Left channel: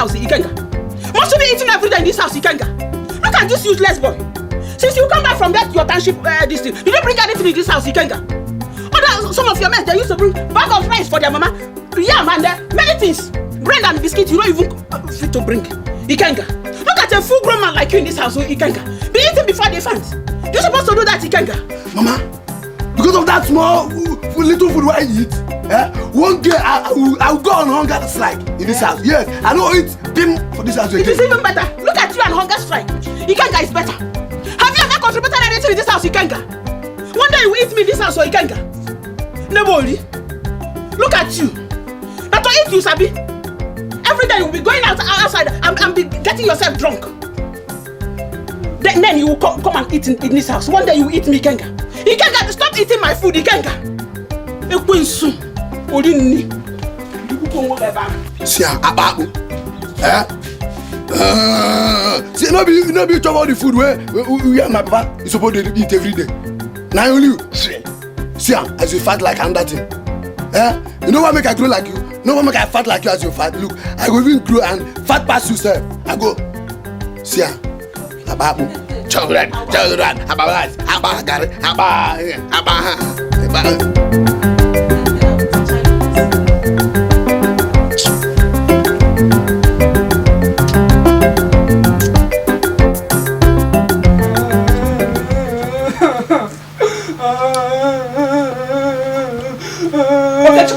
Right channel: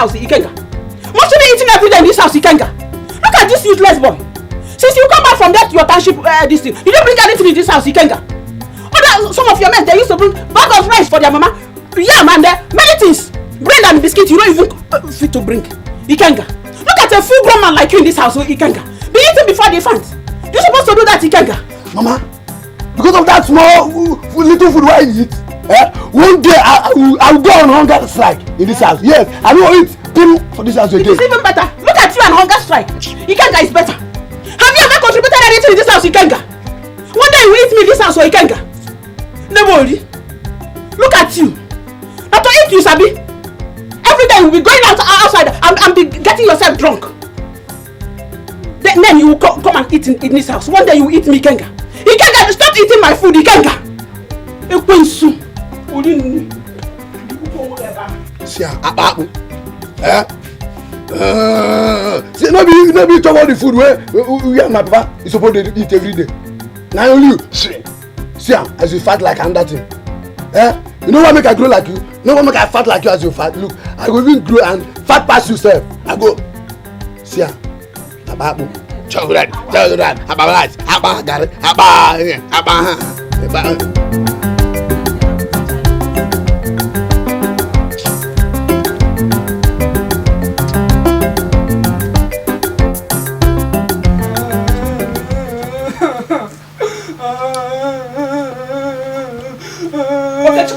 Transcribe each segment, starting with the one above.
House, Ikenga. Must you be eating every day in this house, Ikenga? Look at this useless boy. Since you come back from that your township this thing, you didn't bring anything in this house, Ikenga. Some of your men, they used to bring bag of rice for their mama. Yeah, man, many things. Bread and biscuit, you don't even fit to bring. Ikenga. Look at a full-grown man like you in this house, Ikenga. Be eating before they find. You're supposed to do that, Ikenga. Mama, because of that small little food I eat, one day I will go on hunger strike in this house. Yes, I will eat thing for this house again. It's even better. Look at you and hunger strike. Ikenga is better. Have you ever contributed anything in this house, Ikenga? One day you will eat me in this house, or Ikenga? Nobody. Look at you. But to eat you, Sabi. Every day you will be going outside and be getting yourself drunk. Then you will come and eat in this house. One day you will eat me, Ikenga. Ikenga, stop eating my food, Ikenga. Ekwensu. See, see, maybe talk about the food where we and my papa is supposed to eat every day. Now only you, see, as you fat like another thing. You know what make I grow like you? You know what make I fat like you as you fat? Look, I go even grow and fat past yourself. I go, see,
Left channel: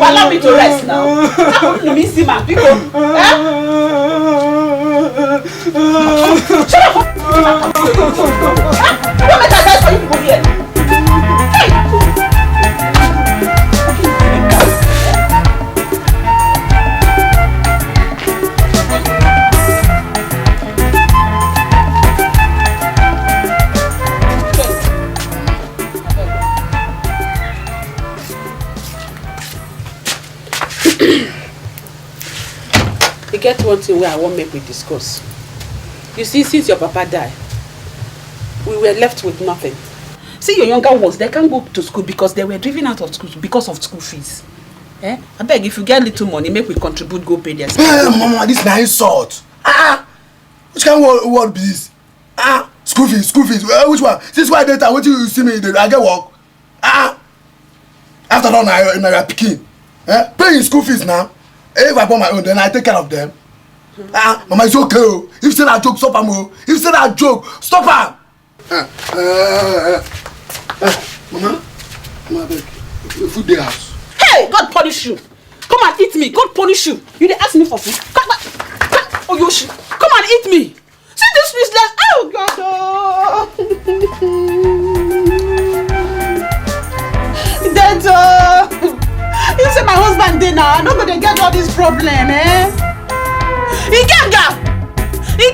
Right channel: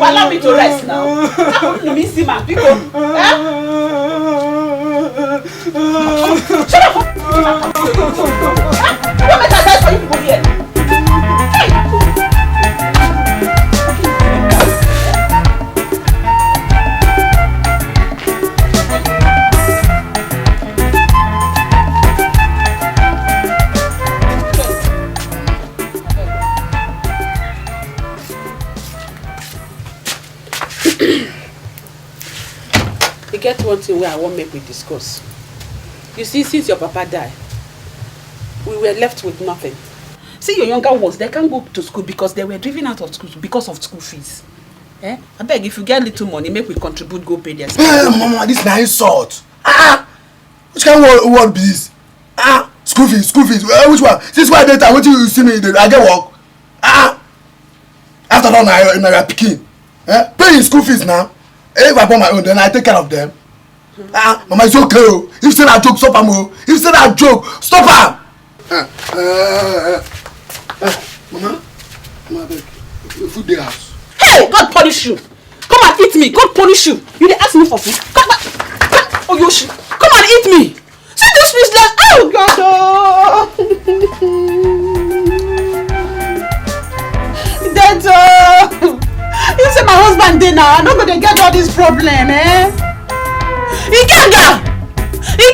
allow me to rest now. Let me see my people. Shut up! Don't make a for you people here. Get one thing where I won't make we discuss. You see, since your papa died, we were left with nothing. See, your younger ones, they can't go to school because they were driven out of school because of school fees. I beg, if you get little money, make we contribute, go pay their school. Hey, Mama, this is an insult. Which kind of word be this? School fees. Which one? Since why data, what you see me, I get work. After all, my picking. Paying school fees now. If I bought my own, then I take care of them. Mama, it's okay. If you say that joke, stop am. If you say that joke, stop am. Mama, beg. Food the house. Hey, God punish you. Come and eat me. God punish you. You didn't ask me for food. Come on. Oh, Yoshi. Come and eat me. See this fish like, oh, God. That's you say my husband did now. I'm not going to get all this problem, Ikenga! You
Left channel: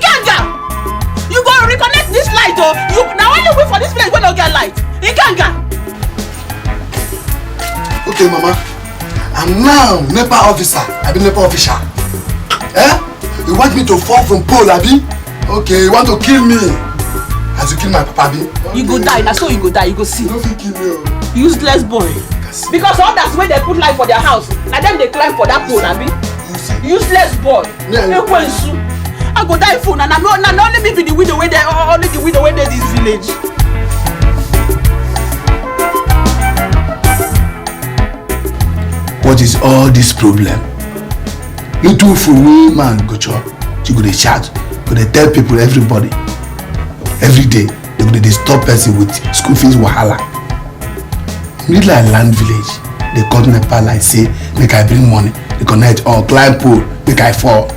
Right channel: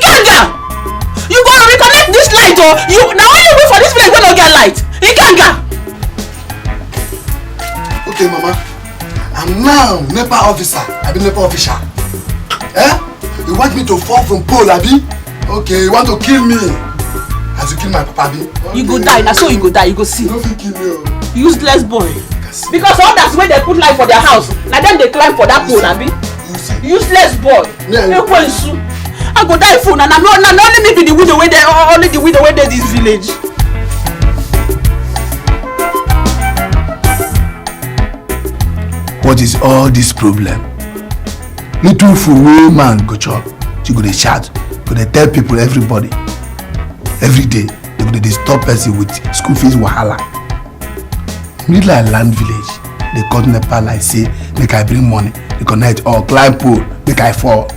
going to reconnect this light, or you now only wait for this place when you get light. Ikenga! Okay, Mama. I'm now NEPA officer. I've been NEPA official. You want me to fall from pole, Abi? Okay, you want to kill me? As you kill my papa, Abi? Okay. You go die. Now so you go die. You go see. You don't kill me. Useless boy. Because all that's where they put life for their house. Now then they climb for that pole, Abi. Useless boy. I go die for and I'm not only me be the widow where they only the widow where they this village. what is all this problem? Little food wey man go chop, you go dey shout, go dey tell people, everybody, every day, they go dey disturb person with school fees wahala. Middle and land village, they cut NEPA like say make I bring money, they connect or climb pole make I fall.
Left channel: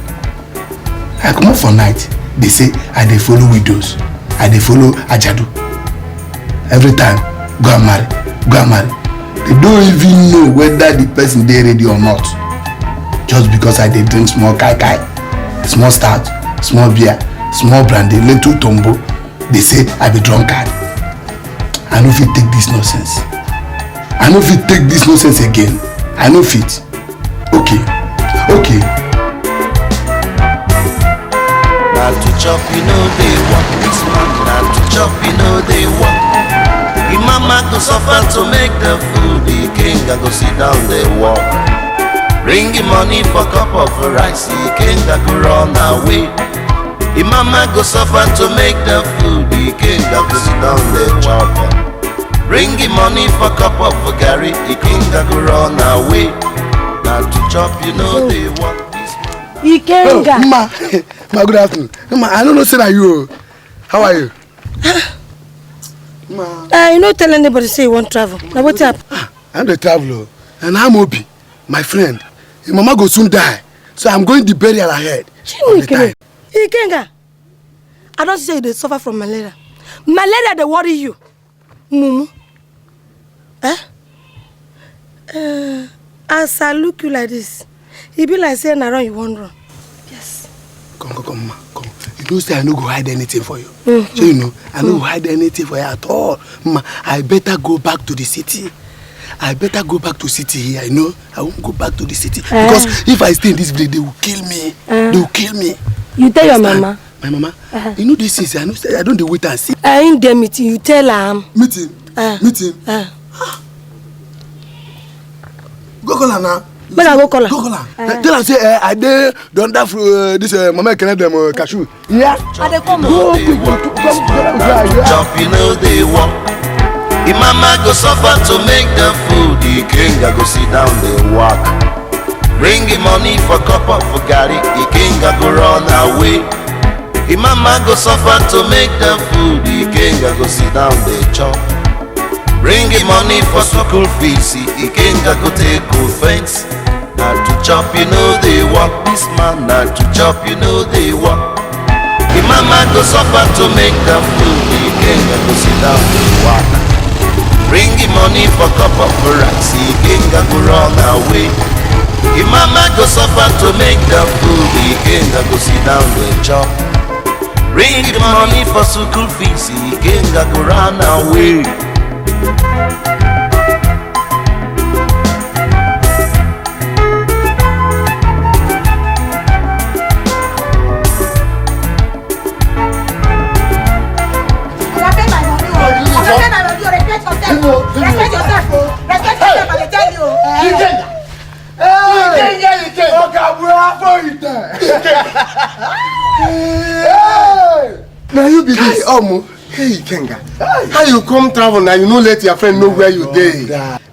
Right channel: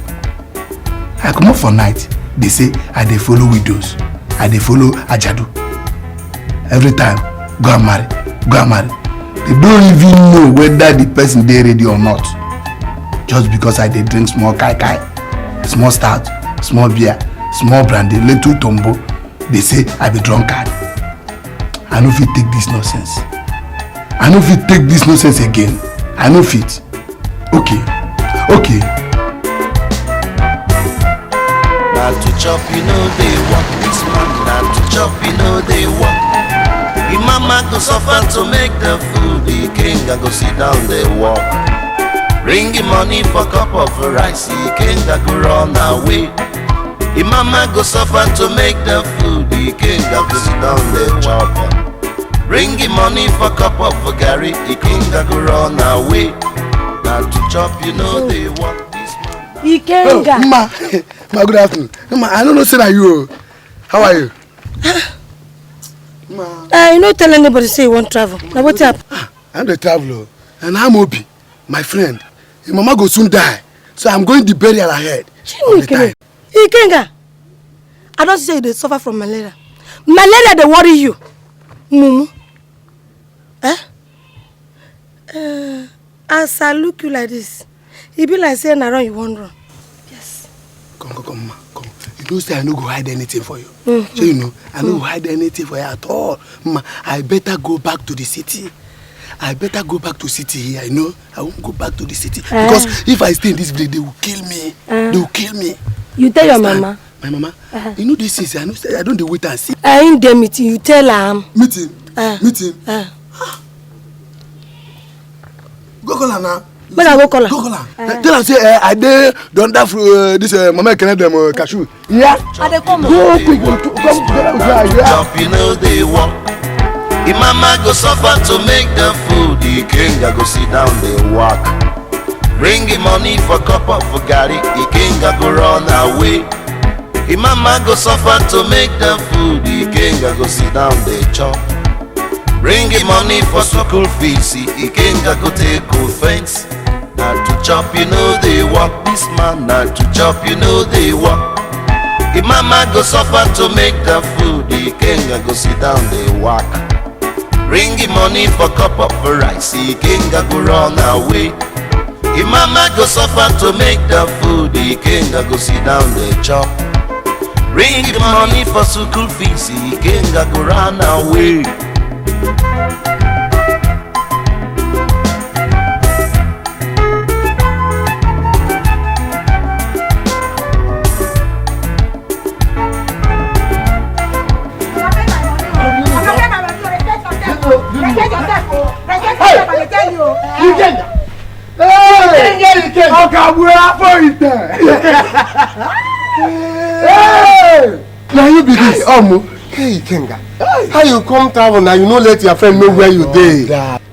I comot for night, they say I dey follow widows, I dey follow ajadu. Every time, go and marry, go and marry. They don't even know whether the person dey ready or not. Just because I dey drink small kai kai, small stout, small beer, small brandy, little tombo, they say I be drunkard. I no fit take this nonsense. I no fit take this nonsense again. I no fit. Okay. Now to chop, you know they want. Now to chop, you know they want. The mama go suffer to make the food. The king go sit down, they walk. Bring the money for cup of rice. The king go run away. The mama go suffer to make the food. The king go sit down, they chop. Bring the money for cup of Gary. The king go run away. Now to chop, you know they want. Ikenga. Oh, Ma, good afternoon. Ma, I don't know say that you. How are you? Ma. You don't tell anybody say you want travel. Now what's up? I'm the traveler, and I'm Obi, my friend. Your mama go soon die, so I'm going the burial ahead. Ikenga. I don't say they suffer from malaria. Malaria they worry you. Mumu. As I look you like this, it be like saying around you won't run. Yes. Come, ma, come. You know say I no go hide anything for you. So you know, I no go hide anything for you at all. Ma, I better go back to the city. I better go back to city here. I know I won't go back to the city because if I stay in this village, they will kill me. They will kill me. You tell your mama. My mama. You know this is. I know. I don't wait and see. In the meeting, you tell her. Meeting. Go call her now. When I go call her. Go call her. Tell her say I dey don that this mama can them cashew. Yeah. I dey come. Go quick. Come together with her. Yeah. Chop, you know they want. The mama go suffer to make the food. The king go sit down, they walk. Bring the money for cup of Gary. The king go run away. The mama go suffer to make the food. The king go sit down, they chop. Bring the money for school fees. The king go take offense. Now to chop, you know they walk. This man, now to chop, you know they walk. The mama go suffer to make the food. The king go sit down, they walk. Bring the money for cup of rice. The king go run away. The mama go suffer to make the food. The king go sit down, they chop. Bring the money for school fees. The king go run away. Now you be this. Hey, Kenga. How you come travel now? You don't let your friend know where you dey.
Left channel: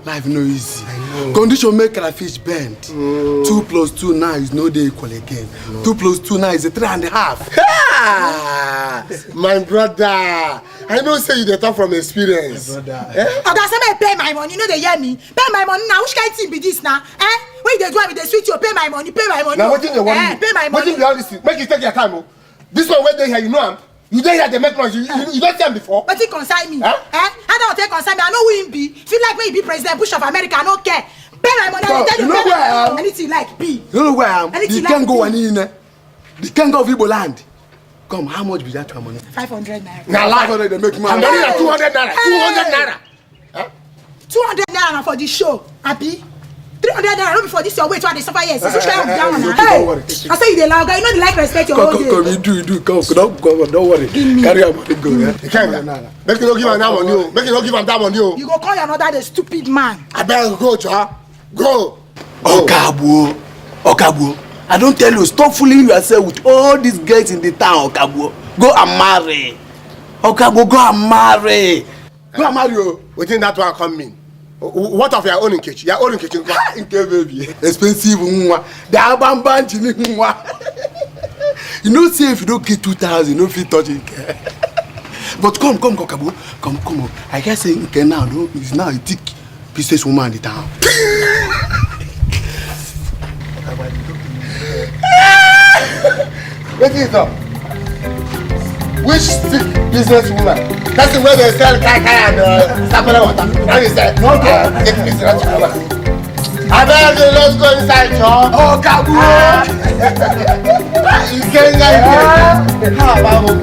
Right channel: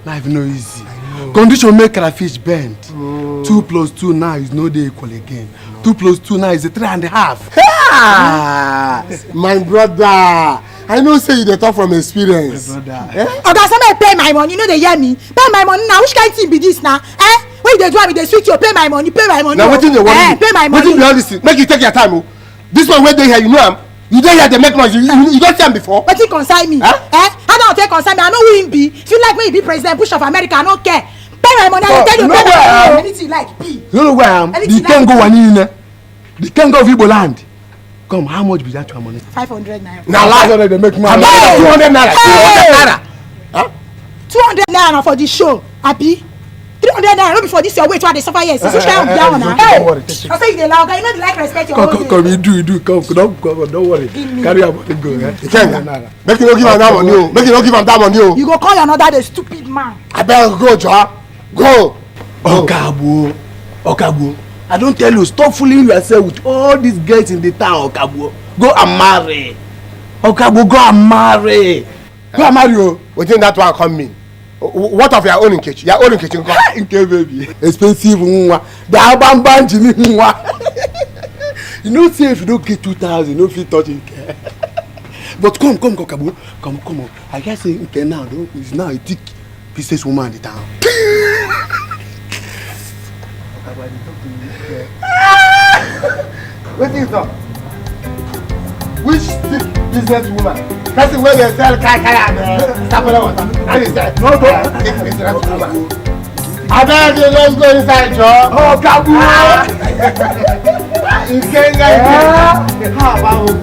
Life no easy. Condition make crayfish bend. 2 + 2 now is no dey equal again. 2 + 2 now is a 3.5. My brother, I know say you dey talk from experience. Oga, somebody pay my money. You know they hear me. Pay my money now. Which kind thing be this now? When they do am, they sweet you. Pay my money. Pay my money. Now wetin dey worry you? Pay my money. Wetin be all this thing? Make you take your time. This one wey dey here, you know am. You dey here, they make noise. You don't see am before. Wetin concern me? How don't take concern me? I know who him be. If you like me, he be President Bush of America. I don't care. Pay my money. I tell you, pay my money. Anything you like, be. You know where I am? The can go one in. The can go Igbo land. Come, how much be that your money? 500 naira. Now lie. 500 they make money. 200 naira. 200 naira for the show. Happy? 300 naira. Not before this your wait while they suffer here. So try and down now. Don't worry. I say you dey loud. You know the like respect your Come, you do. Come, don't worry. Carry your money go. Kenga, make you no give am that money. Make you no give am that money. You go call another the stupid man. I better go, Joa. Go. Okabo. I don't tell you, stop fooling yourself with all these girls in the town, Okabo. Go and marry. Okabo, go and marry. Go and marry. Wetin that one come mean? What of your own kitchen? Your own kitchen. Okay, baby. Expensive one. The abamba jini one. You know, say if you don't get 2,000, you don't feel touching. But come, Kabu. Come. I guess say okay now, no, is now a thick business woman in the town. What is that? Which business woman? That's the way they sell kaka and sapele water. And he said, no, take me to that woman. I better say, let's go inside, John. Oh, Kabu! You can't get it. How about you?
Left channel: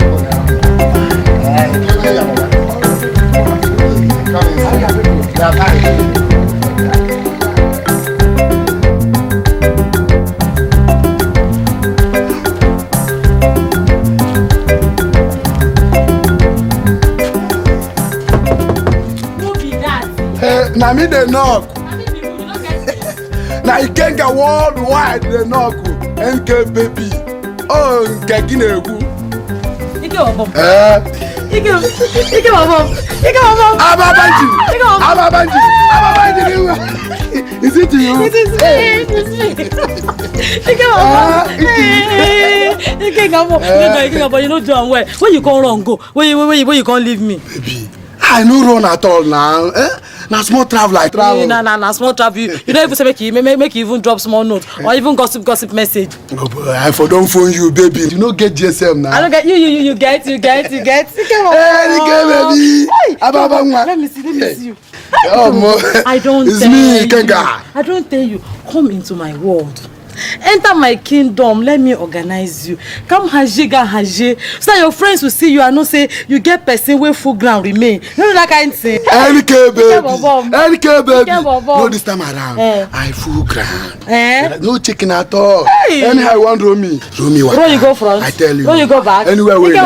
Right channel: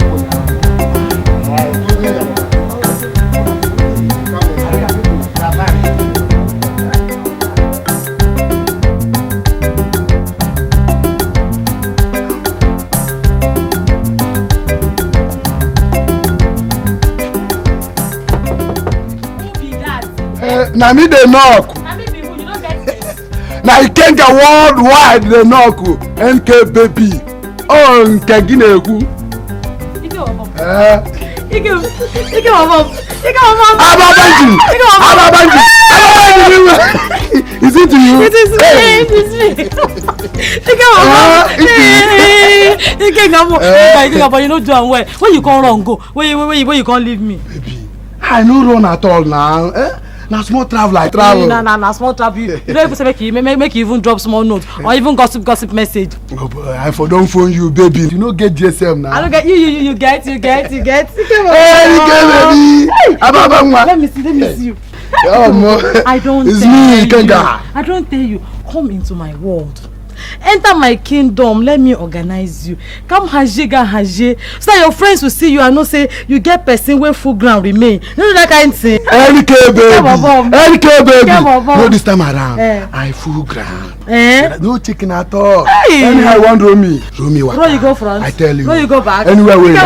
Na me dey knock. Na Ikenga worldwide dey knock. NK baby. Oh, nke gị na-egwu. Ike wabọ. Ababanji. Is it to you? It is me. Ike wabọ. You no do am well. When you come run go. When you come leave me. Baby, I no run at all now. Na small travel I travel. Na small travel. You don't even say make you even drop small note or even gossip message. Oh boy, I for don't phone you, baby. You no get GSM now. I don't get you get. Hey, baby. Ababangwa. Let me see you. Oh, mo. I don't. It's me, Ikenga. I don't tell you. Come into my world. Enter my kingdom. Let me organize you. Come haje. So that your friends will see you and not say you get person where full ground remain. You know that kind of thing. NK baby. No, this time around. I full ground. No chicken at all. Hey. Anyhow, I want Romy. What? Where you go front? I tell you. Where you go back? Anywhere we go.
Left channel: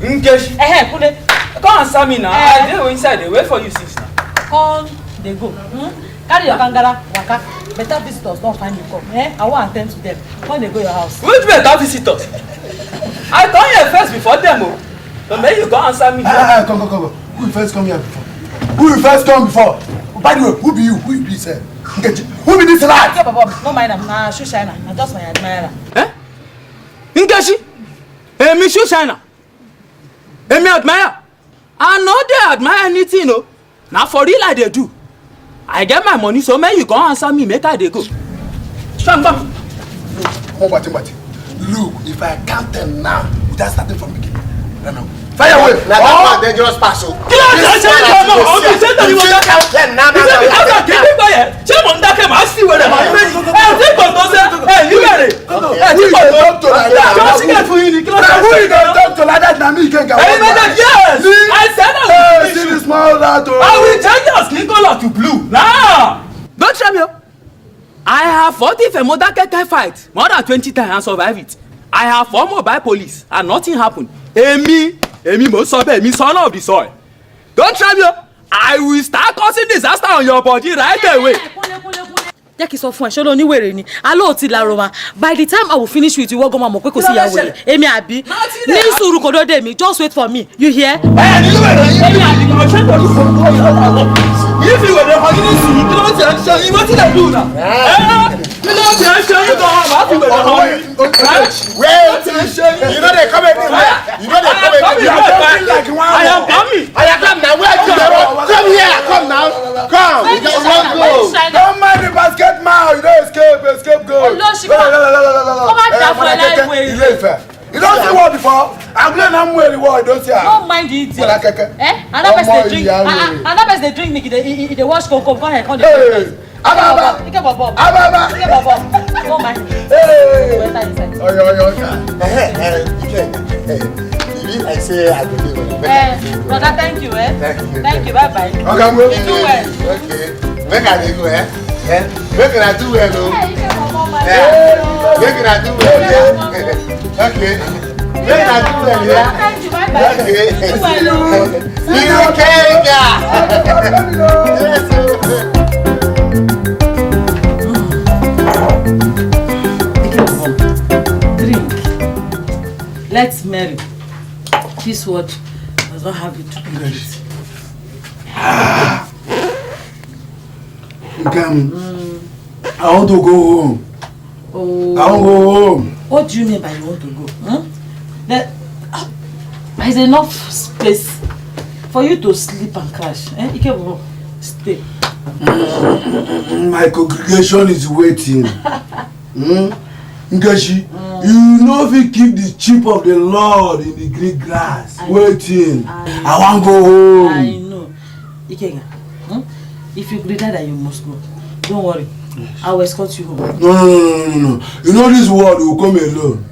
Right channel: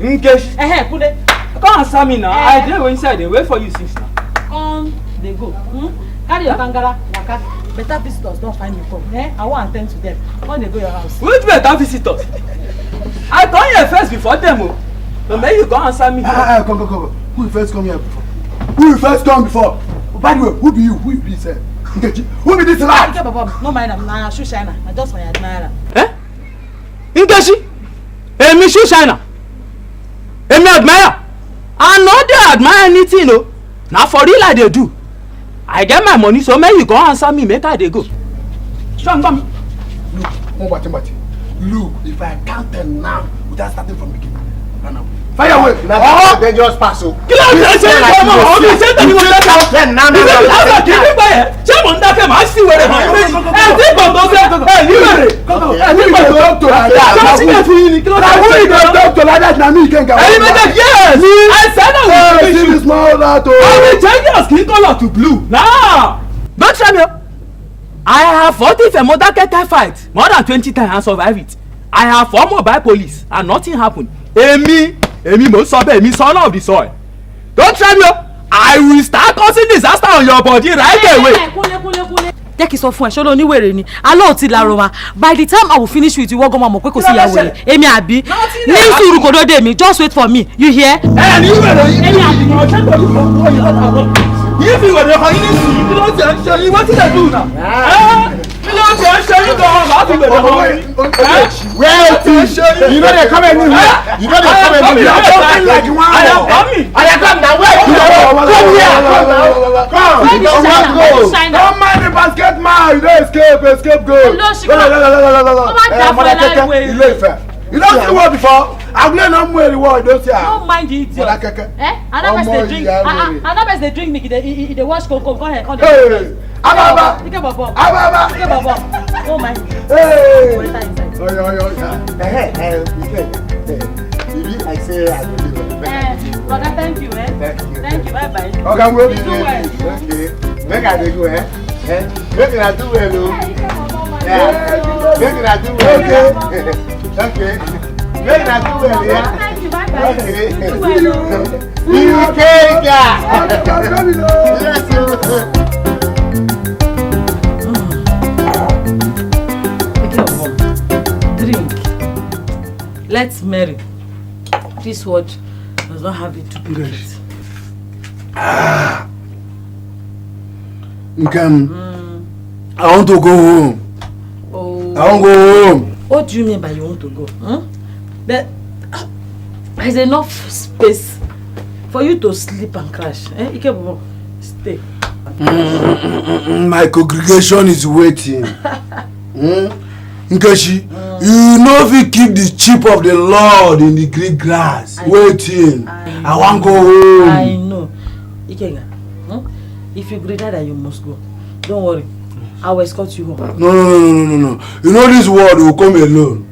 Nkechi. Put it. Come answer me now. I dey go inside. They wait for you, sister. On they go. Carry your kangara, waka. Better visitors don't find you come. I want to attend to them. When they go your house. Which better visitors? I come here first before them. So then you go answer me. Come. Who first come here before? By the way, who be you? Who be sir? Who be this lad? Okay, Baba. No mind am. Na shoe shiner. Na just my admirer. Nkechi. Me shoe shiner. Me admire. I no dey admire anything, no. Na for real I dey do. I get my money, so make you go answer me, make I dey go. Come. What? Look, if I count them now, without starting from beginning. No. Fire away. Now they just pass. You can't count them now. Don't try me. I have fought if a Modakeke fight more than 20 times and survive it. I have fought mobile police and nothing happened. Emi mo so be, son of the soil. Don't try me. I will start causing disaster on your body right away. Jẹ́ kí sọ fún ẹ ṣé ló ní wèrè ni aló ti laro wa by the time I will finish with you wọ́n gan ma mọ̀ pé kò sí ya wèrè èmi àbí ní sùúrù kò dóde mi just wait for me you hear. Ní wèrè yìí èmi àbí kò ṣe tó yìí fi wèrè kan ní sùúrù kí ló ti ẹ̀ ń ṣe yín wọ́n ti lè dùn náà. Kí ló ti ẹ̀ ń ṣe yín gan-an máa fi wèrè kan ní. Wait, you know they come anywhere. I am coming now. Where you come here? Come. Don't mind the basket man. You don't escape go. You don't see what before? I'm playing I'm well reward. Don't say. Don't mind the idiot. Another person they drink make it they wash come go ahead come. Ababa. Don't mind. Hey. I say I do. Brother, thank you. Thank you. Bye. Okay, do well. Okay. Where can I go? Where can I do well? Where can I do well? Okay. Where can I do well? Thank you. Bye. Drink. Let's marry. This word does not have it to do with it. Nkam, I want to go home. Oh. I want to go home. What do you mean by you want to go? There is enough space for you to sleep and crash. Ikebo, stay. My congregation is waiting. Nkechi, you know if you keep the sheep of the Lord in the green grass, waiting. I want to go home. I know. Ikenga, if you agree that you must go, don't worry. I will escort you home. No. You know this world will come alone.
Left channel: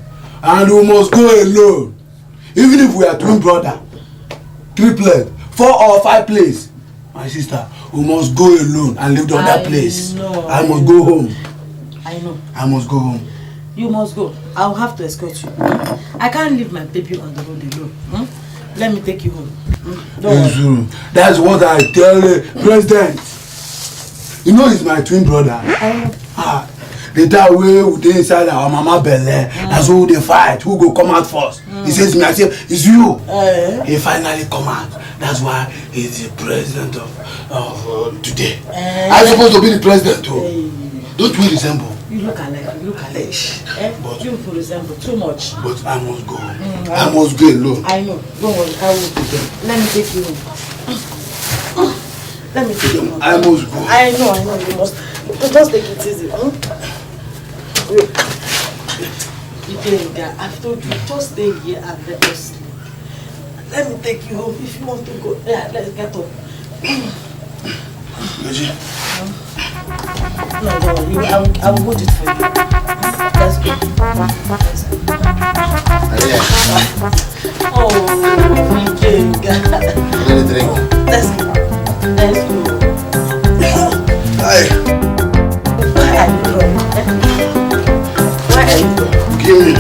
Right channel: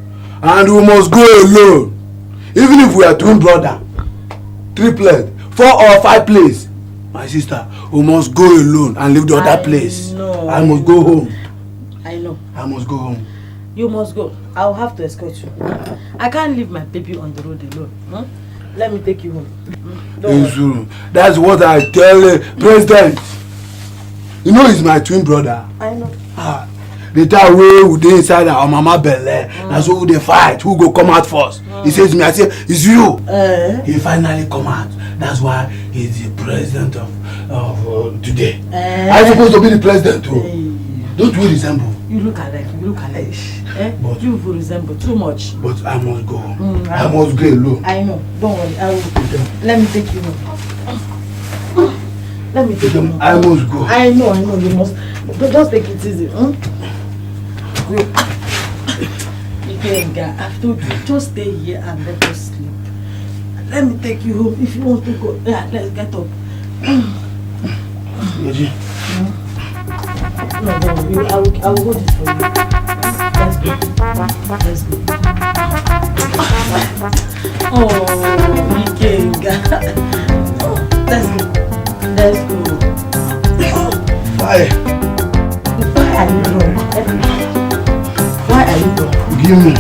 And we must go alone. Even if we are twin brother, triplet, 4 or 5 place. My sister, we must go alone and leave the other place. I must go home. I know. I must go home. You must go. I'll have to escort you. I can't leave my baby on the road alone. Let me take you home. Don't worry. That's what I tell the president. You know he's my twin brother. The time we dey inside our mama belle, that's who they fight. Who go come out first? He says to me, I say, it's you. He finally come out. That's why he's the president of today. I'm supposed to be the president too. Don't we resemble? You look alike. But you resemble too much. But I must go. I must go alone. I know. Don't worry. I will. Let me take you home. Let me take you home. I must go. I know. You must. But just take it easy. I've told you, just stay here and let us sleep. Let me take you home if you want to go. Yeah, let's get up. No, I will hold it for you. Let's go. Oh, let's go. Bye. Why are you going? Give me.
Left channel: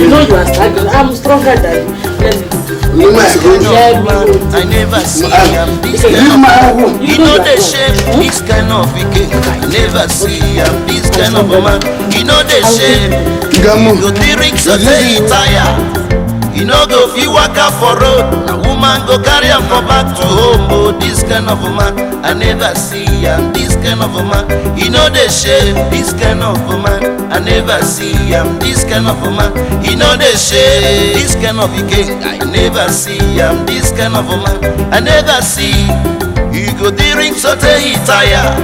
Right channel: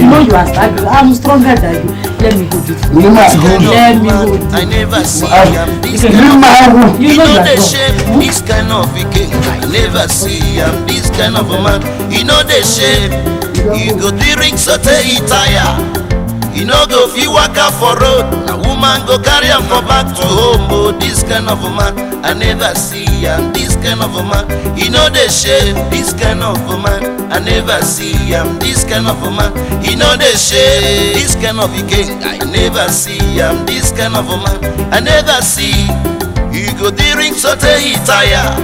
You know you are struggling. I'm stronger than you. Let me go. I never see I'm this kind of. You know the shape, this kind of king. I never see I'm this kind of a man. You know the shape. You go drink so they tire. You know go fi waka for road. A woman go carry him for back to home. Oh, this kind of a man. I never see I'm this kind of a man. You know the shape, this kind of a man. I never see I'm this kind of a man. You know the shape, this kind of a king. I never see I'm this kind of a man. I never see. You go drink so they tire.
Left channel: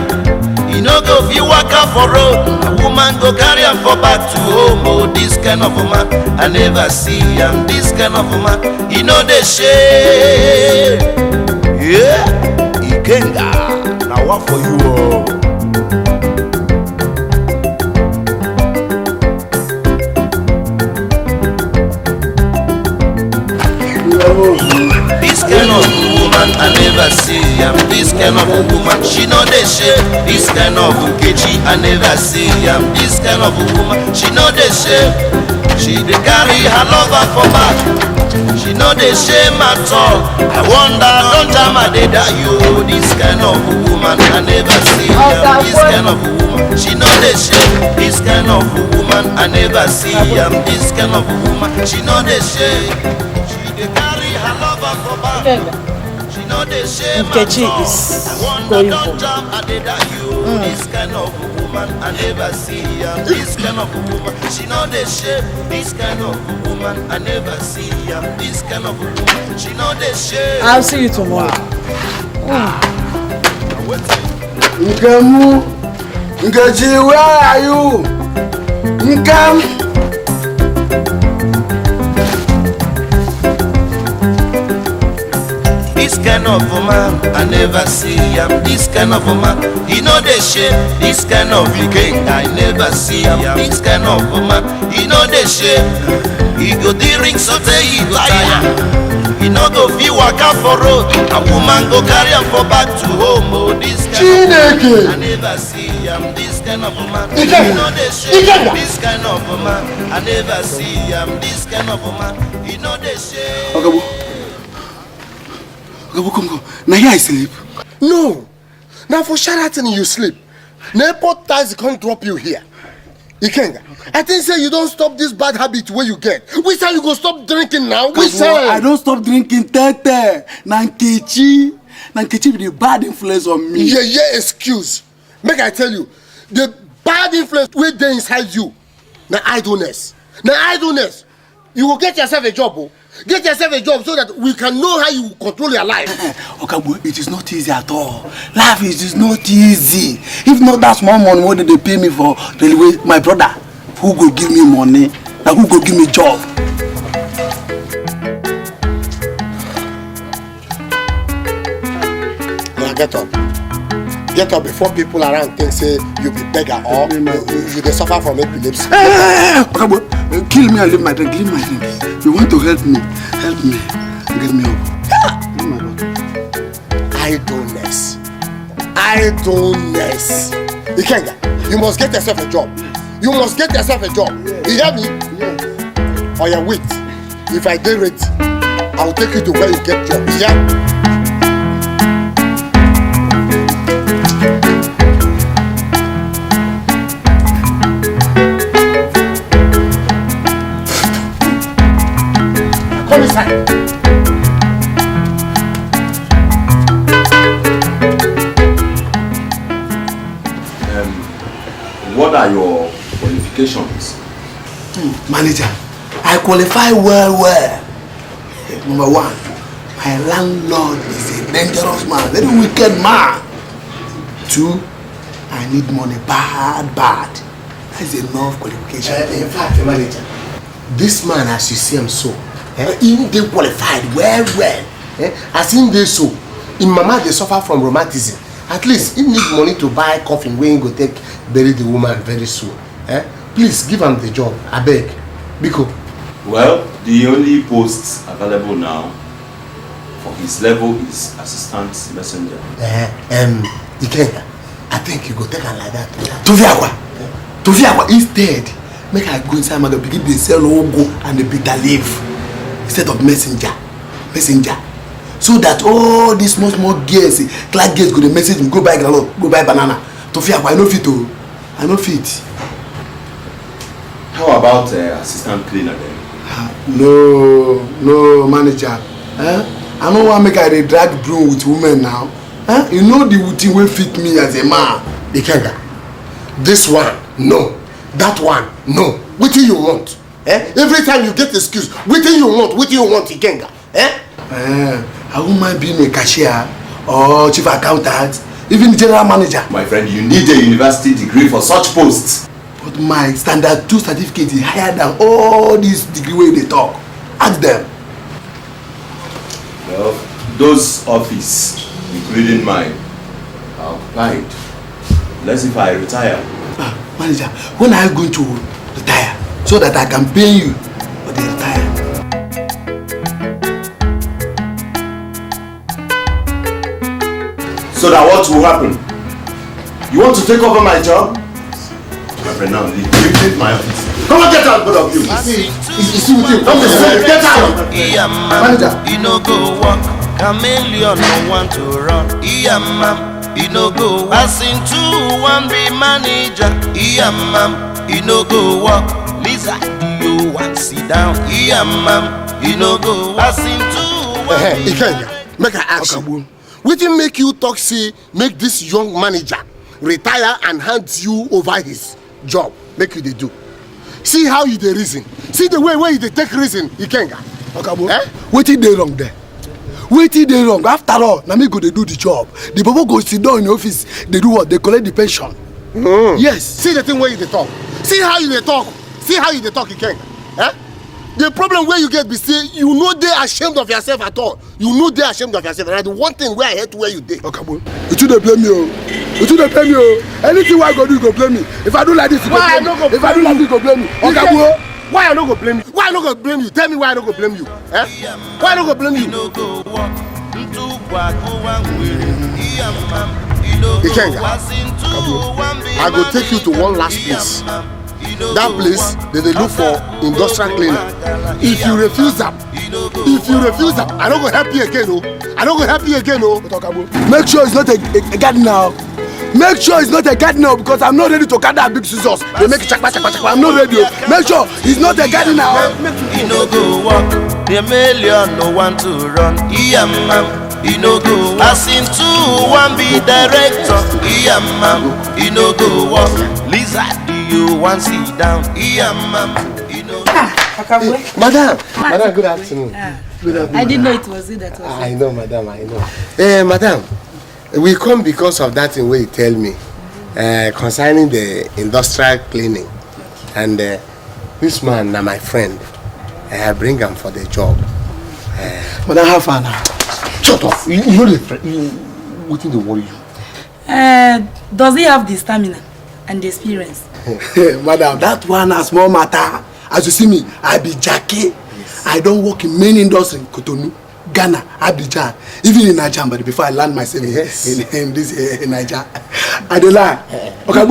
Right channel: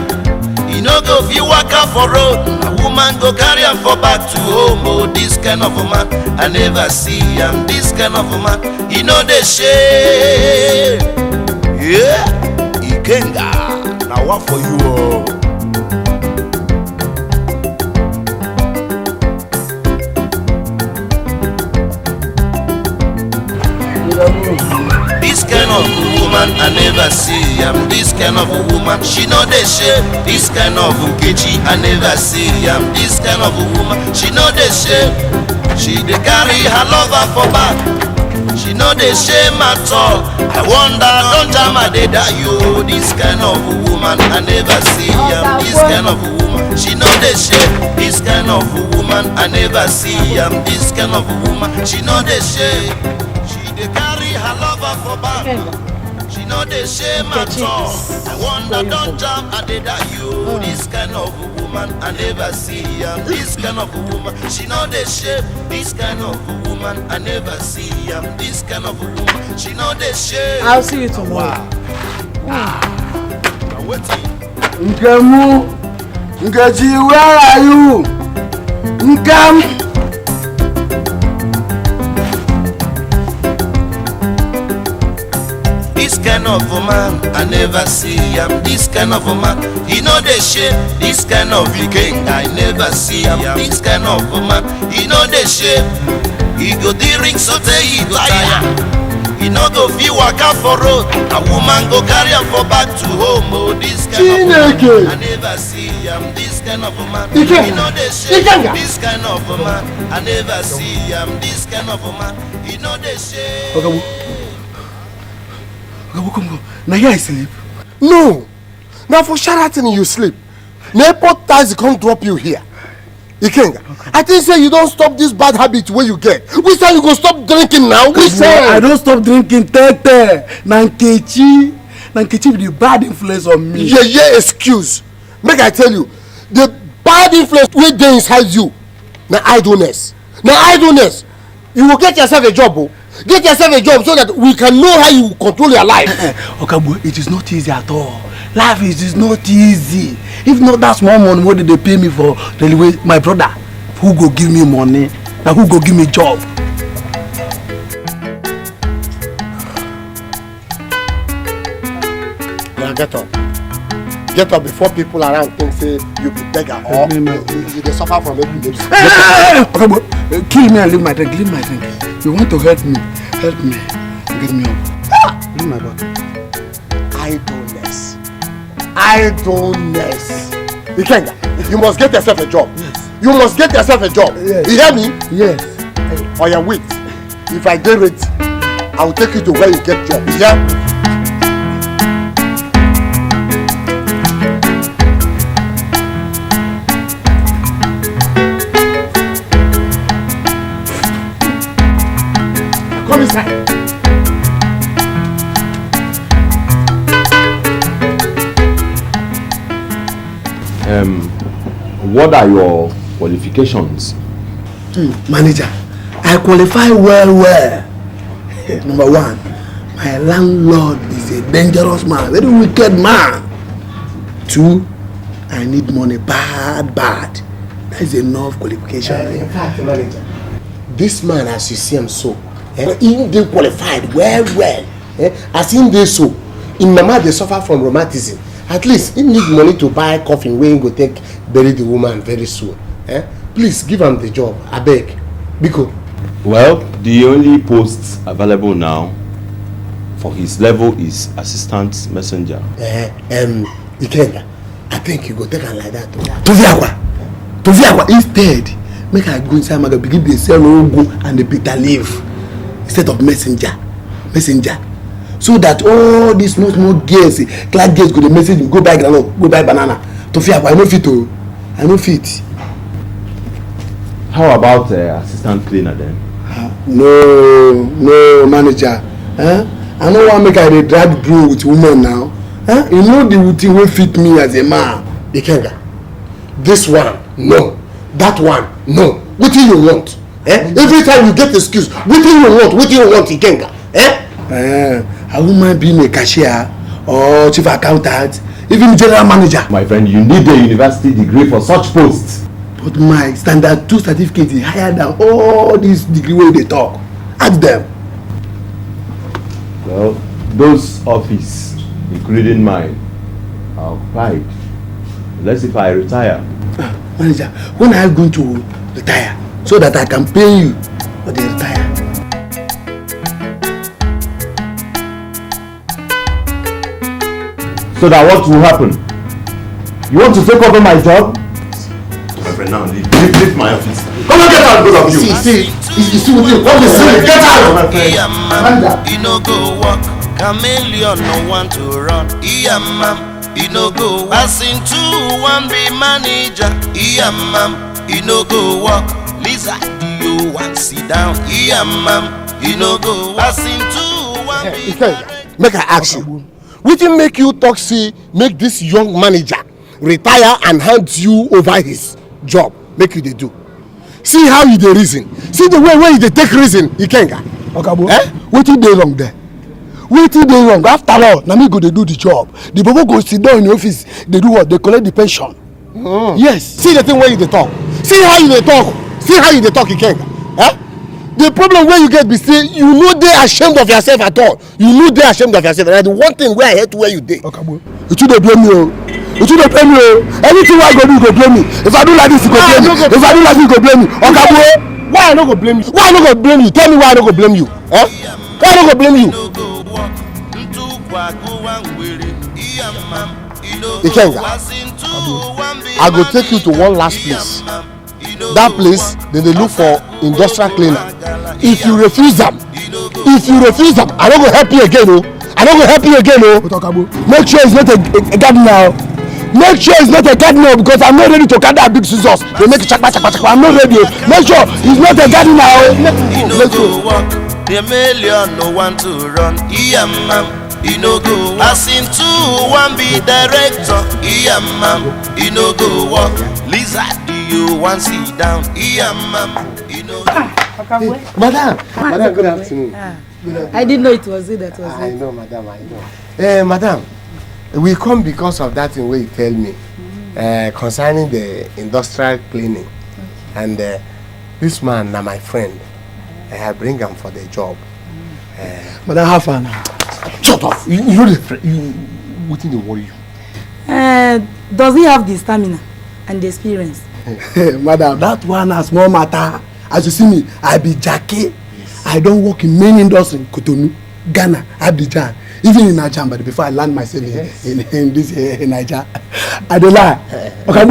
You know go fi waka for road. A woman go carry him for back to home. Oh, this kind of a man. I never see I'm this kind of a man. You know the shape. Yeah. Ikenga, now what for you all? This kind of woman I never see. I'm this kind of a woman. She know the shape. This kind of Nkechi I never see. I'm this kind of a woman. She know the shape. She dey carry her lover for back. She know the shame at all. I wonder, don't jam a day that you. This kind of a woman I never see. I'm this kind of a woman. She know the shame. This kind of a woman I never see. I'm this kind of a woman. She know the shame. She dey carry her lover for back. She know the shame at all. I wonder, don't jam a day that you. This kind of a woman I never see. I'm this kind of a woman. She know the shape. This kind of a woman I never see. I'm this kind of a woman. She know the shape. I'll see you tomorrow. Now wait. Nkemu, Nkechi, where are you? Nkemu. This kind of a man I never see. I'm this kind of a man. You know the shape. This kind of a king I never see. I'm this kind of a man. You know the shape. He go drink so he go tire. He no go fi waka for road. A woman go carry him for back to home. Oh, this kind of a man I never see. I'm this kind of a man. You know the shape. This kind of a man I never see. I'm this kind of a man. You know the shape. Come. Now here I sleep. No. Now for Sheraton you sleep. The airport taxi can't drop you here. Ikenga, okay. I think say you don't stop this bad habit where you get. We say you go stop drinking now. We say I don't stop drinking tete. Na Nkechi na Nkechi be the bad influence on me. Yeah, excuse. Make I tell you, the bad influence wey dey inside you na idleness. You will get yourself a job, oh. Get yourself a job so that we can know how you control your life. Okabo, it is not easy at all. Life is not easy. If not that small money, what did they pay me for railway? My brother, who go give me money? Now who go give me job? Now get up. Get up before people around think say you be beggar or you dey suffer from epilepsy. Okabo, kill me and leave my drink. Leave my drink. You want to help me? Help me. Get me up. Leave my drink. Idleness. Ikenga, you must get yourself a job. You must get yourself a job. Yes. You hear me? Yes. Oh yeah, wait. If I get ready, I will take you to where you get job. Yeah. Come inside. What are your qualifications? Manager, I qualify well. Number one, my landlord is a dangerous man, very wicked man. Two, I need money bad. That is enough qualification. In fact, manager, this man as you see him so, he dey qualified well. As him dey so, him mama dey suffer from rheumatism. At least he need money to buy coffin wey he go take bury the woman very soon. Please give him the job, abeg. Biko. Well, the only post available now for his level is assistant messenger. Ikenga, I think you go take am like that. Toviakwa. Instead, make I go inside market begin dey sell ogo and the bitter leaf instead of messenger. So that all these small girls, class girls go the message me, go buy groundnut, go buy banana. Tofiakwa, I no fit. How about assistant cleaner then? No, manager. I no wan make I dey drag broom with women now. You know the thing wey fit me as a man. Ikenga, this one, no. That one, no. Wetin you want? Every time you get excuse, wetin you want, Ikenga? A woman being a cashier or chief accountant, even general manager. My friend, you need a university degree for such posts. But my standard 2 certificate is higher than all these degree wey they talk. Ask them. Well, those offices, including mine, are occupied. Unless if I retire. Manager, when are you going to retire? So that I can pay you for the retire. So that what will happen? You want to take over my job? My friend, now leave my office. Come on, get out, both of you. See what you want to say. Get out. He no go walk. Chameleon no want to run. He no go. As in two, one be manager. He no go walk. Lisa, do you want sit down? He no go. As in two, one be manager. Make I ask you. Wetin make you talk say make this young manager retire and hand you over his job? Make you dey do. See how you dey reason. See the way you dey take reason, Ikenga. Okabo, wetin dey wrong there? After all, na me go dey do the job. The bobo go sit down in the office, dey do what? Dey collect the pension. Yes. See the thing wey you dey talk. See how you dey talk, Ikenga. The problem wey you get be say you no dey ashamed of yourself at all. And the one thing wey I hate where you dey. Okabo, you too dey blame me o. Everything wey I go do, you go blame me. If I do like this, you go blame me. If I do like this, you go blame me. Okabo, why I no go blame you? Tell me why I no go blame you. Why I no go blame you? Ikenga, I go take you to one last place. That place, they look for industrial cleaner. If you refuse them, I don't go help you again. but Okabo, make sure it's not a gardener. Make sure it's not a gardener because I'm not ready to cut that big scissors. They make chakpa. I'm not ready. Make sure it's not a gardener. He no go walk. The million no want to run. He he no go. As in two, one be director, he no go walk. Lizard, do you want sit down? He no go. Madam, good afternoon. I didn't know it was you that was I know, madam, I know. Madam, we come because of that thing where you tell me concerning the industrial cleaning. And this man, now my friend, I bring him for the job. Madam, how far now? Shut up! You know what did they worry you? Does he have the stamina and the experience? Madam, that one has more matter. As you see me, I be Jackie. Yes. I don't work in main industry, Cotonou, Ghana, Abidjan, even in Nigeria. But before I land myself in this in Nigeria, I don't lie. Okay,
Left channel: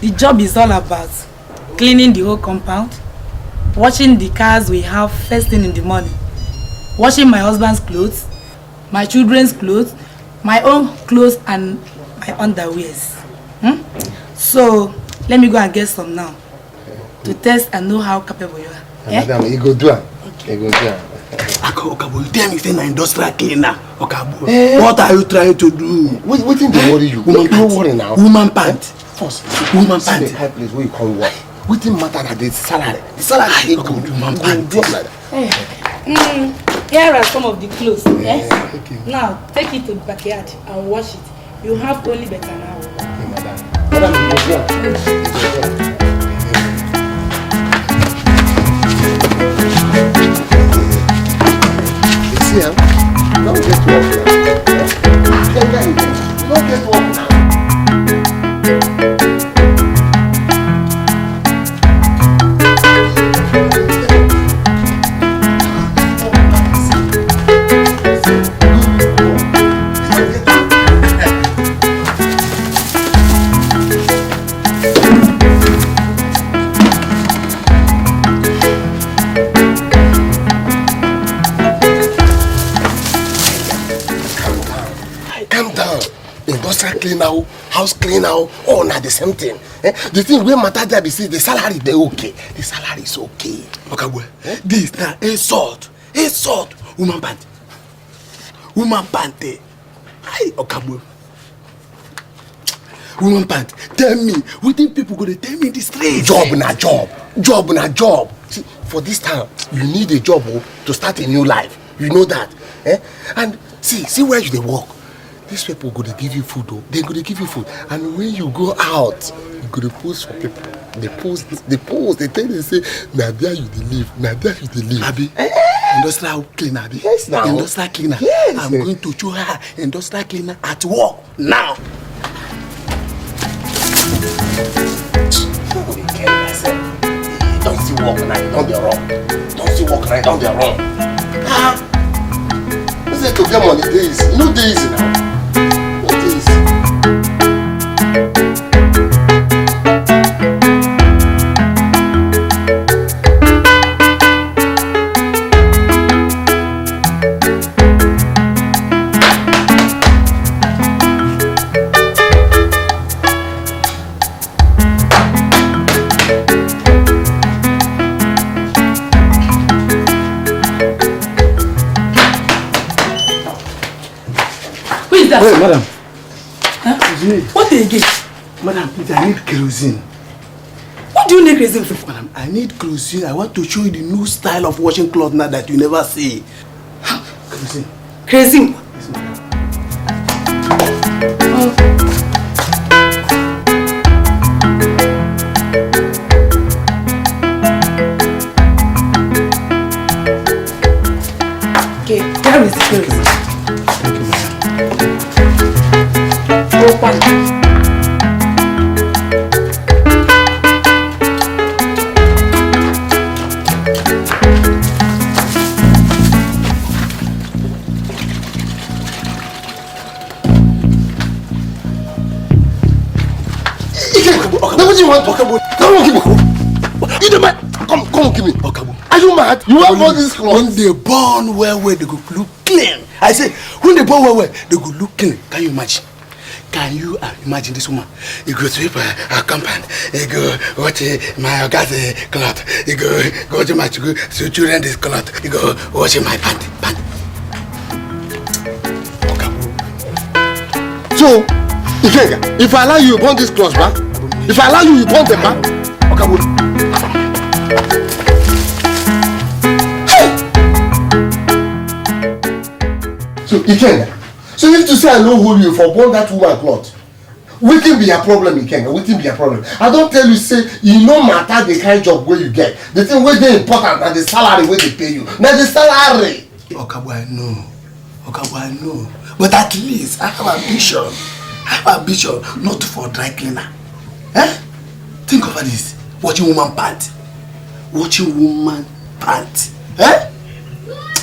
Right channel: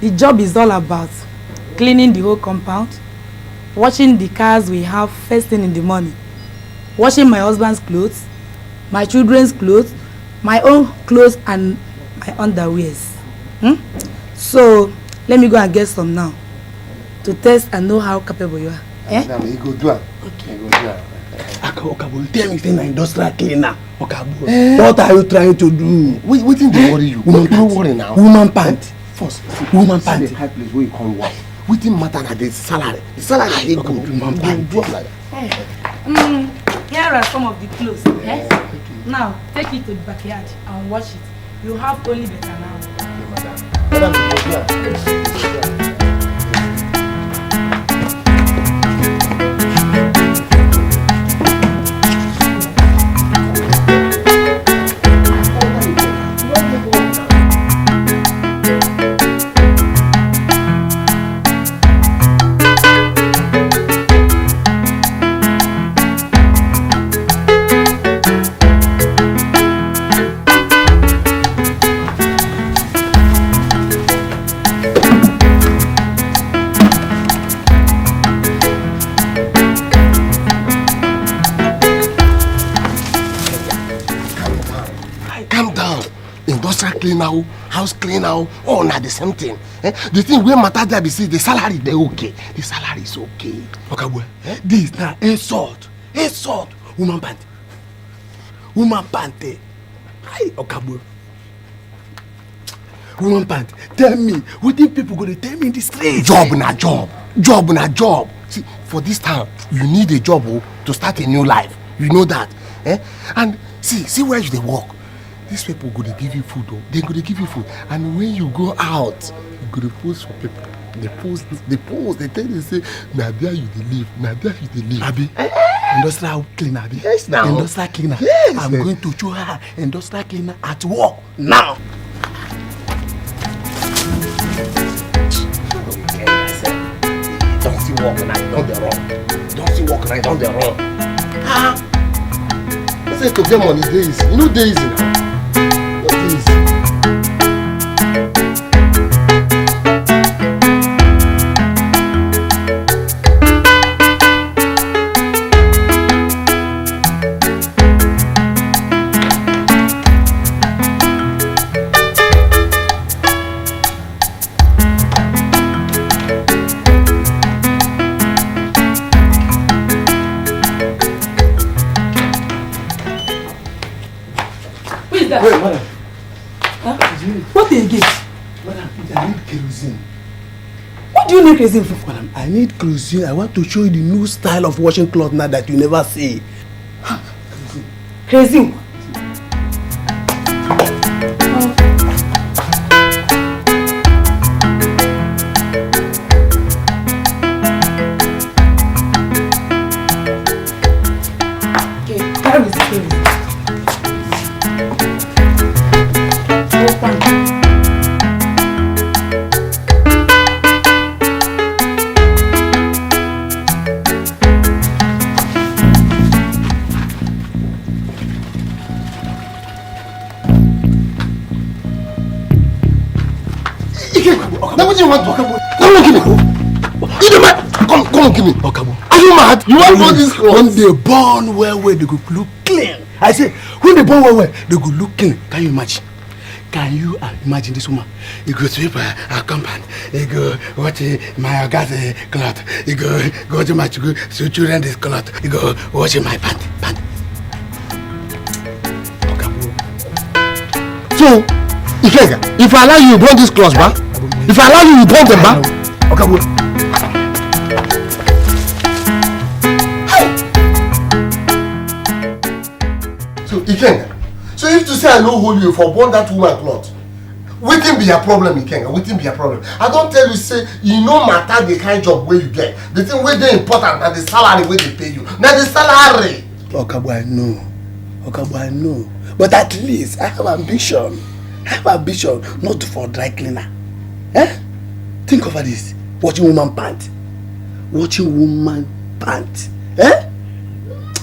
the job is all about cleaning the whole compound, washing the cars we have first thing in the morning, washing my husband's clothes, my children's clothes, my own clothes and my underwears. So let me go and get some now to test and know how capable you are. Madam, you go do it. Okay. You go do it. Okabu, tell me say na industrial cleaner. Okabu, what are you trying to do? What thing they worry you? Woman worry now. Woman pant. First, woman see pant. the high place where you come work. What thing matter na the salary? The salary is good. Woman pant. Do like that. Here are some of the clothes. Okay. Now take it to the backyard and wash it. You have only better now. Cleaner, house cleaner, all not the same thing. The thing where matter there be say the salary they okay. The salary is okay. Okay, boy. This now insult. Woman pant. Woman pant. Hi, okay, boy. Woman pant. Tell me, what think people gonna tell me in the street? Job na job. Job na job. See, for this time, you need a job to start a new life. You know that. And see where you dey work. These people go to give you food, they're going to give you food. And when you go out, you're going to post for people. They post, they tell you, say, now there you live, now there you live. Abi, industrial cleaner, Abi. Yes, now. Industrial cleaner. Yes. I'm going to show her industrial cleaner at work now. Don't see work and I don't be wrong. Don't see work and I don't be wrong. I say to them on the days, you know days now. Wait, madam. What again? Madam, please, I need kerosene. What do you need kerosene for? Madam, I need kerosene. I want to show you the new style of washing clothes now that you never see. Kerosene. Kerosene? Okay, where is the kerosene? Come give me. Are you mad? You want all this clothes? When they born well, they go look clean. I say, when they born well, they go look clean. Can you imagine? Can you imagine this woman? You go sweep her compound. You go watch my gas cloth. You go watch my children this cloth. You go watch my pant. So, if I allow you, you burn this clothes, man. If I allow you, you burn them, man. Okay, wait. So, Ikenga. So if to say I no hold you for burn that woman cloth, wetin be your problem, Ikenga? Wetin be your problem? I don't tell you say e no matter the kind job where you get. The thing wey dey important na the salary wey they pay you. Na the salary. Okabwa, no. Okabwa, no. But at least I have ambition. I have ambition not for dry cleaner. Eh? Think of this. Watching woman pant. Watching woman pant. Eh?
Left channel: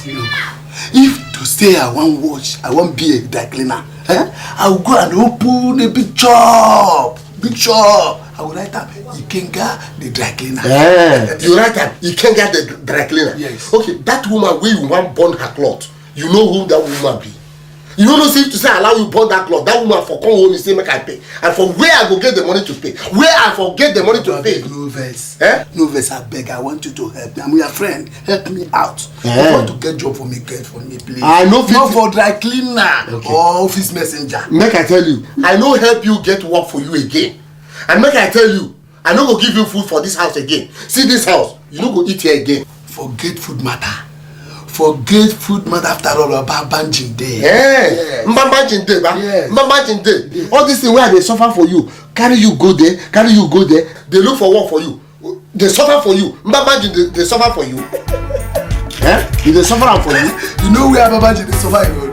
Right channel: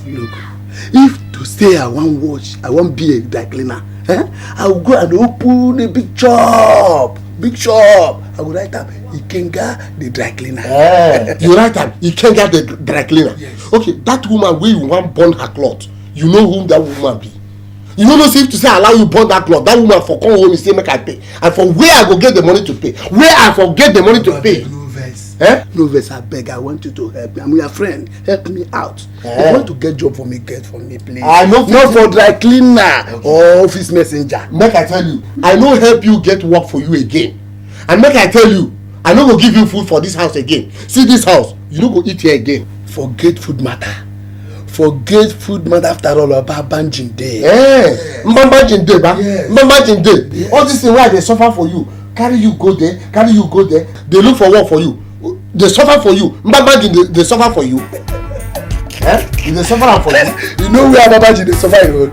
Look, if to say I want watch, I want be a dry cleaner. Eh? I will go and open a big shop. Big shop. I will write up Ikenga the dry cleaner. You write up Ikenga the dry cleaner? Yes. Okay, that woman where you want burn her cloth, you know who that woman be. You don't know if to say allow you burn that cloth, that woman for come home and say make I pay. And for where I go get the money to pay? Where I forget the money to pay? No verse. Eh? No verse, I beg. I want you to help me. I'm your friend. Help me out. If you want to get job for me, get for me, please. I know not for dry cleaner or office messenger. Make I tell you, I no help you get work for you again. And make I tell you, I no go give you food for this house again. See this house, you no go eat here again. Forget food matter. Forget food matter after all about banjing day. Mbambajin day, ba. Mbambajin day. All this thing where they suffer for you, carry you go there, carry you go there. They look for work for you. They suffer for you. Mbambajin they suffer for you. They suffer for you. You know where Mbambajin they suffer you.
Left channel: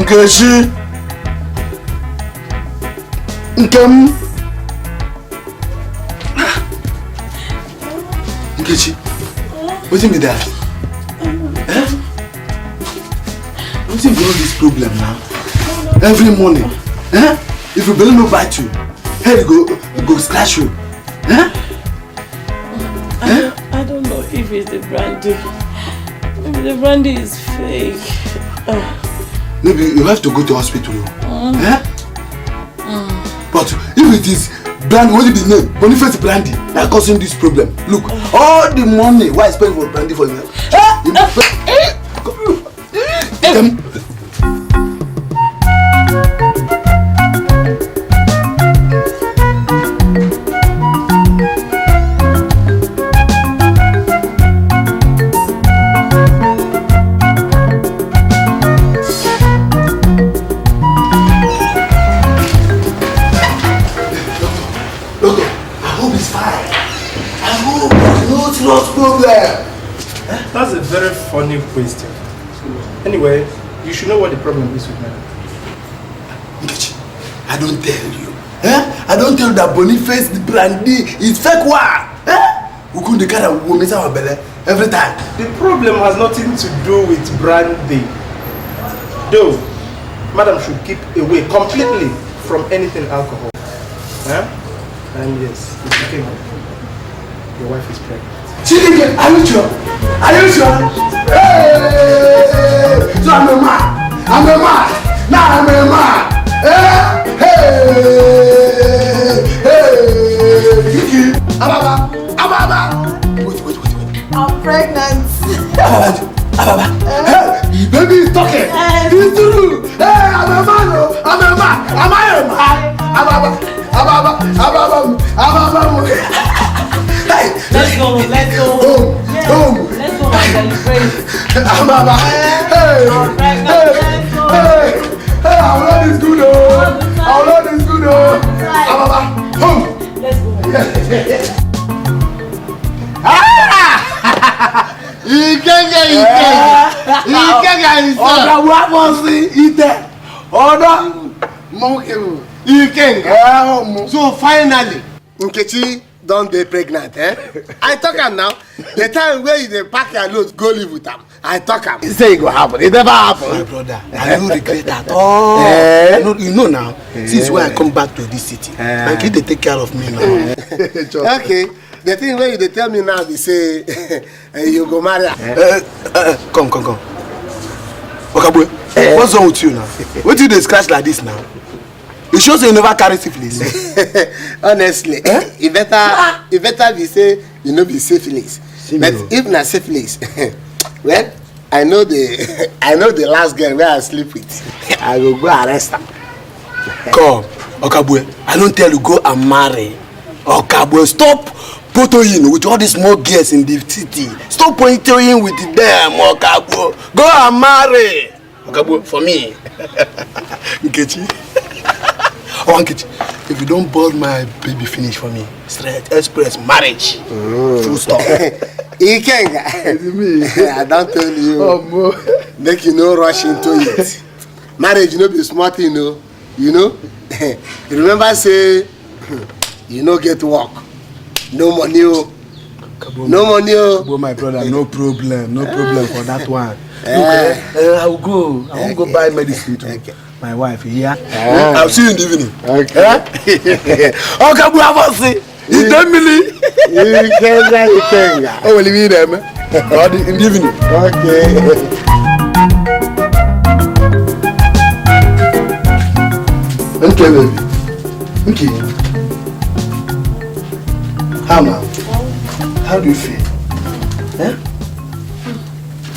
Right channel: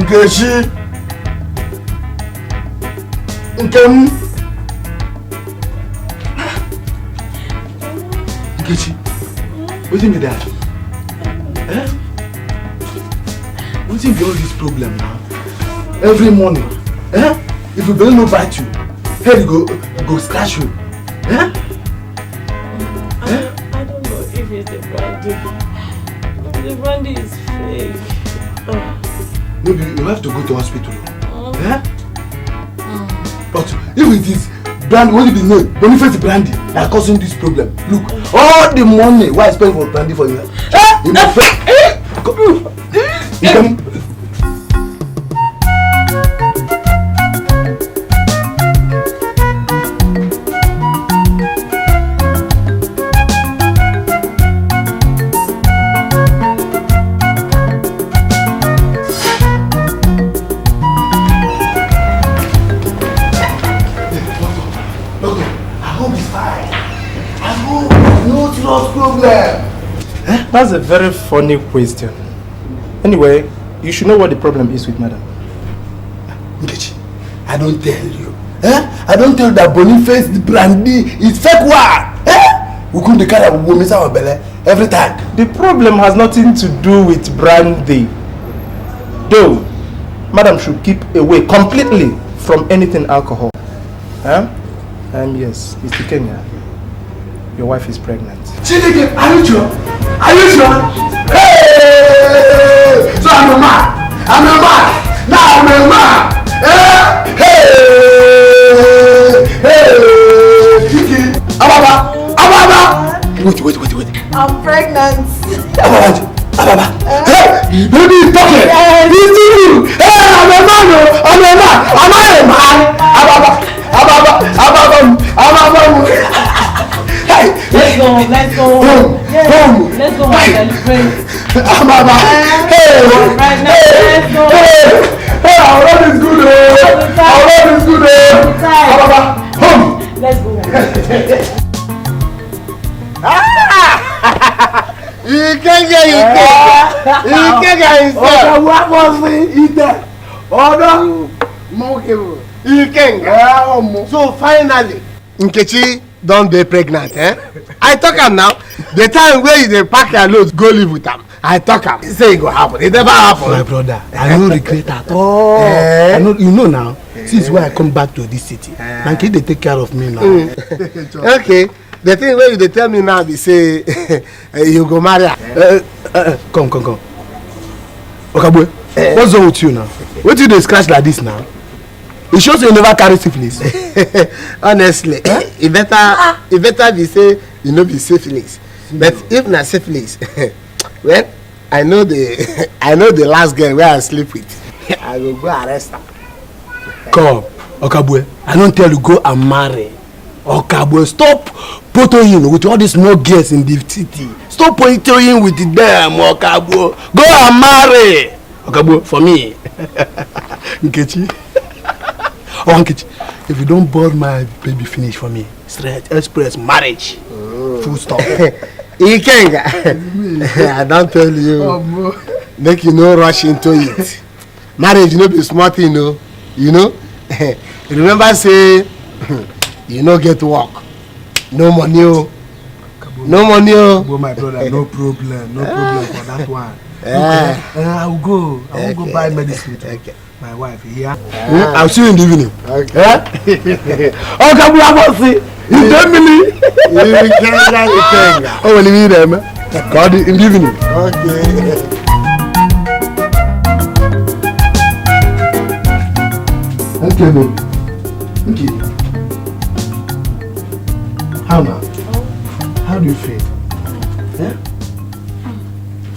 Nkechi, Nkem, Nkechi, wetin be that? Wetin be all this problem now? Every morning, if you believe no bite you, head go slash you. I don't know if it's the brandy. Maybe the brandy is fake. Maybe you have to go to hospital. But if it is brand, what is the name? Boniface Brandy, they are causing this problem. Look, all the money why I spend for brandy for you. That's a very funny question. Anyway, you should know what the problem is with madam. Nkechi, I don't tell you. I don't tell you that Boniface the brandy is fake one. We couldn't carry a woman our belly every time. The problem has nothing to do with brandy. Though, madam should keep away completely from anything alcohol. And yes, Mr. Kenga, your wife is pregnant. Chidike, are you sure? Are you sure? Hey! So I'm a man. I'm a man. Now I'm a man. Hey! Kiki! Ababa! Wait. I'm pregnant. Ababa! Hey! Baby is talking! It's you! Hey! I'm a man! I'm a man! Am I a man? Ababa! Let's go. Let's go and celebrate. Ababa! Hey! Our road is good! Our road is good! Ababa! Home! Let's go. Ikenga. What was it there? Ikenga. So finally, Nkechi don't dey pregnant, eh? I talk am now. The time where you dey pack your load, go live with am. I talk am. Say it go happen. It never happen. My brother, I no regret at all. I know, you know now, since when I come back to this city, my kid they take care of me now. Okay. The thing where you dey tell me now be say you go marry her. Come. Okabwe, what's wrong with you now? What do they scratch like this now? It shows you never carry syphilis. Honestly, it better be say you know be syphilis. But if na syphilis, well, I know the last girl where I sleep with. I will go arrest her. Come, Okabwe, I don't tell you go and marry. Okabwe, stop potoing with all these small girls in the city. Stop potoing with them, Okabwe. Go and marry. Okabwe, for me. Nkechi. Oh, Nkechi, if you don't board my baby finish for me, straight express marriage. Full stop. Ikenga, I don't tell you. Make you no rush into it. Marriage no be smart thing, no. You know. You remember say you no get work, no money, oh. No money, oh. Well, my brother, no problem for that one. I will go. I won't go buy medicine to my wife. Yeah. I'll see you in the evening. Okay. Oh, can we have us see? You don't believe? Ikenga. Oh, will you be there, man? God, in the evening. Okay. Okay, baby. Okay. How, man? How do you feel? Yeah?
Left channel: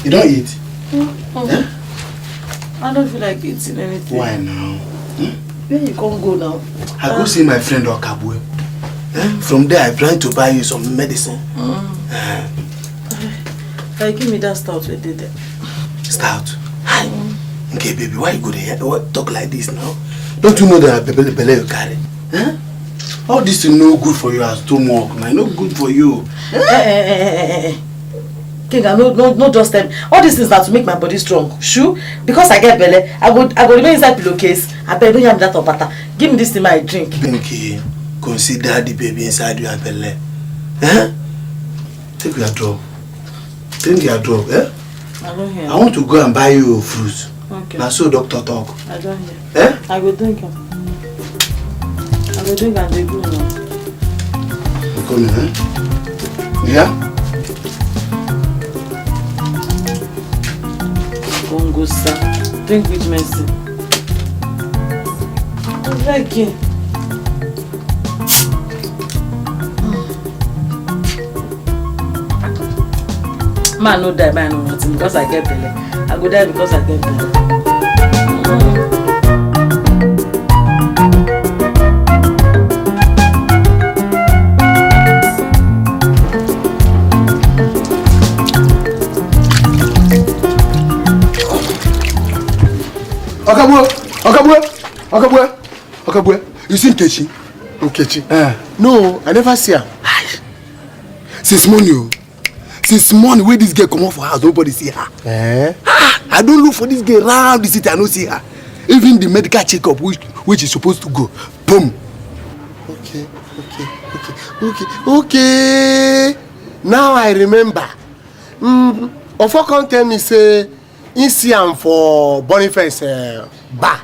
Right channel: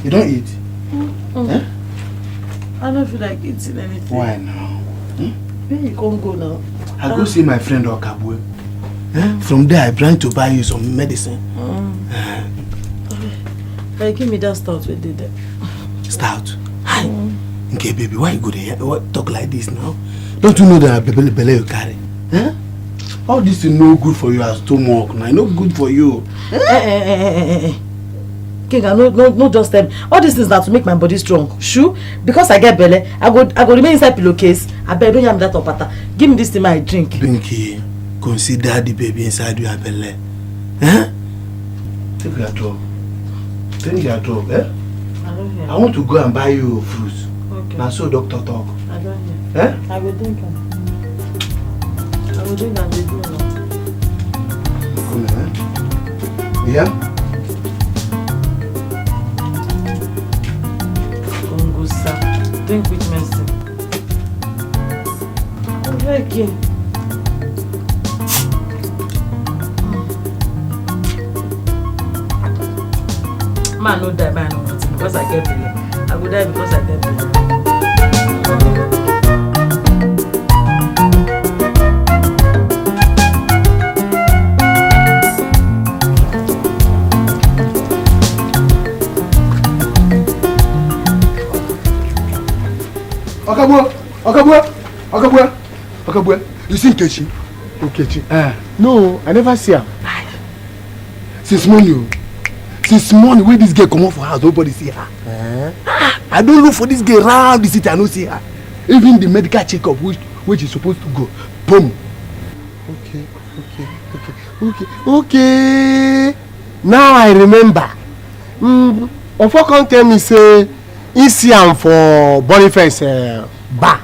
You don't eat? Yeah? I don't feel like eating anything. Why now? Where you can't go now? I go see my friend Okabwe. From there, I plan to buy you some medicine. Give me that stout we did there. Stout? Okay, baby, why you go there? Why talk like this now? Don't you know that belly you carry? All this is no good for you as stomach. No good for you. King, no just them. All these things are to make my body strong. Sure, because I get belly, I go remain inside pillowcase. I beg, don't have that of butter. Give me this thing I drink. Pinky, consider the baby inside your belly. Take your drug. Take your drug, I don't hear. I want to go and buy you fruit. Okay. Now so doctor talk. I don't hear. I will drink them. I will drink and they go now. Come in, Yeah? Don't go, sir. Drink with mercy. I'm begging. Man, no die by no nothing because I get belly. I go die because I get belly. Okabwe, you see Nkechi? Nkechi? No, I never see her. Since morning, where this girl come out for house, nobody see her. I don't look for this girl around the city, I don't see her. Even the medical checkup, which is supposed to go, boom. Okay. Now I remember. Ofo come tell me say he see am for Boniface bar,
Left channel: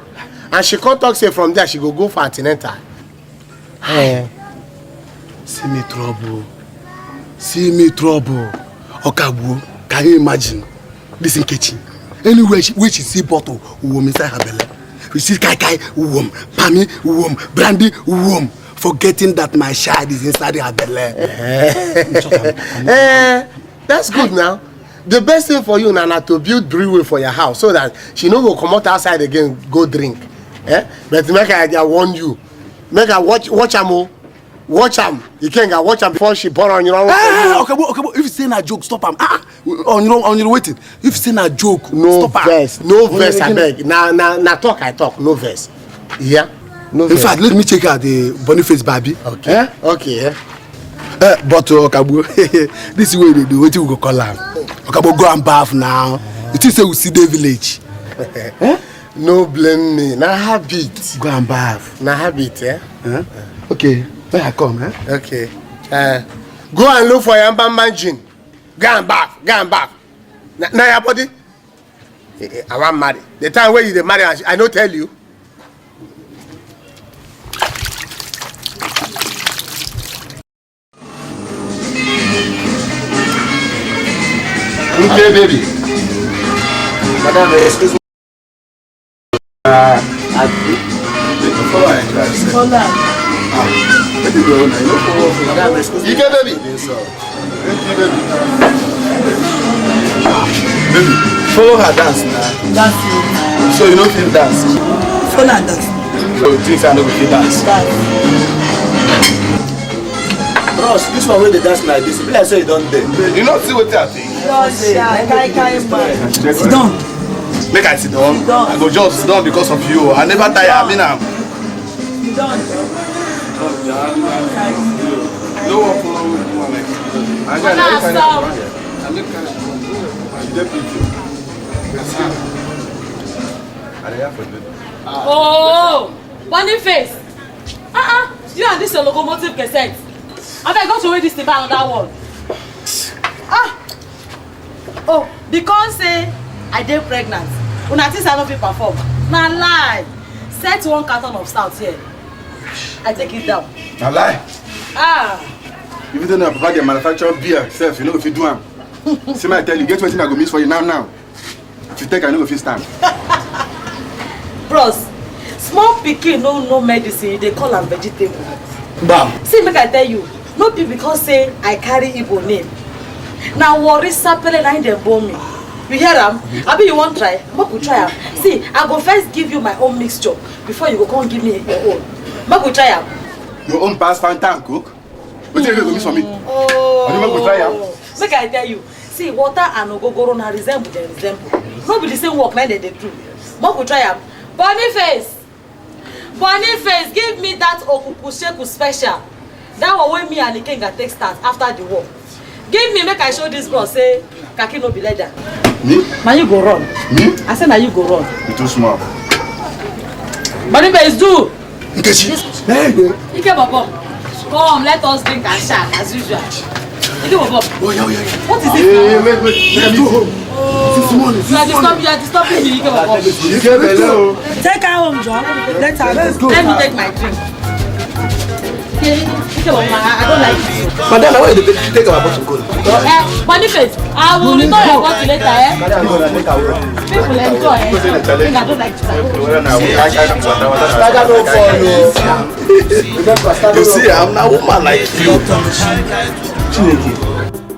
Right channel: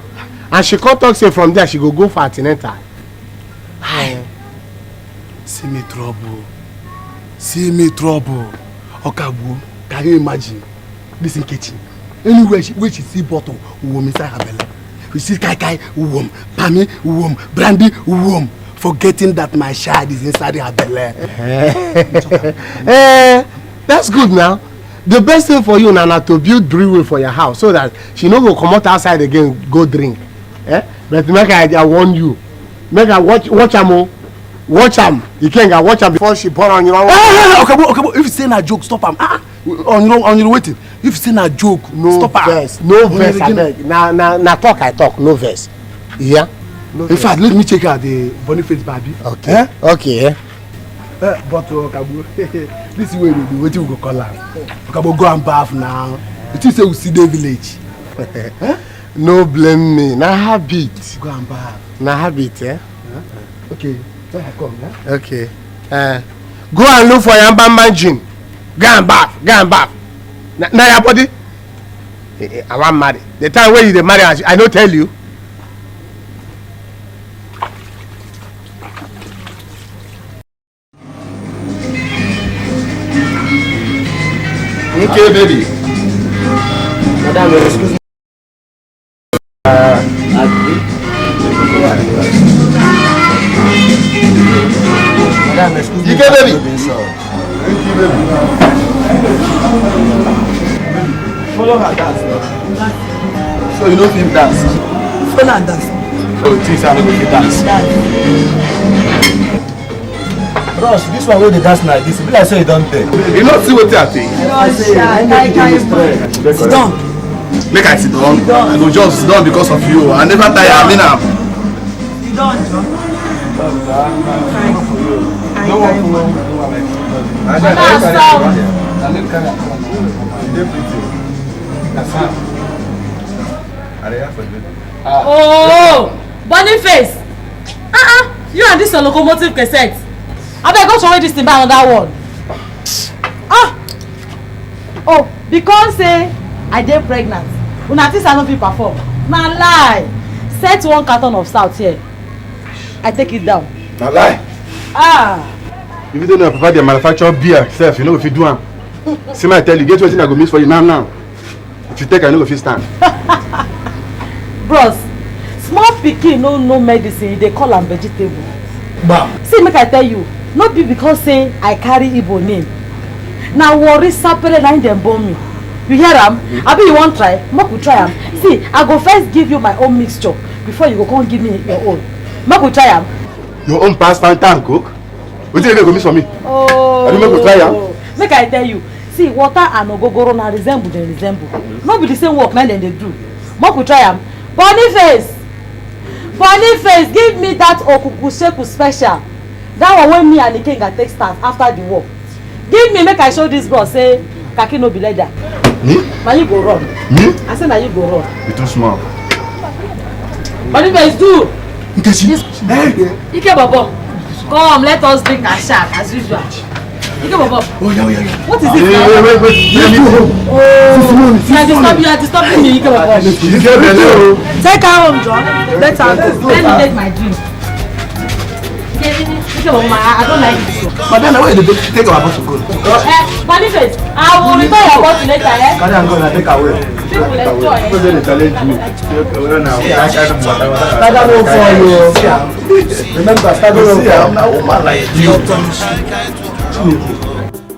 and she come talk say from there she go for antenatal. See me trouble. Okabwe, can you imagine? This Nkechi. Anywhere she see bottle, woman inside her belly. We see kai, womb, pami, womb, brandy, womb. Forgetting that my child is inside her belly. That's good now. The best thing for you now to build brewery for your house so that she no go come out outside again go drink. But make I warn you. Make I watch am. Watch am. You can't go watch am before she burn on your own. Okay. If you say na joke, stop am. On your waiting. If you say na joke, stop am. No verse, I beg. Na talk I talk. No verse. Yeah. No in fact, let me check out the Boniface Baby. Okay. Okay. But Okabwe, this is where the we go call am. Okabwe, go and bath now. You think say we see the village? No blame me. Na habit. Go and bath. Na habit, Okay. Where I come, Okay. Go and look for your bamba gin. Go and back. Now your body. I want marry. The time when you dey marry, I don't tell you. Okay, baby. Madam, excuse me. You get baby. Baby, Follow her dance now. Dance. So you don't feel dance. Follow and dance. So you think I'm not going to dance? Bros, this one where they dance like this, be like say you don't dare. You not see what I think. Sit down. make I sit down. I go just sit down because of you. I never tire. I mean, I'm. Sit down, John. No one follow. Oh, Boniface. You and this your locomotive cassette. I beg go show this thing by another one. Oh, because say I dey pregnant. Una think I no fit perform. Na lie. Set one carton of salt here. I take it down. Na lie. If you don't know, Papa, they manufacture beer. Self, you know if you do am. See, I tell you, get wetin I go miss for you now. If you take, I know if you stand. Bros, small pikin no medicine. They call am vegetable. Bam. See, make I tell you, no be because say I carry Igbo name. Na worry sapele na dem born me. You hear am? Abi you wan try? Make we try am. See, I go first give you my own mixture before you go come give me your own. Make we try am. Your own pass Fanta and Coke? Wetin you go miss for me? Oh. Abi make we try am? Make I tell you, see, water and ogogoro na resemble dem resemble. No be the same work na dem dey do. Make we try am. Boniface, give me that okuku sheku special. That one wey me and the king take start after the war. Give me, make I show this boss say kaki no be leather. Me? Na you go run. Me? I say na you go run. You too small. Boniface, do. Nkechi. Ike Bobo, come, let us drink and shout as usual. Ike Bobo. Oh, yeah. What is it? Wait. Oh, you are disturbing me, Ike Bobo. You get belly. Take her home, John. Let Let me take my drink. Ike Bobo, I don't like this. Madam, why you take our bottle cold? Boniface, I will return your bottle later, eh? Madam, I'm going to take away. People enjoy, eh? I don't like Madam, no for you. Remember, See, I'm a woman like you.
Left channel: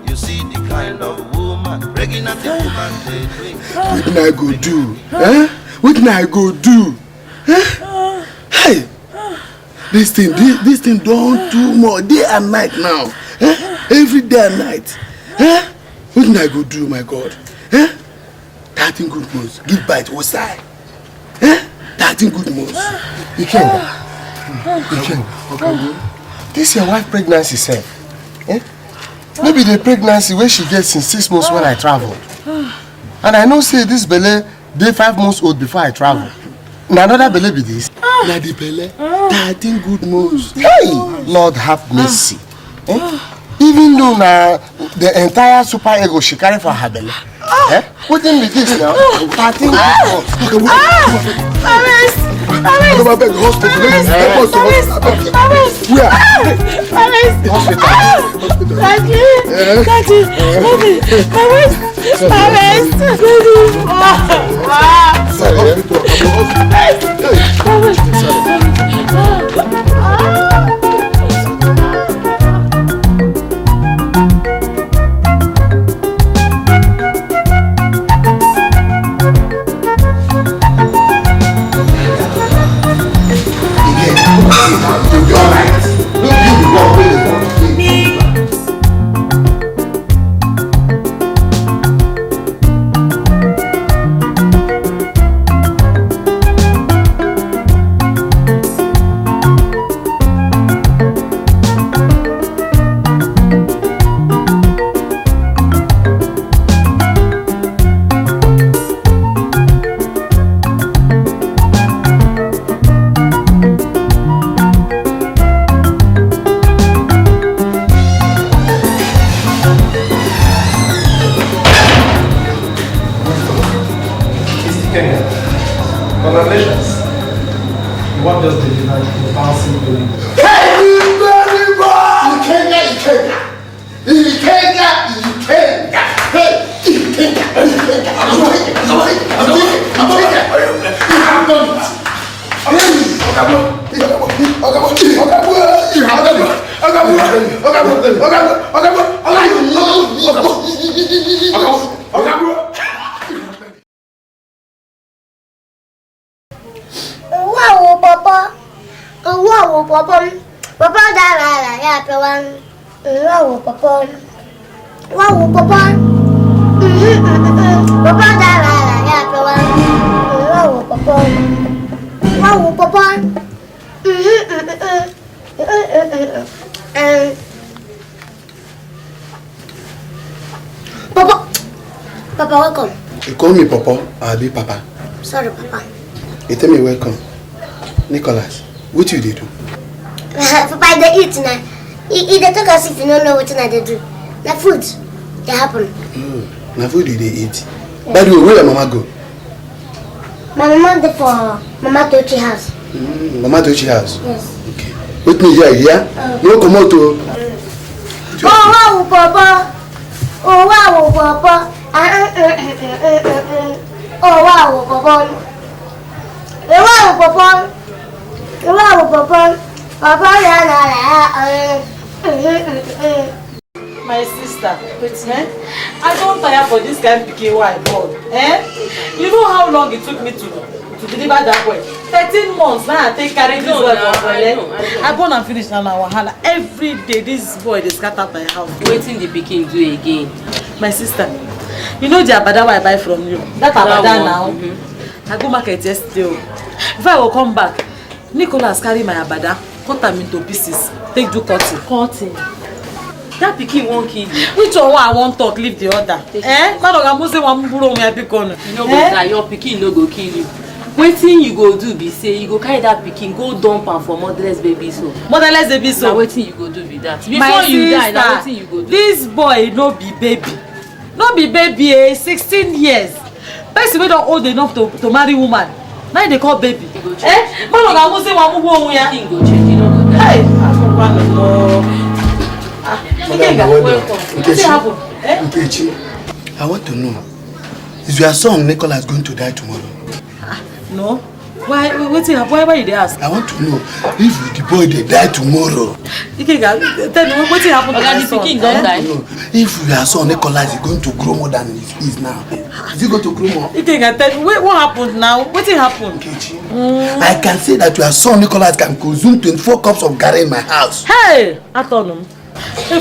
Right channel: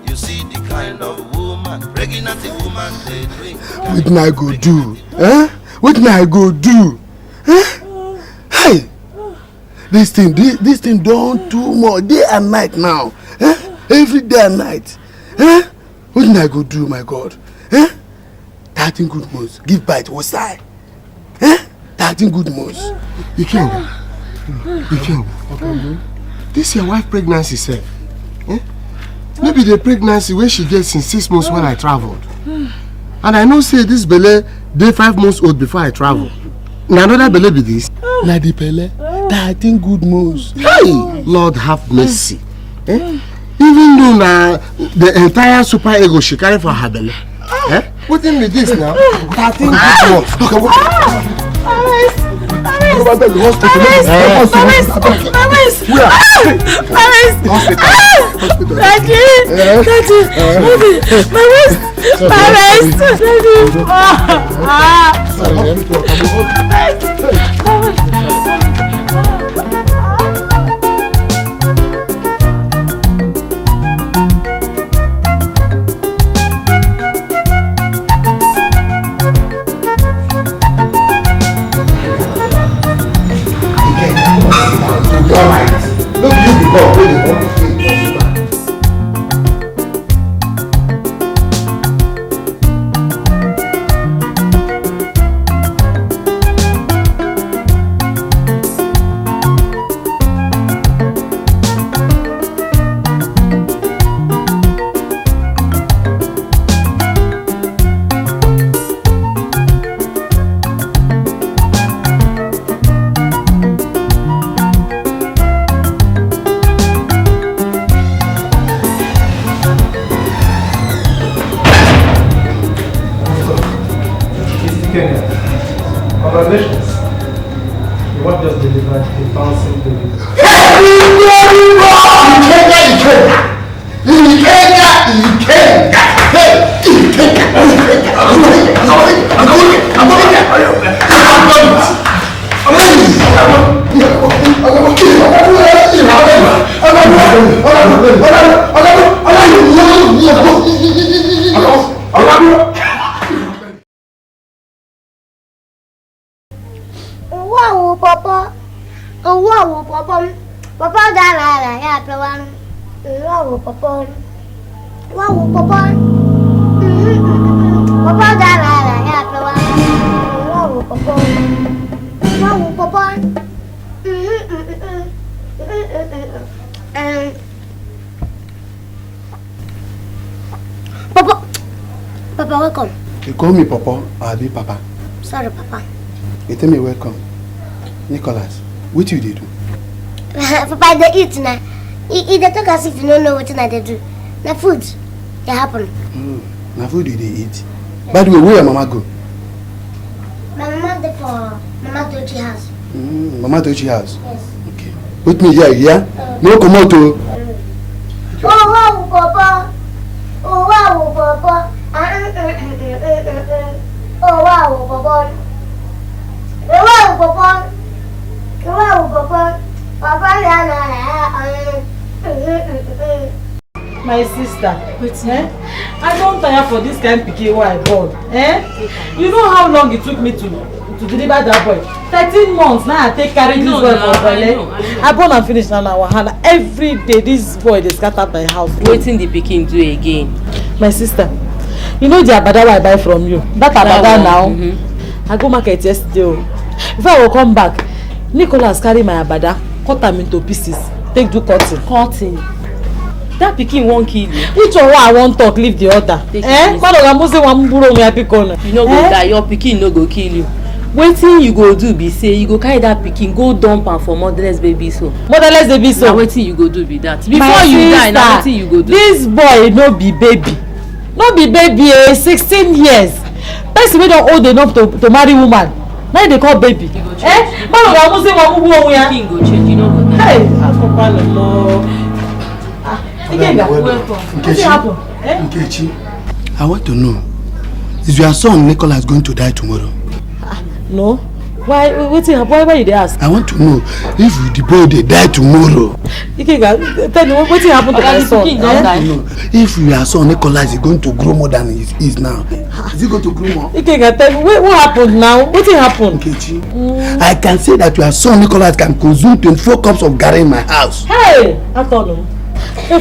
You see the kind of woman, pregnant woman they drink. Wetin I go do? Wetin I go do? Hey, this thing don too much day and night now. Every day and night. Wetin I go do, my God? 13 good months. Give bite what side? 13 good months. Iken. This your wife pregnancy sef. Maybe the pregnancy wey she get since 6 months when I traveled. And I know say this belle dey 5 months old before I travel. Na another belle be this. Na the belle 13 good months. Hey, Lord have mercy. Even though na the entire super ego she carry for her belly. Wetin be this now? 13 good months. Go back to the hospital. Wow, Papa. Oh, wow, Papa. Papa, that wow, Papa. Wow, Papa. Papa, that wow, Papa. Wow, Papa. Papa. Papa, welcome. You call me Papa, I'll be Papa. Sorry, Papa. You tell me welcome. Nicholas, what you did do? Papa, they eat now. They talk as if you don't know what they do. The food, they happen. Now food they eat. By the way, where your mama go? My mama did for Mama Tochi house. Mama Tochi house? Yes. Okay. With me here, yeah? No come out to. Oh wow, Papa. Oh wow, Papa. Oh wow, Papa. Oh wow, Papa. Oh wow, Papa. My sister, I don't tire for this kind of pikin wey I born. You know how long it took me to deliver that boy? 13 months now I take carry this boy for belle. I born and finish now wahala. Every day this boy dey scatter my house. Wetin the pikin do again? My sister, you know the abada wey I buy from you? That abada now. I go market yesterday. Before I will come back, Nicholas carry my abada, cut am into pieces, take do cutting. Cutting? That pikin won't kill you. Which one I won't talk, leave the other. You no go die, your pikin no go kill you. Wetin you go do be say you go carry that pikin go dump am for motherless baby so. Motherless baby so. Na wetin you go do be that. Before you die, na wetin you go do. This boy no be baby. No be baby, 16 years. Person wey don old enough to marry woman. Now they call baby. He go change. Pikin go change, you no go die. Hey, Nkechi, I want to know, is your son Nicholas going to die tomorrow? No. Why you dey ask? I want to know if the boy dey die tomorrow. Tell me what happened to my son? No, if your son Nicholas is going to grow more than he is now, is he going to grow more? Tell me what happened now? What happened? Nkechi, I can say that your son Nicholas can consume 24 cups of garri in my house. Hey, I told him.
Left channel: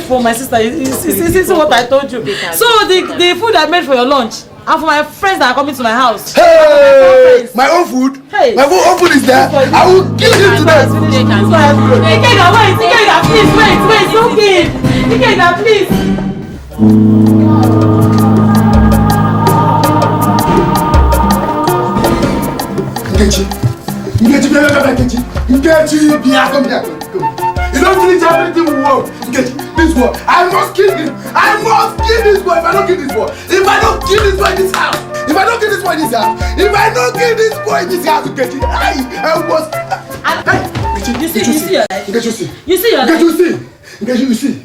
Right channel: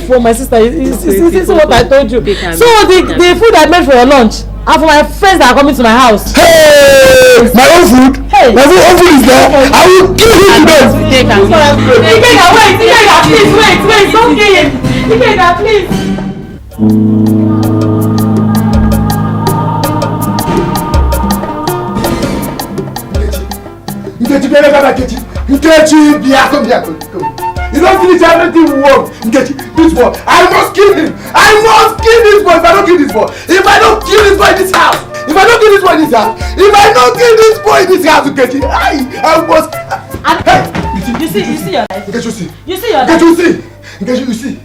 For my sister, you see what I told you. So the food I made for your lunch and for my friends that are coming to my house. Hey, my own food. Hey, my own food is there. I will kill him today. Wait, don't kill him. Ikega, please. You don't finish everything we want. This boy, I must kill him. I must kill this boy. If I don't kill this boy, if I don't kill this boy in this house, if I don't kill this boy in this house, if I don't kill this boy in this house, I must. Hey, you see your life. You see. You see your life. You see.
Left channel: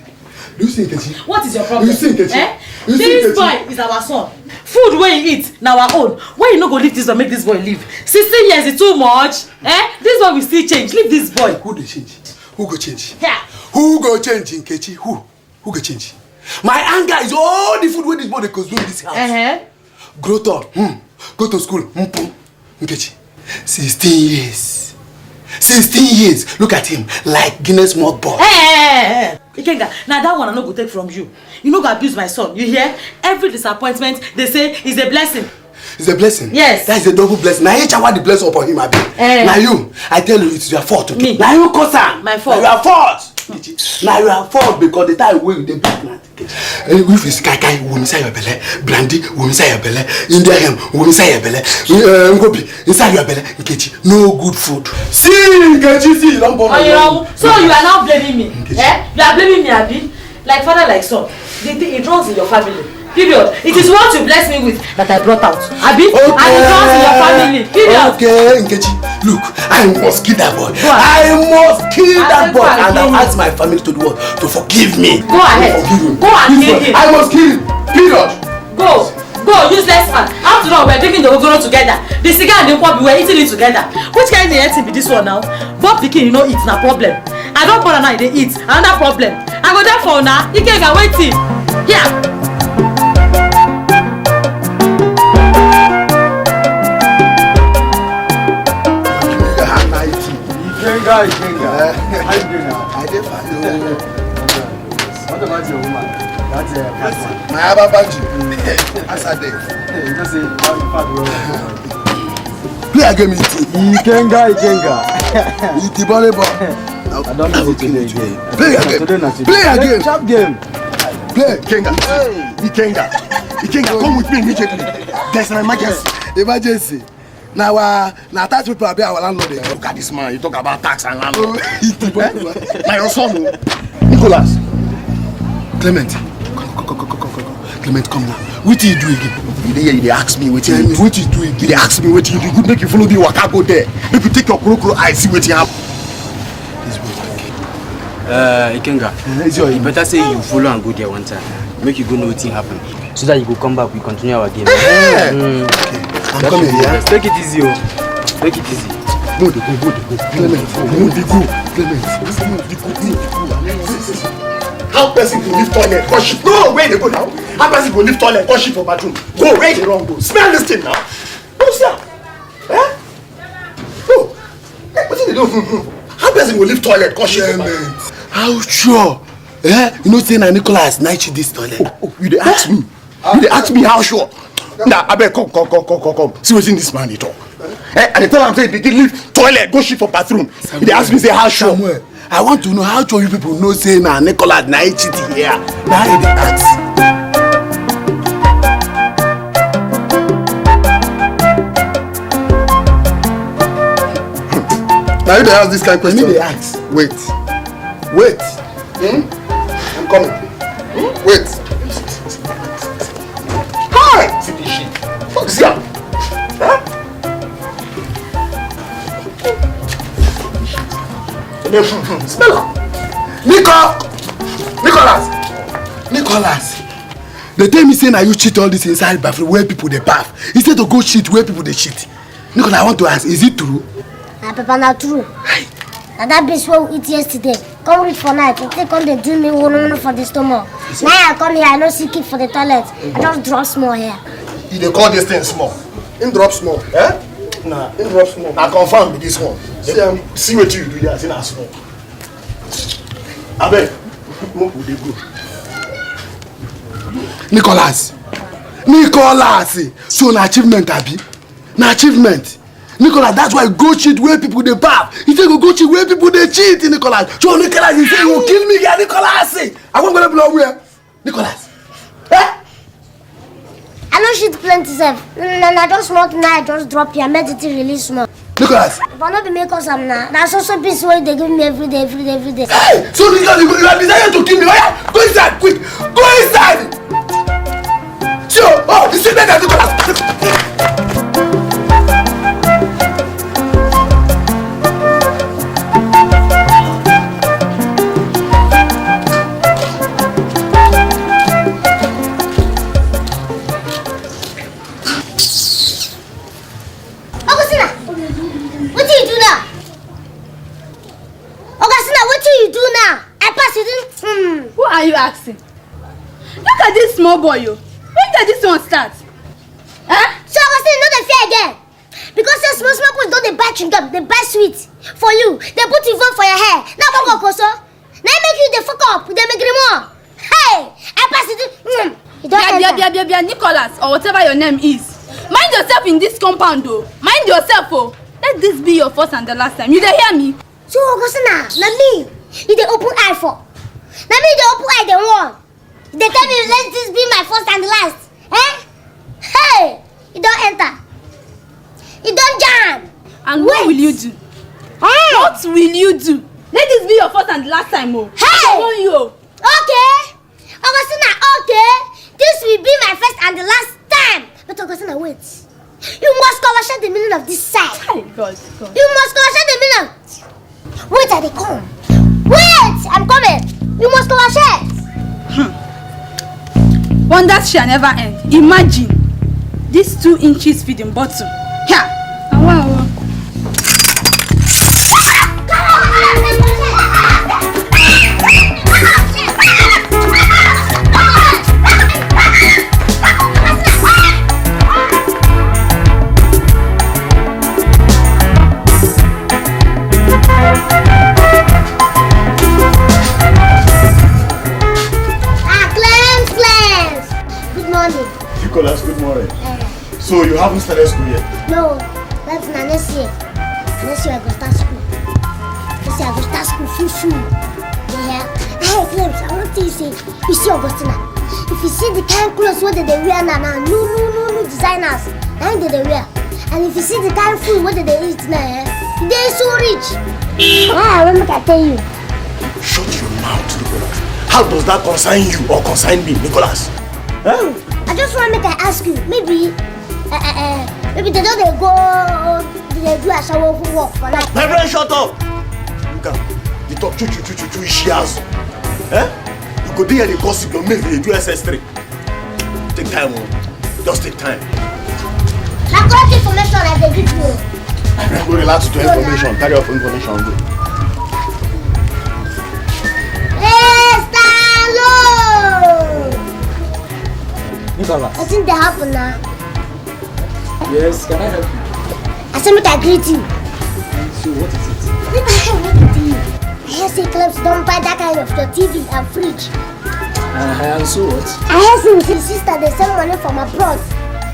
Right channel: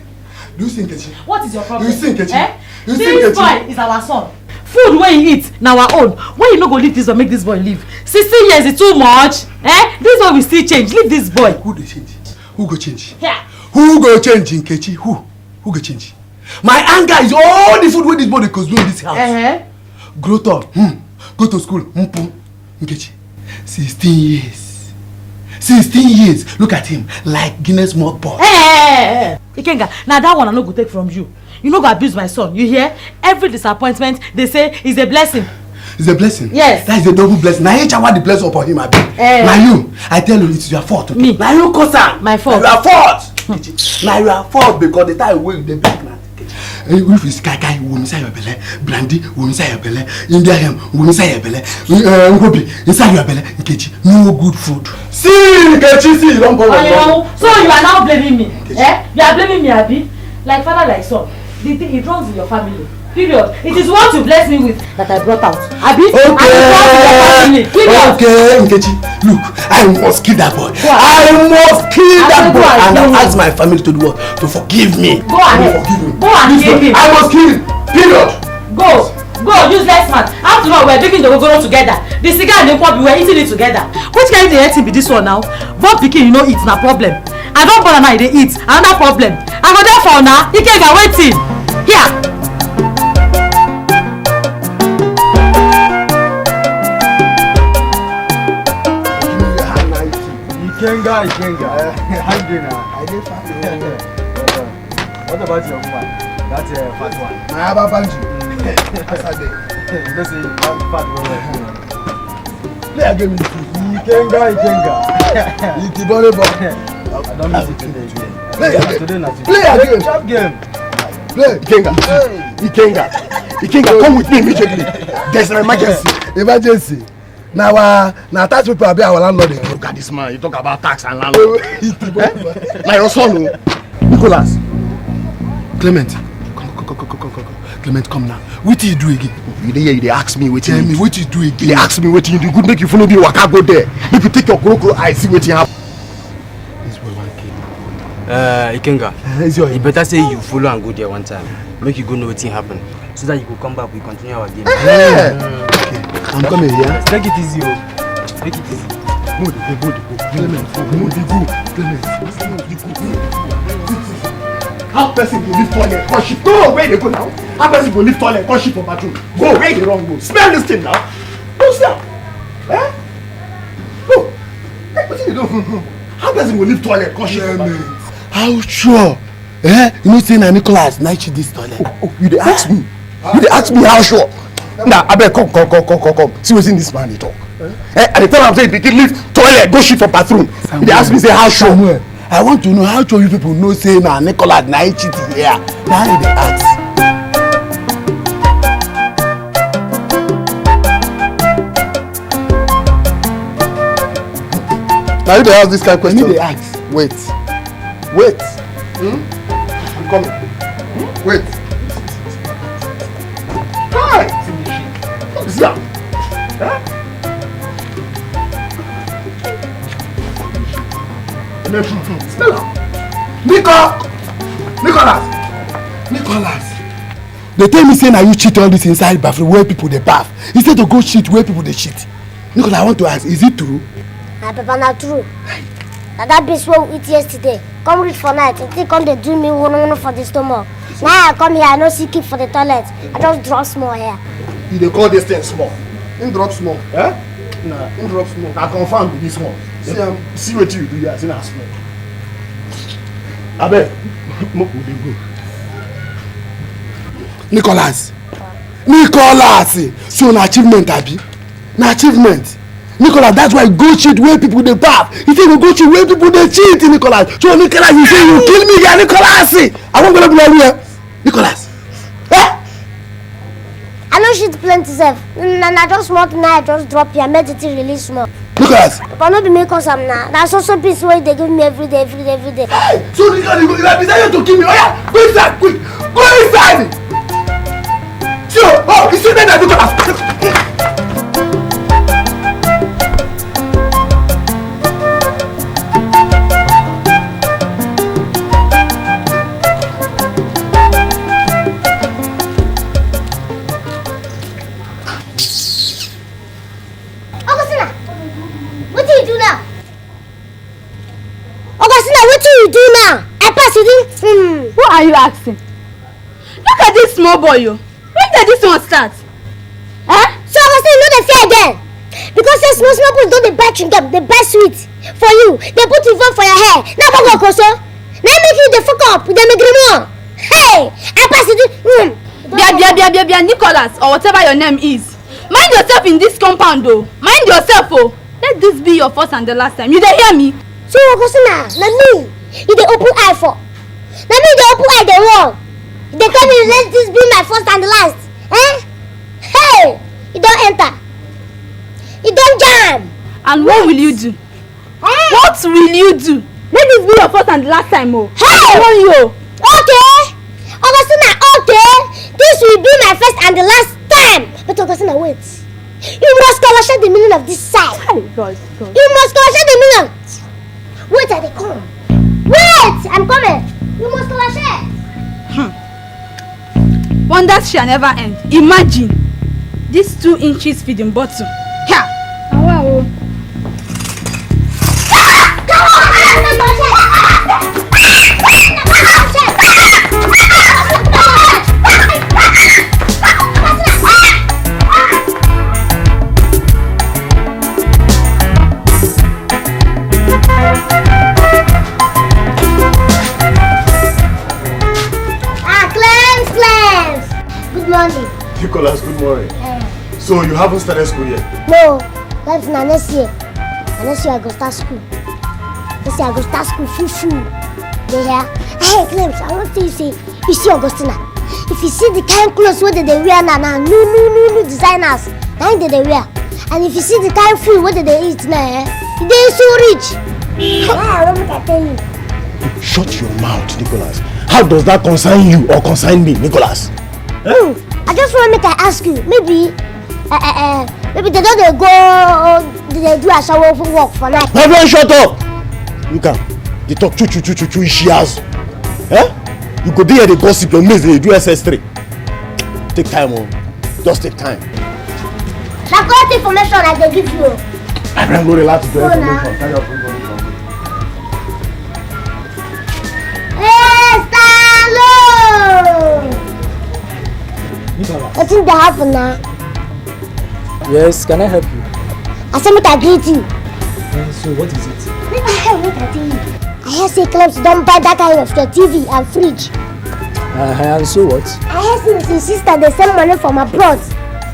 You see, Nkechi. What is your problem? You see, Nkechi. This boy is our son. Food wey he eat na our own. Why you no go leave this boy, make this boy live? 16 years is too much. This boy will still change. Leave this boy. Who dey change? Who go change? Yeah. Who go change, Nkechi? Who go change? My anger is all the food wey this boy dey consume in this house. Grow up, go to school, Nkechi. 16 years. 16 years. Look at him, like Guinness World Boy. Ikenga, now that one I no go take from you. You no go abuse my son. You hear? Every disappointment they say is a blessing. It's a blessing. Yes. That is a double blessing. Now each one the blessing upon him. Now you, I tell you, it's your fault. Okay? Me. Now you cause am. My fault. Now your fault. Now your fault because the time when they pregnant. If it's kai wo inside your belly, brandy wo inside your belly, Indian hem wo inside your belly, ngobi inside your belly, Nkechi, no good food. See, Nkechi, see, don't go. So you are now blaming me? You are blaming me, Abi? Like father, like son. The thing it runs in your family. Period. It is what you bless me with that I brought out. Abi, I will come to your family. Period. Okay, Nkechi, look, I must kill that boy. I must kill that boy. And I ask my family to do what? To forgive me. Go ahead. Go and kill him. I must kill him. Period. Go. Go, useless man. After all, we're taking the ogoro together. The cigar and the pop, we were eating it together. Which kind of eating be this one now? Both pikin, you know, it's not problem. I don't bother now, they eat. Another problem. I go there for now. You can't get waiting. Here. What about your woman? That's I have a bunch. Play again, Ikenga. I don't know what to do. Play again. Chop game. Play. Ikenga, come with me immediately. There's an emergency. Now tax people are our landlord. Look at this man. You talk about tax and landlord. Now your son, Nicholas. Clement, come. Clement, come now. What do you do again? You ask me what you do. What you do again? You ask me what you do. Good make you follow me. Waka go there. If you take your crocro, I see what you have. Ikenga, you better say you follow and go there one time. Make you go know what happened. So that you go come back, we continue our game. Yeah. Okay. I'm coming here. Take it easy, take it easy. Go. How person go live toilet? Cause shit. No, where they go now? How person go live toilet? Cause shit for bathroom. Go where you wrong go. Smell this thing now. Go sir. Eh? No. What did you do? How person go live toilet? Cause shit for bathroom. How sure? Eh? You know saying Nicholas night she this toilet. Oh, you dey ask me. You dey ask me how sure? Now, I beg come. See what's in this man at all. At the time I'm saying they leave toilet, go shit for bathroom. They ask me say how sure. Samuel, I want to know how sure you people know say na Nicholas na cheating here. Now they ask. Now they ask this kind of question. They ask. Wait. I'm coming. Wait. Fuck this guy. Huh? Smell Nicholas. They tell me say na you cheat all this inside bathroom where people they bath. Instead to go shit where people they shit. Nicholas, I want to ask, is it true? Papa, not true. Now that beast what we eat yesterday. Come read for night. They come they do me one for the stomach. Now I come here, I no see keep for the toilet. I just drop small here. You dey call this thing small. In drop small. Eh? Nah, in drop small. Now confirm with this one. See what you do here, see na small. Abeg, make we dey go. Nicholas, so na achievement abi? Na achievement. Nicholas, that's why go cheat where people dey bath. He say go cheat where people dey cheat, Nicholas. So Nicholas, you say you kill me here, Nicholas. I won't go blow here. Nicholas. Eh? I don't shit plenty self. I just want now, I just drop here, make it really small. Nicholas. But not be make us now. That's also piece where they give me every day. Hey! So Nicholas, you have decided to kill me. Oh yeah, go inside, quick. Go inside. Sure. Oh, you see that Nicholas. Who are you asking? Look at this small boy, you. When did this one start? Huh? So Augustine, you know the fear again. Because the small boys don't they buy chewing-gum, they buy sweet for you. They put you for your hair. Now go Koso. Now make you the fuck up with them agreement. Hey, I pass it. Bia, Nicholas, or whatever your name is. Mind yourself in this compound, though. Mind yourself, oh. Let this be your first and the last time. You dey hear me? So Augustine, na me. You dey open eye for. Na me dey open eye the wall. They tell me let this be my first and the last. Eh? Hey! You don't enter. You don't jam. And what will you do? Hey! What will you do? Let this be your first and the last time, oh. Hey! I want you. Okay. Augustina, okay. This This will be my first and the last time. But Augustina, wait. You must understand the meaning of this side. God. You must understand the meaning. Wait till they come. Wait! I'm coming. You must understand. Wonders shall never end. Imagine this 2 inches feeding bottle. Yeah. Wow. Nicholas, good morning. So you haven't started school yet? No, that's not next year. Next year I go start school. Next year I go start school full. Yeah. Hey, Clems, I want to say, you see Augustina, if you see the kind of clothes what they wear now, new designers, now they wear. And if you see the kind of food what they eat now, they're so rich. Let me tell you. Shut your mouth, Nicholas. How does that concern you or concern me, Nicholas? I just want to make I ask you, maybe they don't go, they do a shower for work for night. Everyone shut up! Look at, they talk choo she has. You could be here the gossip and miss the do SS3. Take time, just take time. I got information I can give you. I don't go relax to information, carry off information. What's in the happen now? Yes, can I help you? I said make I greet you. So what is it? I hear say Clems don't buy that kind of your TV and fridge. And so what? I hear say with his sister they send money from abroad.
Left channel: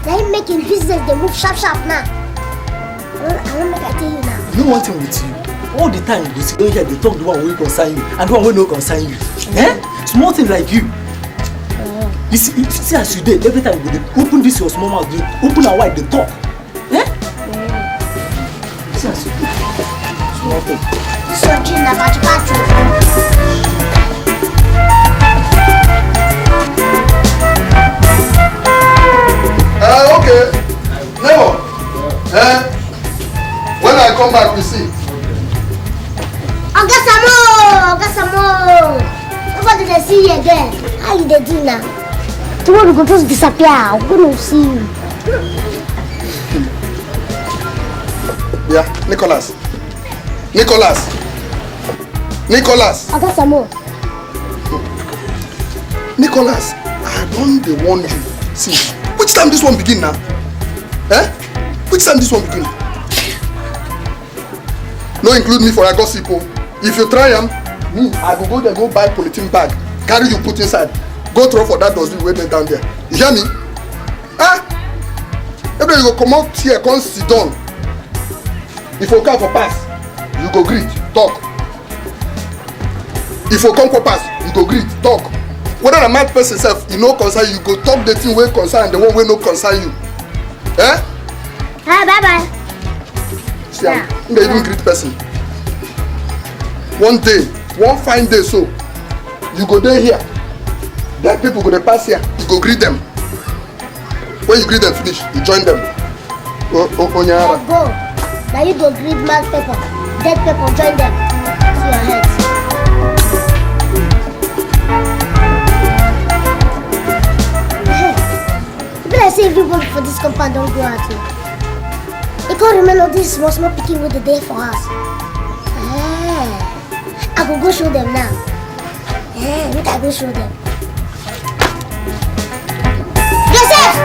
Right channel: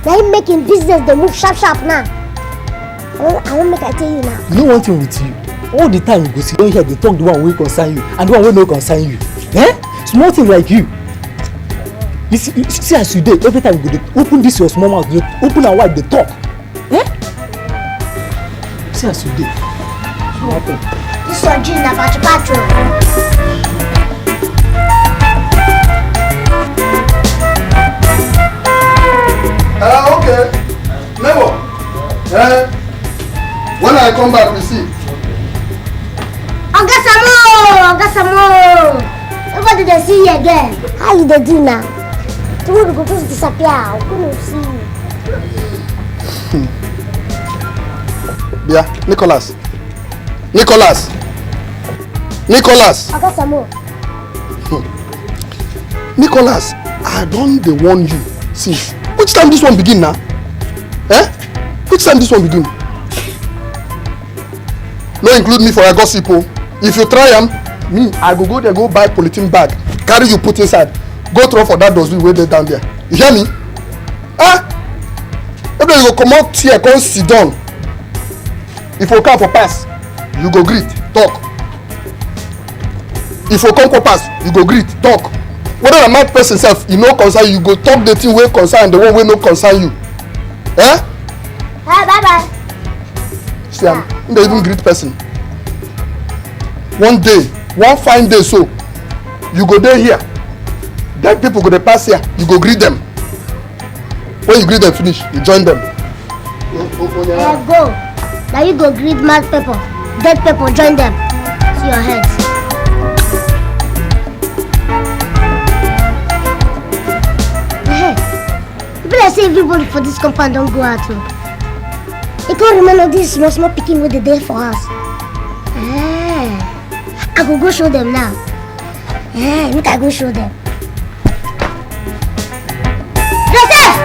They making business they move sharp now. I won't make I tell you now. You know one thing with you? All the time you go sit down here they talk the one wey concern you and the one wey no concern you. Small thing like you. You see as you did, every time you go open this your small mouth, you open and wide the talk. See as you did. Small thing. This one gin about your bathroom. Okay. Never. When I come back, we see. Ogasamo. Nobody they see you again. How you they do now? Tomorrow you go just disappear. I'm gonna see you. Yeah, Nicholas. Ogasamo. Nicholas, I don't dey warn you. See, which time this one begin now? Which time this one begin? No include me for a gossip. If you try me, I go there, go buy polythene bag, carry you put inside, go throw for that dustbin wey dey down there. You hear me? Maybe you go comot here, come sit down. If you come for pass, you go greet, talk. If you come for pass, you go greet, talk. Whether or not person sef, you no concern you, go talk the thing wey concern the one wey no concern you. Bye. See, I'm not even greet person. One day, one fine day so, you go there here. Then people go dey pass here, you go greet them. When you greet them finish, you join them. Go. Now you go greet mad people. Dead people join them. See your heads. I say everybody for this compound don't go out. You can't remember this small picking with the day for us. I will go show them now. We can go show them. Joseph!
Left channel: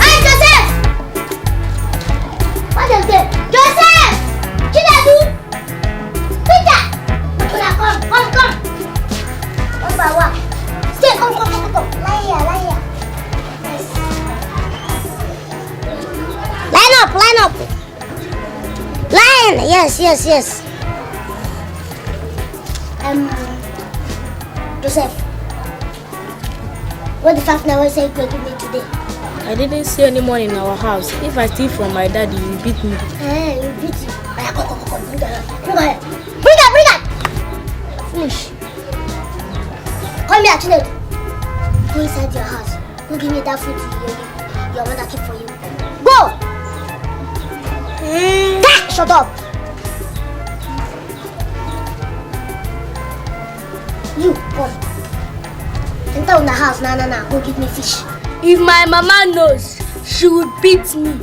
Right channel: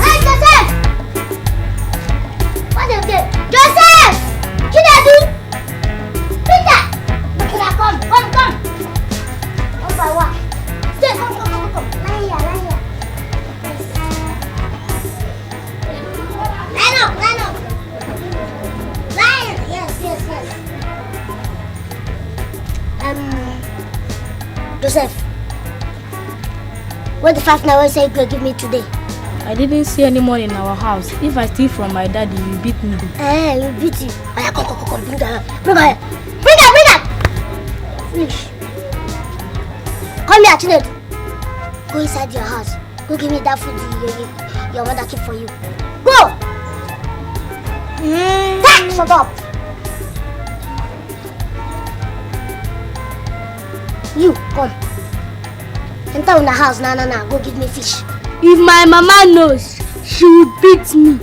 Hey, Joseph! What is it? Joseph! Chinadu! Peter! Come. Stay, come. Lie here. Line up. Line! Yes. Joseph, what the fact now say you go give me today? I didn't see any money in our house. If I steal from my daddy, you beat me. You beat you. Come, bring her. Bring her. Finish. Come here, Chinedu. Go inside your house. Go give me that food your mother keep for you. Go! Shut up! You, come. Enter in the house now. Go give me fish. If my mama knows, she will beat me.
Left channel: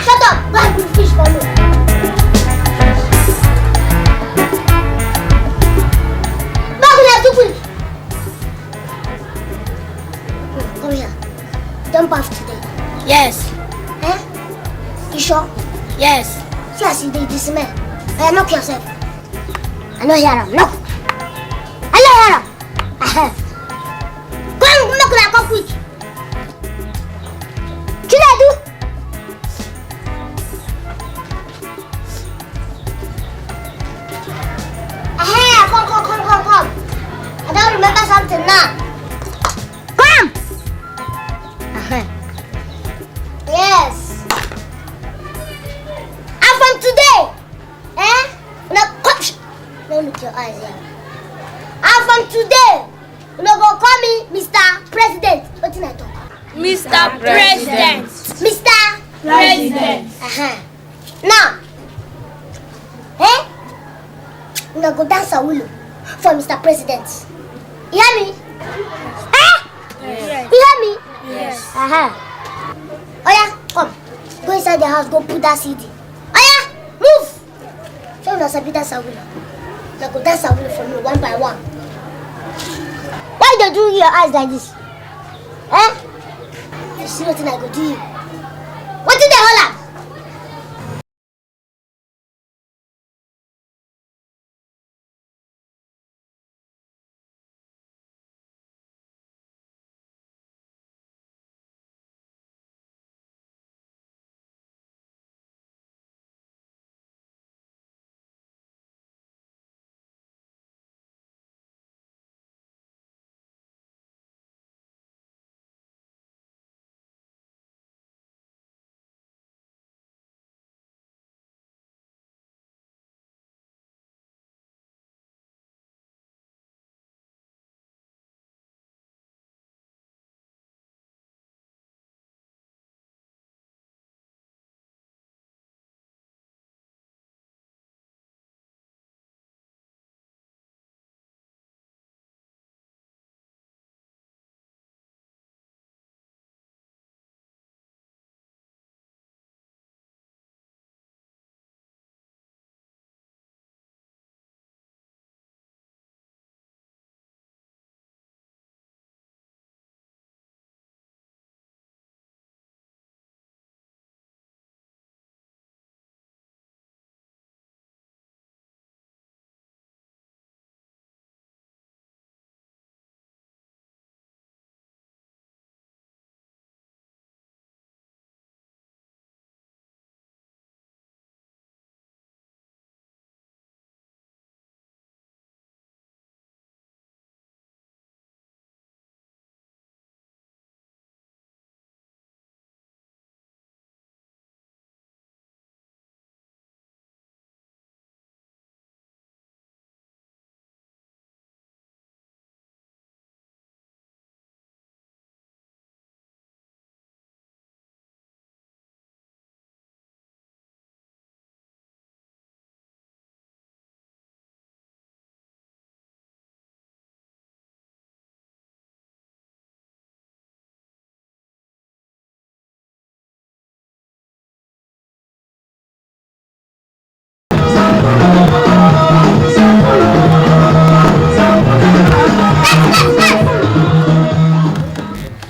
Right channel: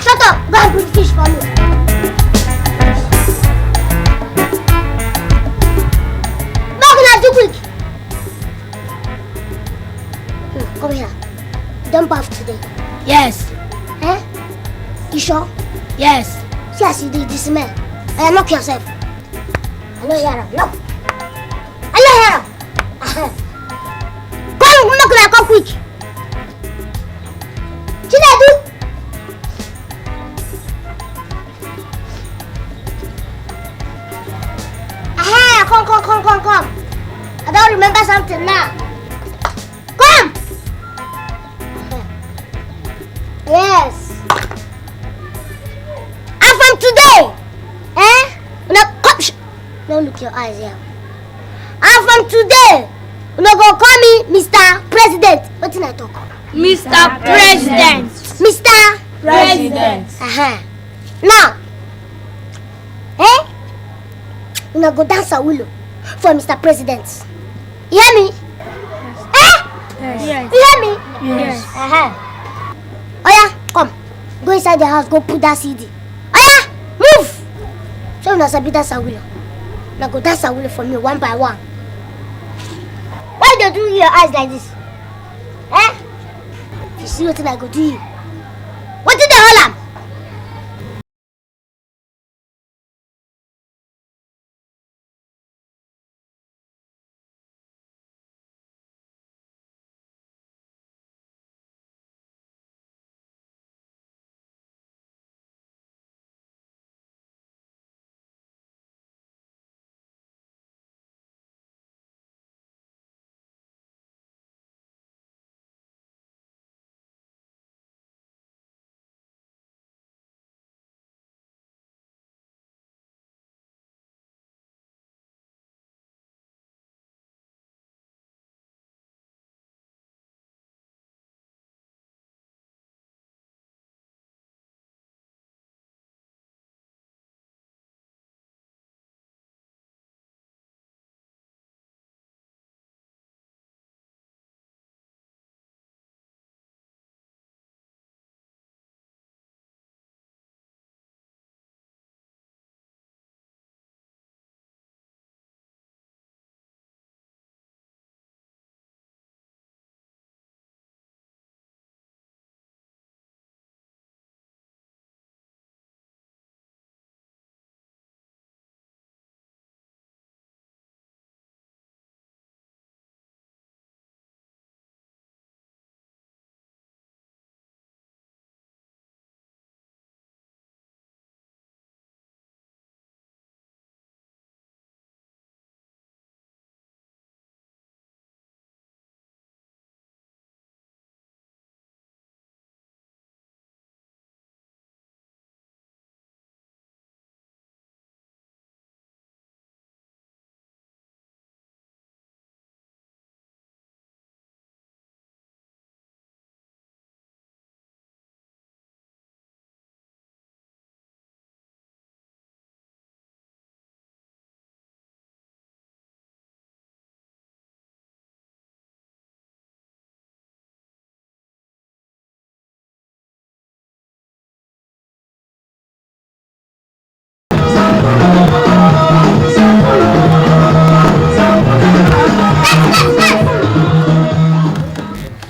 Shut up! Go and bring fish for you. Too quick. Come here. You don't bath today. Yes. Eh? You sure? Yes. See as you do this smell. Knock yourself. I know hear him. Knock. I know hear him. Come knock, come quick. Chinedu. Come. I don't remember something now. Come! Yes. And from today, no, come. Don't look your eyes here. And from today, you go call me Mr. President. What did I talk? Mr. President. Mr. President. Now, you go dance a willow for Mr. President. You hear me? Yes. You hear me? Yes. Oh yeah, come. Go inside the house, go put that CD. Oh yeah, move! Show me Sabi dance a willow. Now go dance a willow for me one by one. Why do you do your eyes like this? You see what I go do you? What did they hold up?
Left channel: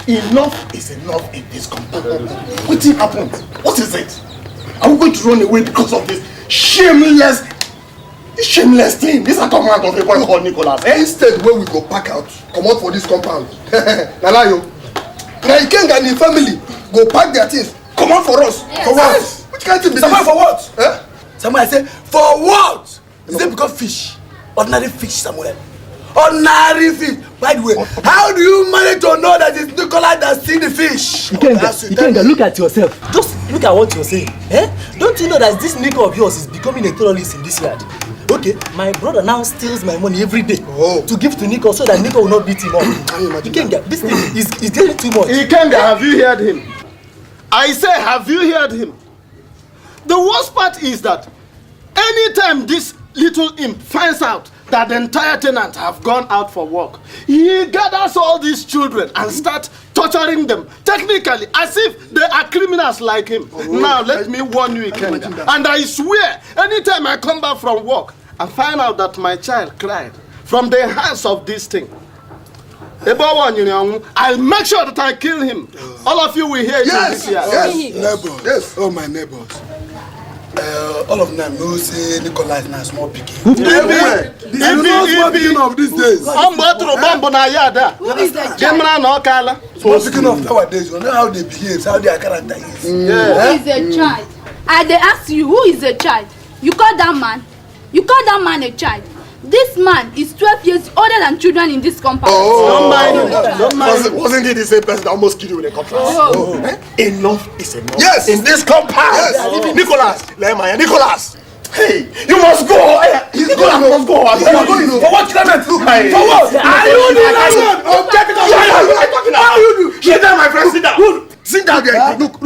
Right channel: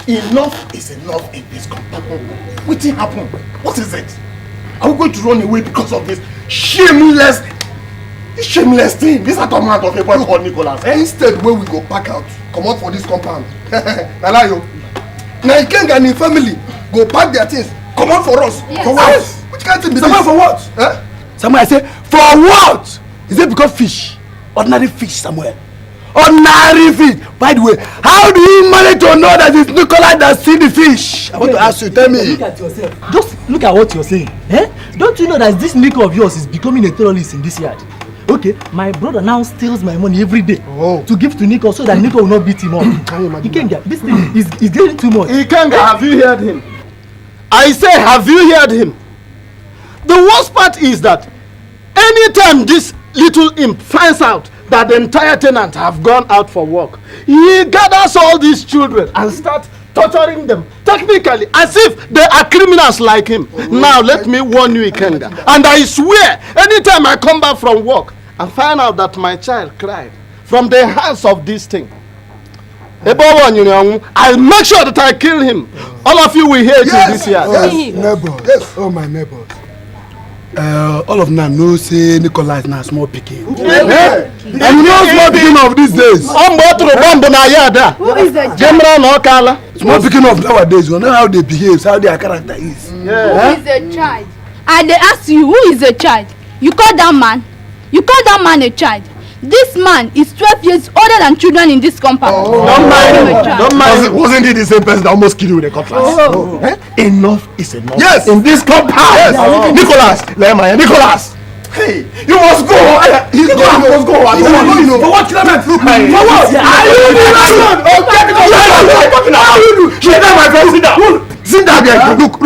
Enough is enough in this compound. What happened? What is it? Are we going to run away because of this shameless thing? This atonement of a boy called Nicholas. Instead, when we go pack out, come out for this compound. Nanayo. Now Ikenga and his family go pack their things. Come out for us. Yes. For what? Which kind of thing? Someone for what? Huh? Samuel, I say, for what? Is it because fish? Ordinary fish, Samuel. Ordinary fish. By the way, how do you manage to know that it's Nicholas that seen the fish? I want to ask you, tell me. Look at yourself. Just look at what you're saying. Don't you know that this Nico of yours is becoming a terrorist in this yard? Okay, my brother now steals my money every day to give to Nico so that Nico will not beat him up. Ikenga, this thing is getting too much. Ikenga, have you heard him? I say, have you heard him? The worst part is that anytime this little imp finds out that the entire tenant have gone out for work, he gathers all these children and starts torturing them, technically, as if they are criminals like him. Now, let me warn you, Ikenga, and I swear, anytime I come back from work and find out that my child cried from the hands of this thing, I'll make sure that I kill him. All of you will hear it in this year. Yes, neighbors. Yes. Oh, my neighbors. All of them know say Nicholas na small pikin. And you know small pikin of these days. Who is the General Nokala? Small pikin of nowadays, you know how they behave, how their character is. Who is the child? I dey ask you, who is the child? You call that man? You call that man a child? This man is 12 years older than children in this compound. Don't mind. Wasn't he the same person that almost killed you with a cutlass? Enough is enough. Yes. In this compound. Yes. Nicholas. Hey, you must go. You must go. For what, Clement? For what? Sit down, my friend. Sit down. Sit down there. Look.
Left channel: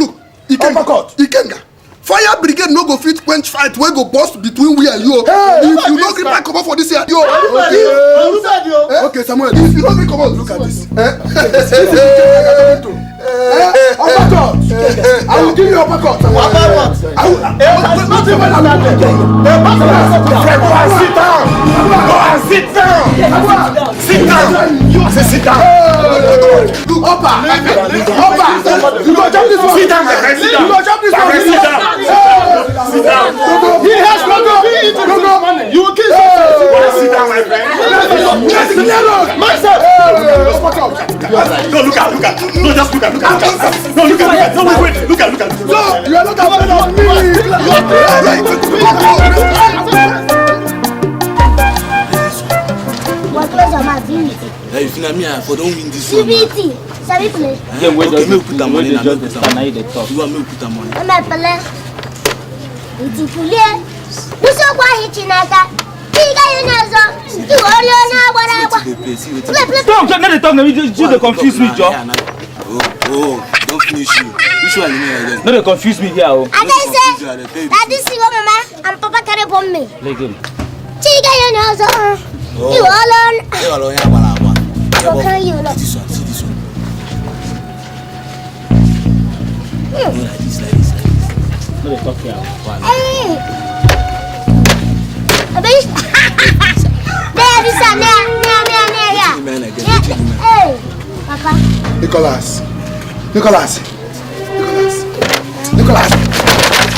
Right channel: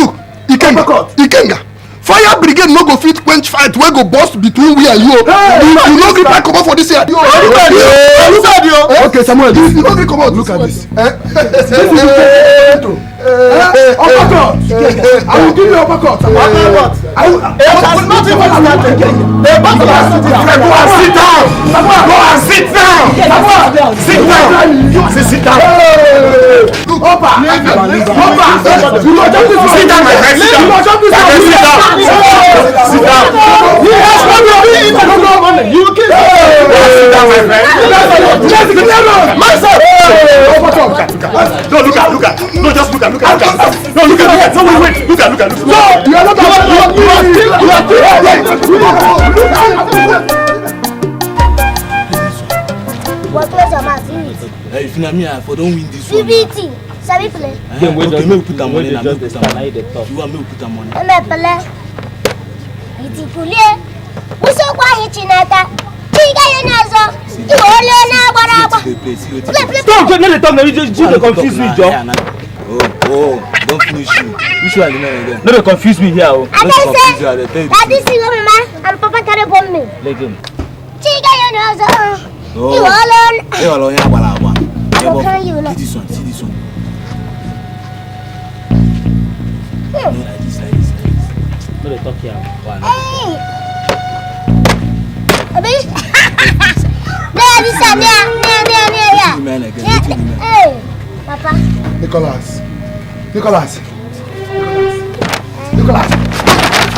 Ikenga. Fire brigade no go fit quench fight wey go burst between we and you. You no gree back comot for this year. Look at you. Okay, Samuel, you no gree comot. Look at this. Uppercut. I will give you uppercut. I will not even started. Go and sit down. Go and sit down. Sit down. Sit down. Look, Upper. You go jump this one. Sit down, my friend. You go jump this one. Sit down. Sit down. Yes, you will kill me. Sit down, my friend. Just leave me alone. Myself. No, look at. No, just look at. No, look at. No, wait. Look at. No, you are not Hey, if you know me, I don't win this one. CBT. Sabi play. Yeah, wait, okay, me put the money. You want me to put the money? I'm play. It's play. Who's so quiet, Chinata? You got your nose. You all your now, Stop, let me talk. You confuse me, Joe. Oh, don't finish me. Which one you know? No, they confuse me here. I can say that this is mama and Papa carry bomb me. Like him. Chica, you know, you all on. You all on your balama. Okay, you know. This one. Like this. No, they talk here. Hey. Hey, Papa. Nicholas.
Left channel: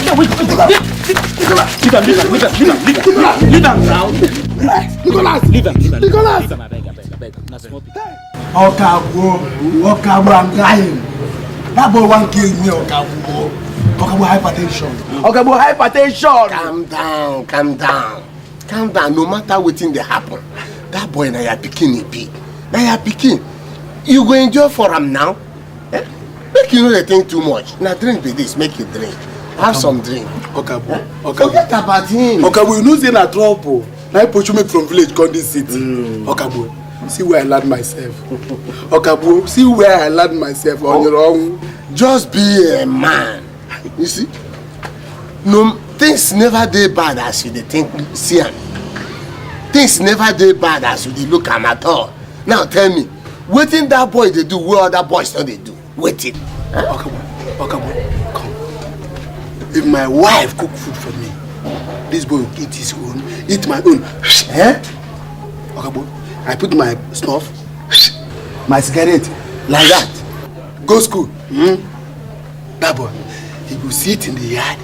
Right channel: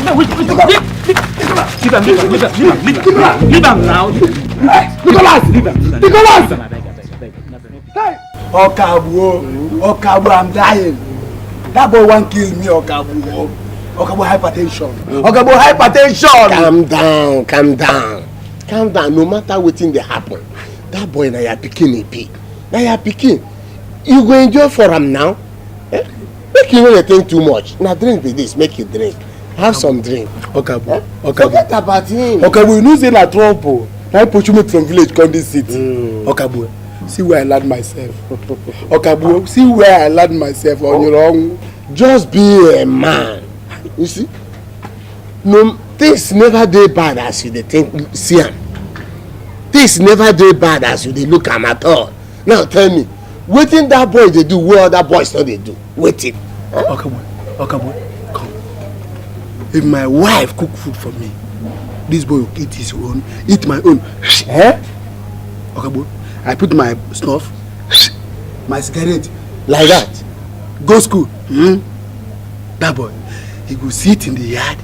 No, wait. Leave him now. Nicholas. Okabu, I'm dying. That boy won't kill me, Okabu hypertension. Calm down. No matter what thing they happen, that boy na your pikin be. You go enjoy for him now. Make you know they think too much. Now drink with this, make you drink. Have some drink. Okabu. Forget about him. Okabu, you know say na trouble. Now I put you from village come this city. Okabu, see where I land myself. Okabu, see where I land myself on your own. Just be a man. You see? No, things never dey bad as you dey think. See am. Things never dey bad as you dey look am at all. Now tell me, wetin that boy dey do wey other boys no dey do? Wetin? Okabu, come. If my wife cook food for me, this boy will eat his own, eat my own. Okabu, I put my snuff, my cigarette, like that. Go school. That boy, he go sit in the yard,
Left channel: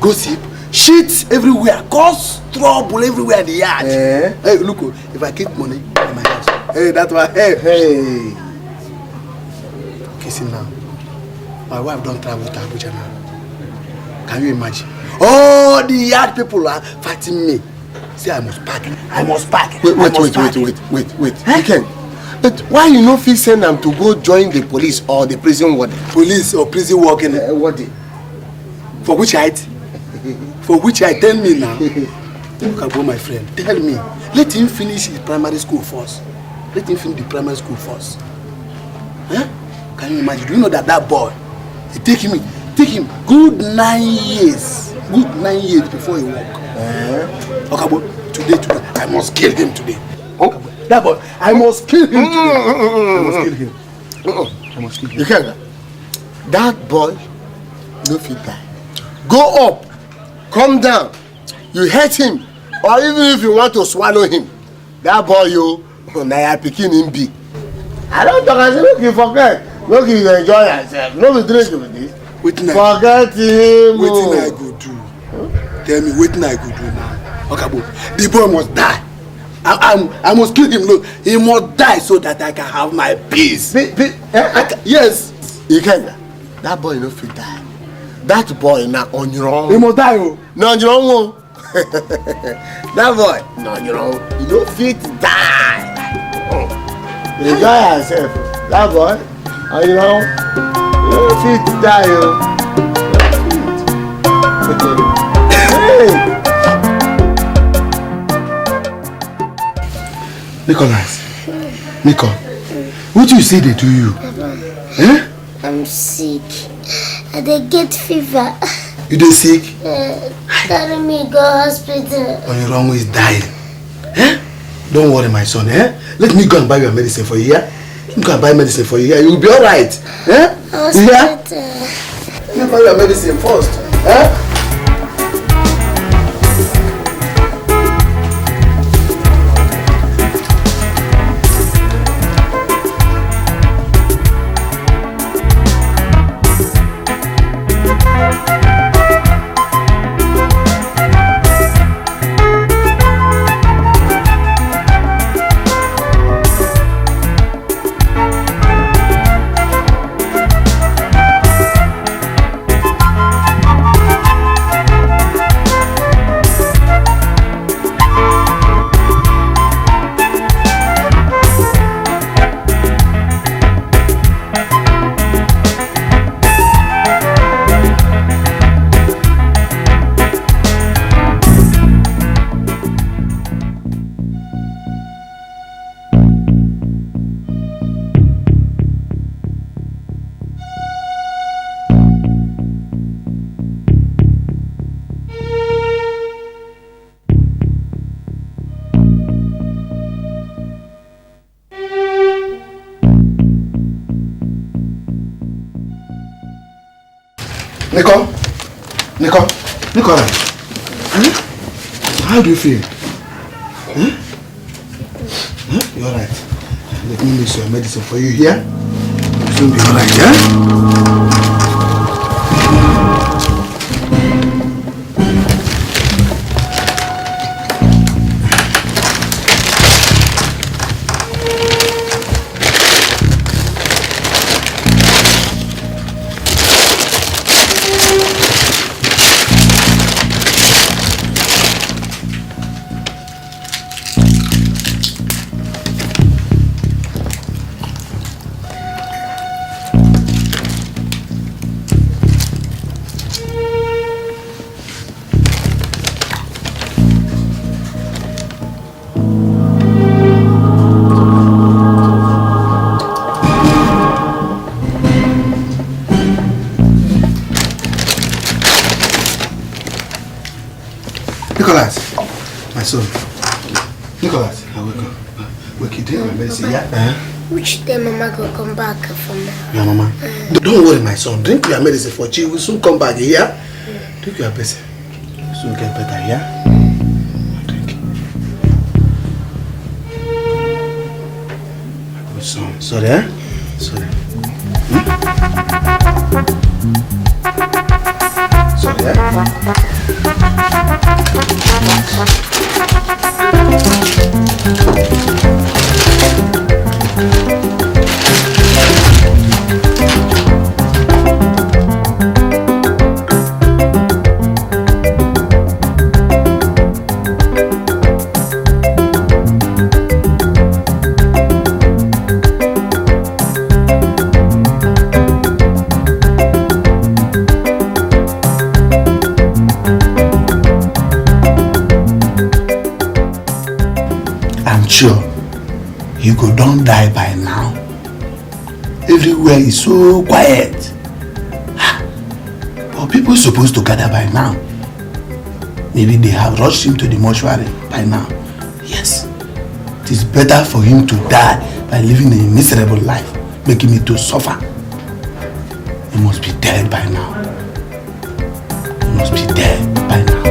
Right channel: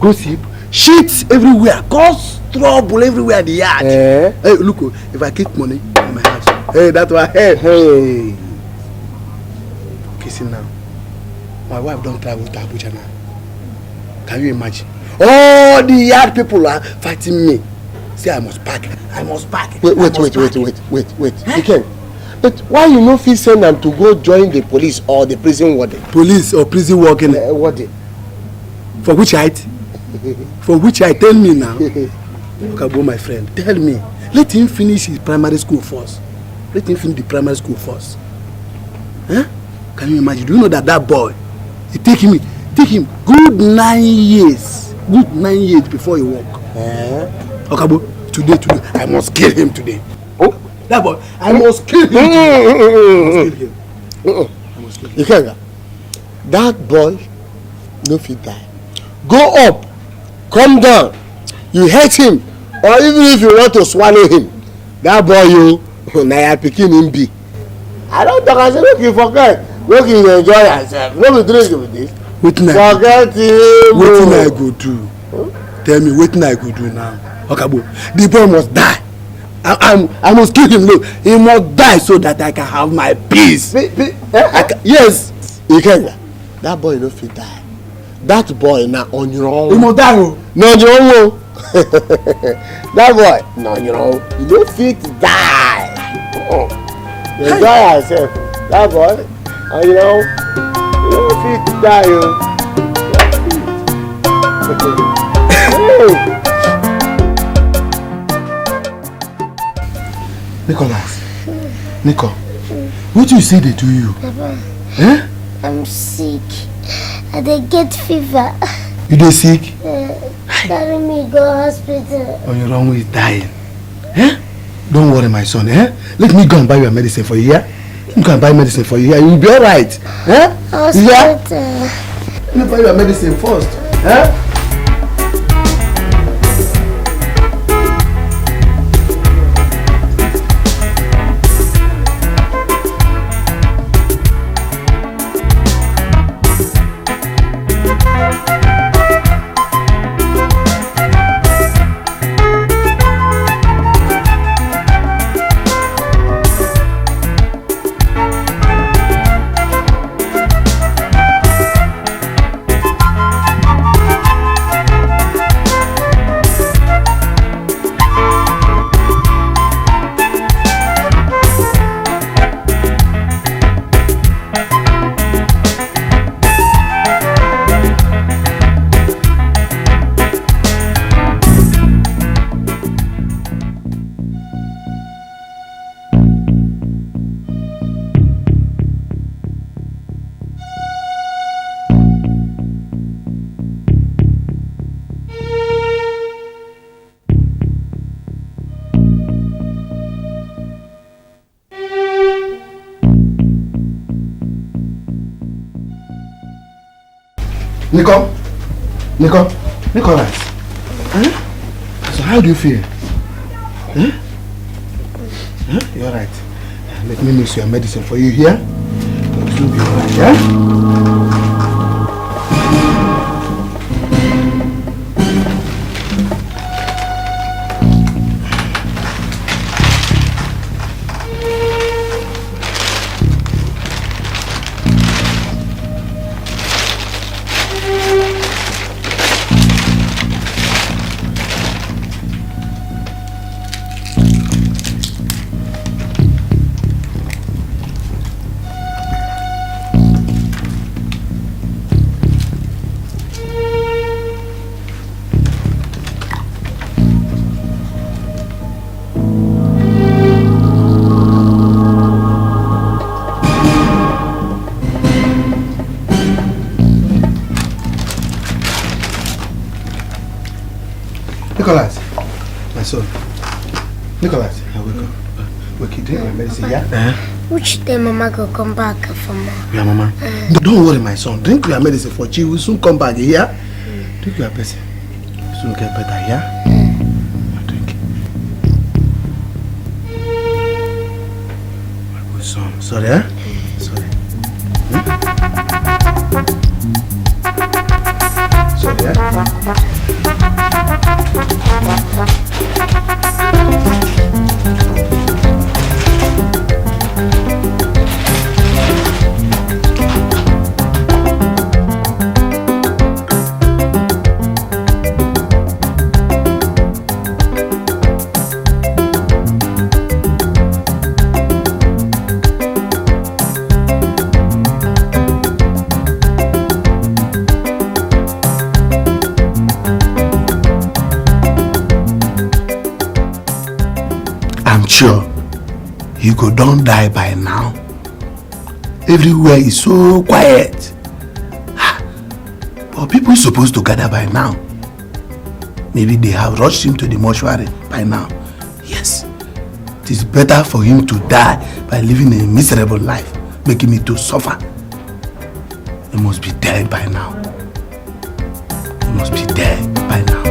gossip, shit everywhere, cause trouble everywhere in the yard. Hey, look, if I keep money in my house, hey, that one, hey. Kissing now. My wife don't travel to Abuja now. Can you imagine? All the yard people are fighting me. Say I must pack. Wait. Again. But why you no fit send them to go join the police or the prison warden? Police or prison warden? Warden. For which height? For which height? Tell me now. Okabo, my friend, tell me. Let him finish his primary school first. Let him finish the primary school first. Huh? Can you imagine? Do you know that boy, it take him good 9 years. Good 9 years before he walk. Okabo, today, I must kill him today. Oh, that boy, I must kill him. I must kill him. That boy, no fit die. Go up, come down. You hate him, or even if you want to swallow him, that boy you na pikin him be. I don't talk as make you forget, make you enjoy yourself. No be drink with this. Forget him. Wetin I go do? Tell me wetin I go do now? Okabo, the boy must die. I must kill him. No, he must die so that I can have my peace. Yes. Ikenga, that boy no fit die. That boy na on your own. He must die. Oh. No on your own. That boy na on your own. You no fit die. Enjoy yourself. That boy on your own. You no fit die. Nicholas, Nico, what you say they do you? Eh? I'm sick. I dey get fever. You dey sick? Carry me go hospital. On your wrong way is dying. Eh? Don't worry, my son. Eh? Let me go and buy your medicine for you. Yeah? Let me go and buy medicine for you. Yeah? You'll be all right. Eh? Yeah? Let me buy your medicine first. Eh? Nicola, how do you feel? You're right. Let me mix your medicine for you here. You'll be all right, yeah? Nicholas, my son. Nicholas, I will go. We'll keep taking my medicine, yeah? Which day Mama will come back from? Yeah, Mama. Don't worry, my son. Drink your medicine for you. We'll soon come back, yeah? Drink your medicine. Soon get better, yeah? Drink. Good son. Sorry, eh? Sorry. Sorry, eh? you go don die by now. Everywhere is so quiet. But people supposed to gather by now. Maybe they have rushed him to the mortuary by now. Yes, it is better for him to die by living a miserable life, making me to suffer. He must be dead by now. He must be dead by now.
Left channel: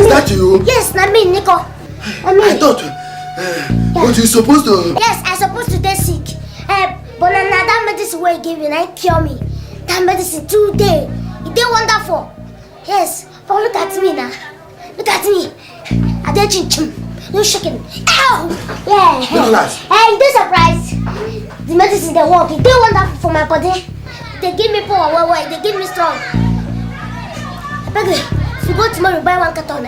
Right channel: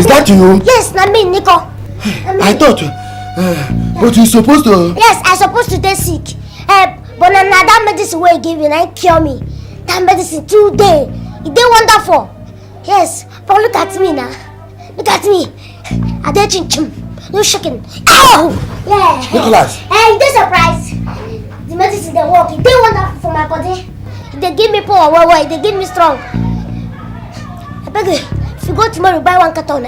Is that you? Yes, I mean, Nico. I thought, but you supposed to... Yes, I supposed to get sick. But now that medicine way gave me, that cure me. That medicine today, it did wonderful. Yes, but look at me now. Look at me. I did chin. No shaking. Ow! Yeah. Nicholas. And this surprise. The medicine they work. It did wonderful for my body. They give me power. They give me strong. I beg you. You go tomorrow buy 1 carton,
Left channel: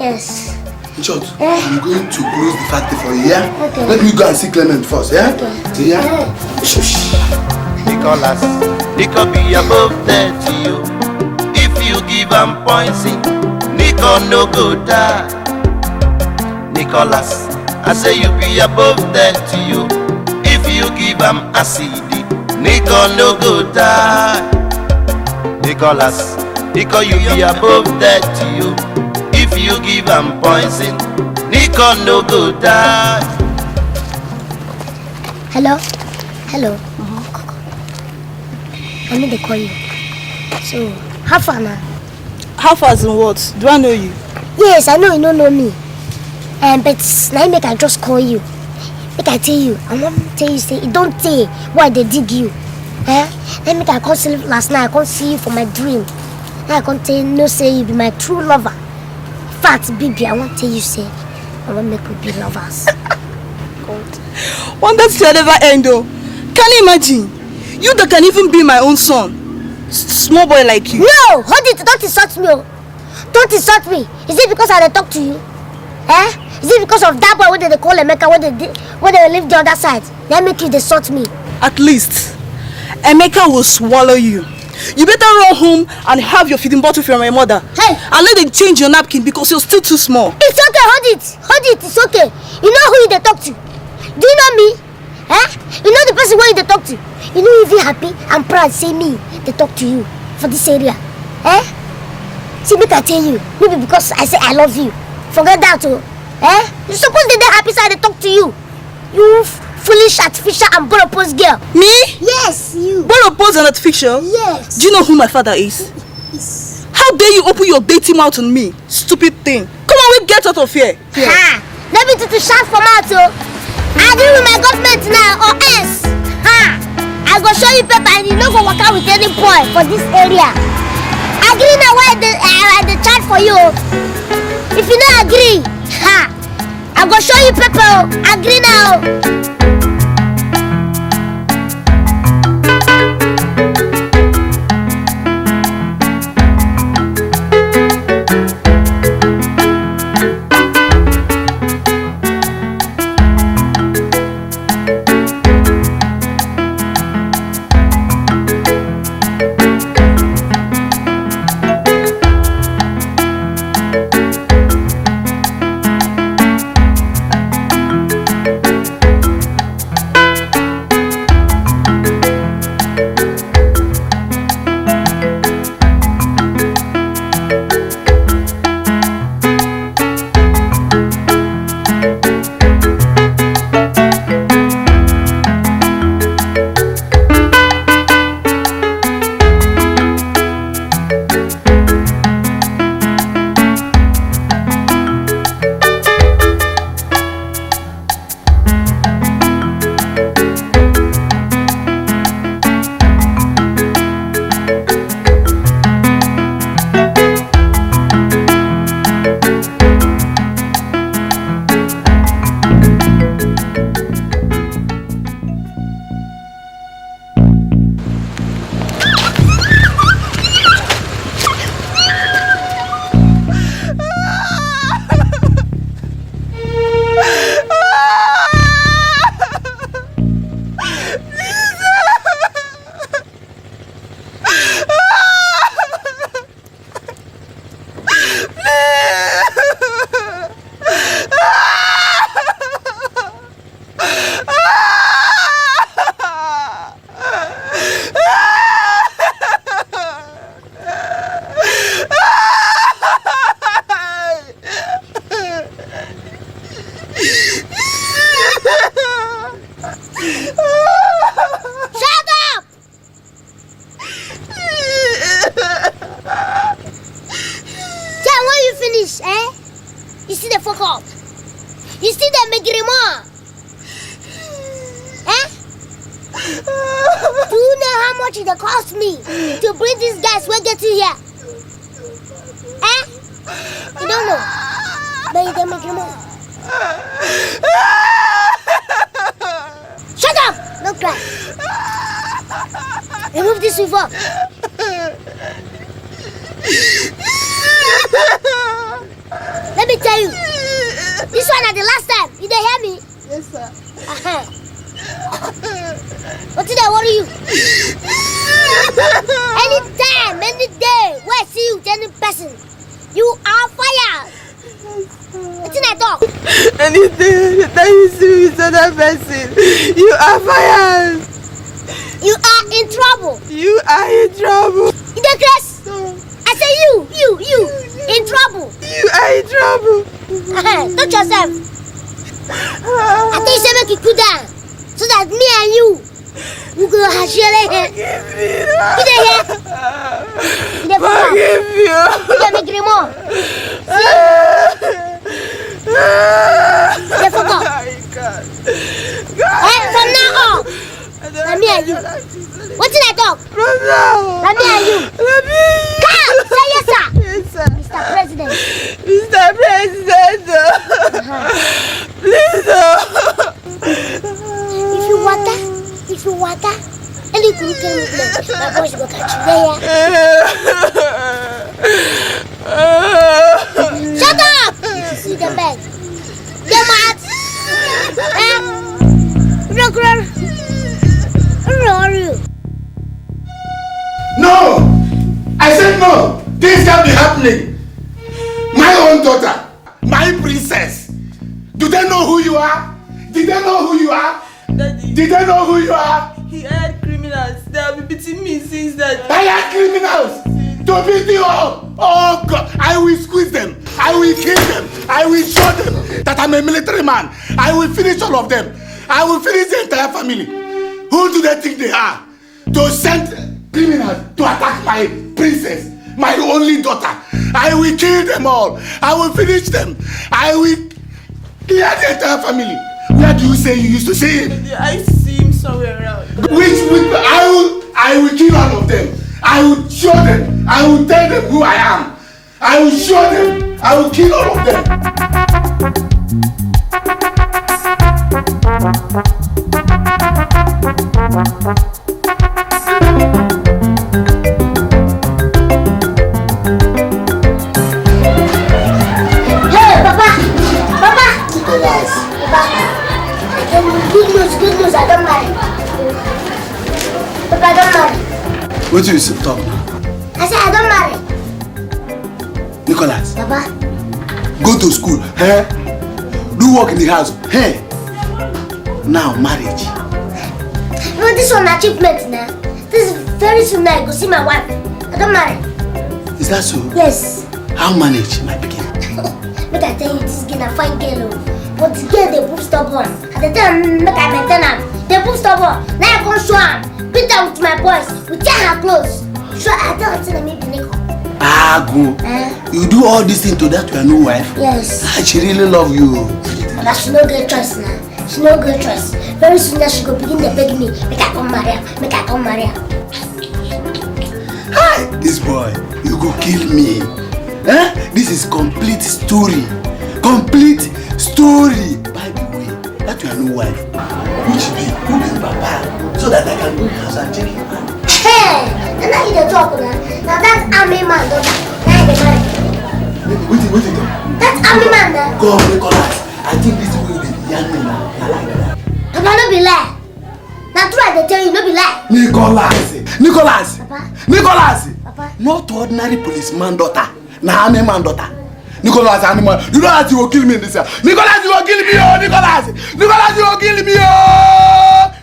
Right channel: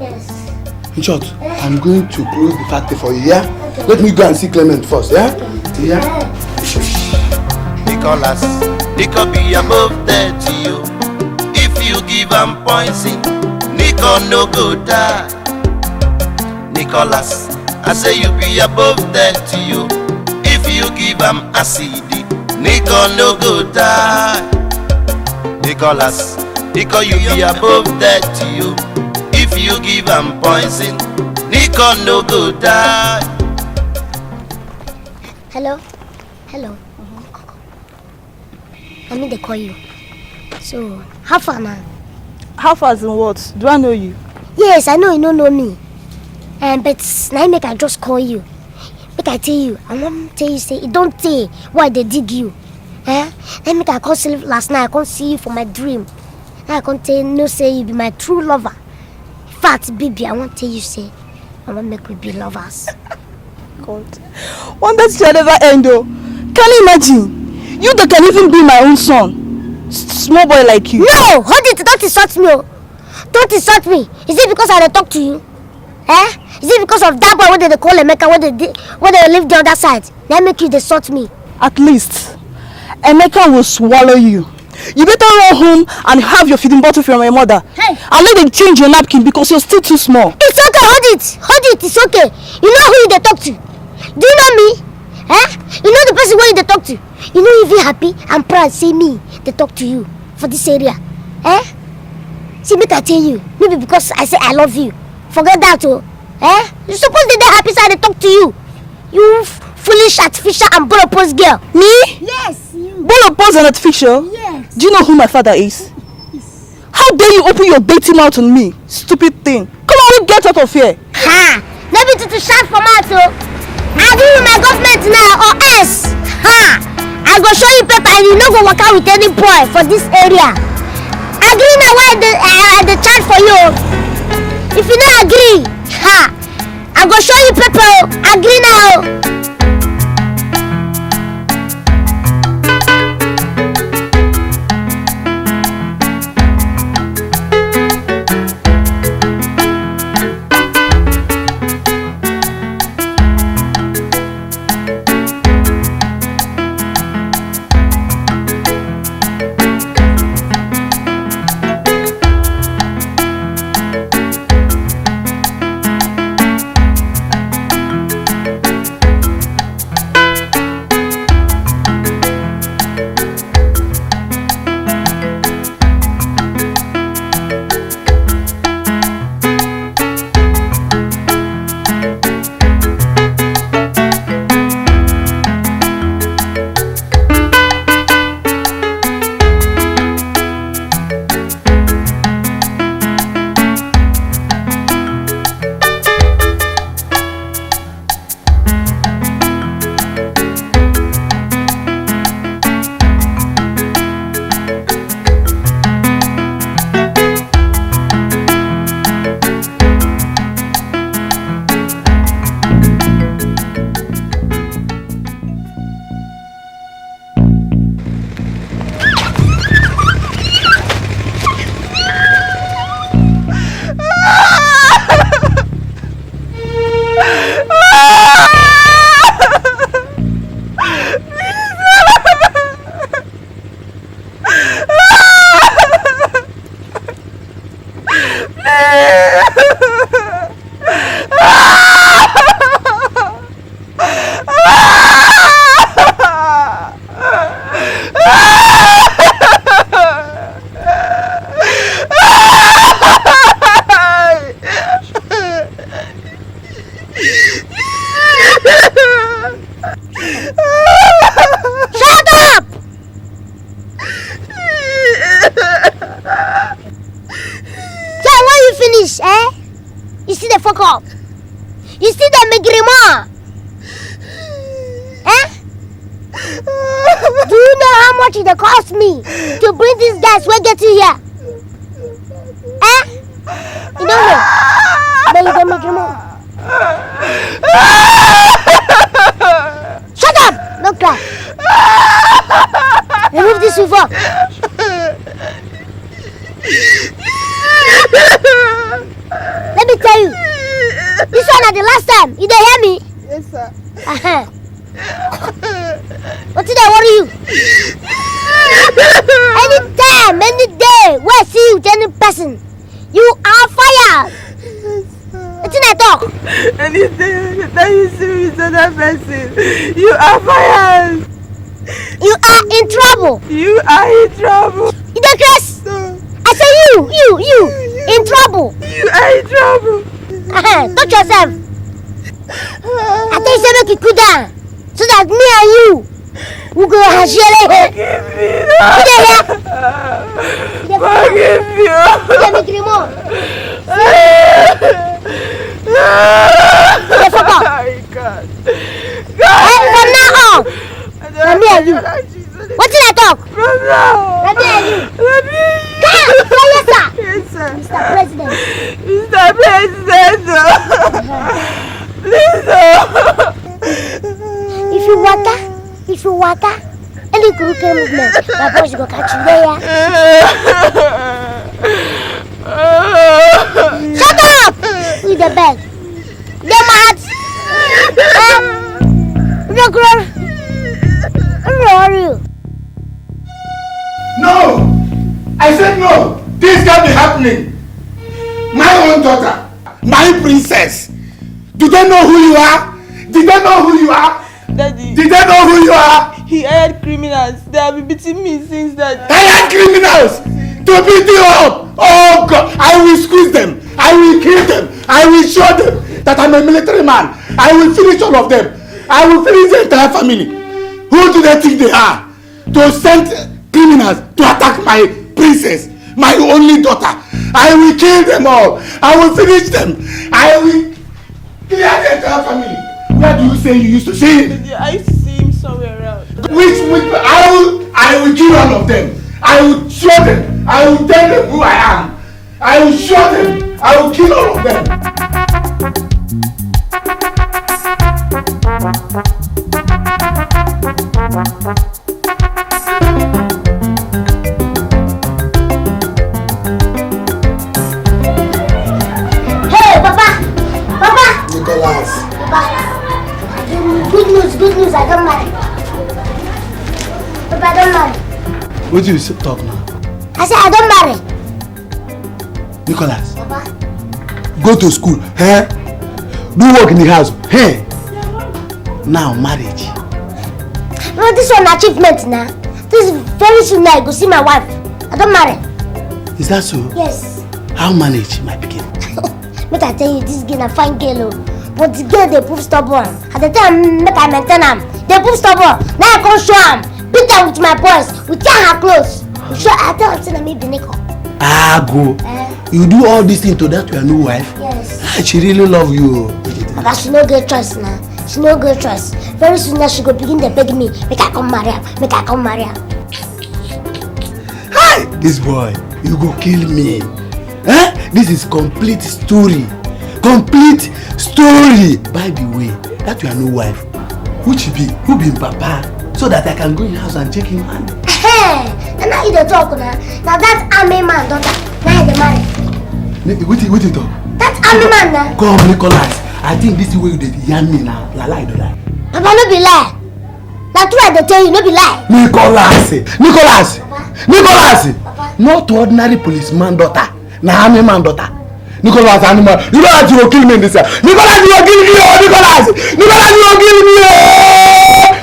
Yes. In short, I'm going to close the factory for you, yeah? Okay. Let me go and see Clement first, yeah? Okay. See, yeah? Shush. Nicholas, Nico be above 30 you. If you give him poison, Nico no go die. Nicholas, I say you be above 30 you. If you give him acid, Nico no go die. Nicholas, Nico, you be above 30 you. If you give him poison, Nico no go die. Hello? Hello? I need to call you. So, how far now? How far in what? Do I know you? Yes, I know you don't know me. But now make I just call you. Make I tell you. I'm not tell you say, it don't tell why they dig you. Then make I call you last night. I can't see you for my dream. I can't tell you, no say you be my true lover. In fact, baby, I won't tell you say, I want make we be lovers. God. One day to never end though. Can you imagine? You that can even be my own son. Small boy like you. No! Hold it! Don't insult me! Don't insult me! Is it because I talk to you? Is it because of that boy when they call Emeka when they live the other side? They make you insult me. At least, Emeka will swallow you. You better run home and have your feeding bottle from your mother. Hey. And let them change your napkin because you're still too small. It's okay, hold it. Hold it, it's okay. You know who they talk to? Do you know me? You know the person where they talk to? You know if you're happy and proud, say me, they talk to you for this area. See, me can tell you. Maybe because I say I love you. Forget that too. You're supposed to be happy so they talk to you. You foolish, artificial and bolopose girl. Me? Yes, you. Bolopose and artificial? Yes. Do you know who my father is? Yes. How dare you open your dirty mouth on me? Stupid thing. Come on, we get out of here. Ha! Let me to shout for mouth, I agree with my government now or else. Ha! I go show you paper and you no go work out with any boy for this area. Agree now why the chat for you. If you don't agree, ha! I go show you paper. Agree now. You see the Megrimo? Eh? Do you know how much it cost me to bring these guys who get you here? Eh? You don't know? But you can make him more. Shut up! Don't cry. Remove this revolver. Let me tell you. This one at the last time. You didn't hear me? Yes, sir. What did I worry you? Anytime, any day, where I see you with any person, you are fired. What did I talk? Anything that you see with another person, you are fired. You are in trouble. You are in trouble. You don't Chris? I say you, in trouble. You are in trouble. Touch yourself. I tell you say make you cool down, so that me and you we go share it. Forgive you. You dey make remote. Hey, fuck up. Hey, from now on, from me and you. What did I talk? From me and you. Come, say yes, sir. Yes, sir. Mr. President. Mr. President. Please. If you water, any crooked movement, my boys go catch you there. Shut up! See the bed. They're mad. No! I said no! This can't be happening! My own daughter, my princess. Do they know who you are? Did they know who you are? Daddy. Did they know who you are? He hired criminals. They have been beating me since that. Hired criminals to beat you up. Oh God! I will squeeze them. I will kill them. I will show them that I'm a military man. I will finish all of them. I will finish the entire family. Who do they think they are? To send criminals to attack my princess, my only daughter. I will kill them all. I will finish them. I will clear the entire family. Where do you say you used to see him? I used to see him somewhere around. I will kill all of them. I will show them. I will tell them who I am. I will show them. I will kill all of them. Hey, Papa! Nicholas. Papa, good news, I don't marry. Papa, I don't marry. What do you talk now? I said I don't marry. Nicholas, Papa, go to school. Eh? Do work in the house. Hey. Now marriage. no, this is an achievement now. This is very soon now I go see my wife. I don't marry. Is that so? Yes. How manage my pikin? Make I tell you, this girl a fine girl. But the girl they prove stubborn. At the time, make I maintain am. They prove stubborn. Now I come show am. Beat her with my boys. We tear her clothes. Sure, I tell her to me be Nico. Ah, go. You do all this thing to that your new wife? Yes. She really love you. But she no get trust now. She no get trust. Very soon now she go begin to beg me. Make I come marry her. Make I come marry her. Hi, this boy, you go kill me. Eh? This is complete story. Complete story. By the way, that your new wife, who be Papa, so that I can go in the house and check him out. Hey, and now you dey talk now. Now that army man daughter, now you dey marry. Wait it. That army man now. Come, Nicholas. I think this is where you dey yarn me now. You like that. Papa, no be lie. Now true I dey tell you, no be lie. Nicholas. Not ordinary policeman daughter. Na army man daughter. Nicholas, animal. You know that you will kill me in this year. Nicholas, you will kill me. Nicholas, you will kill me.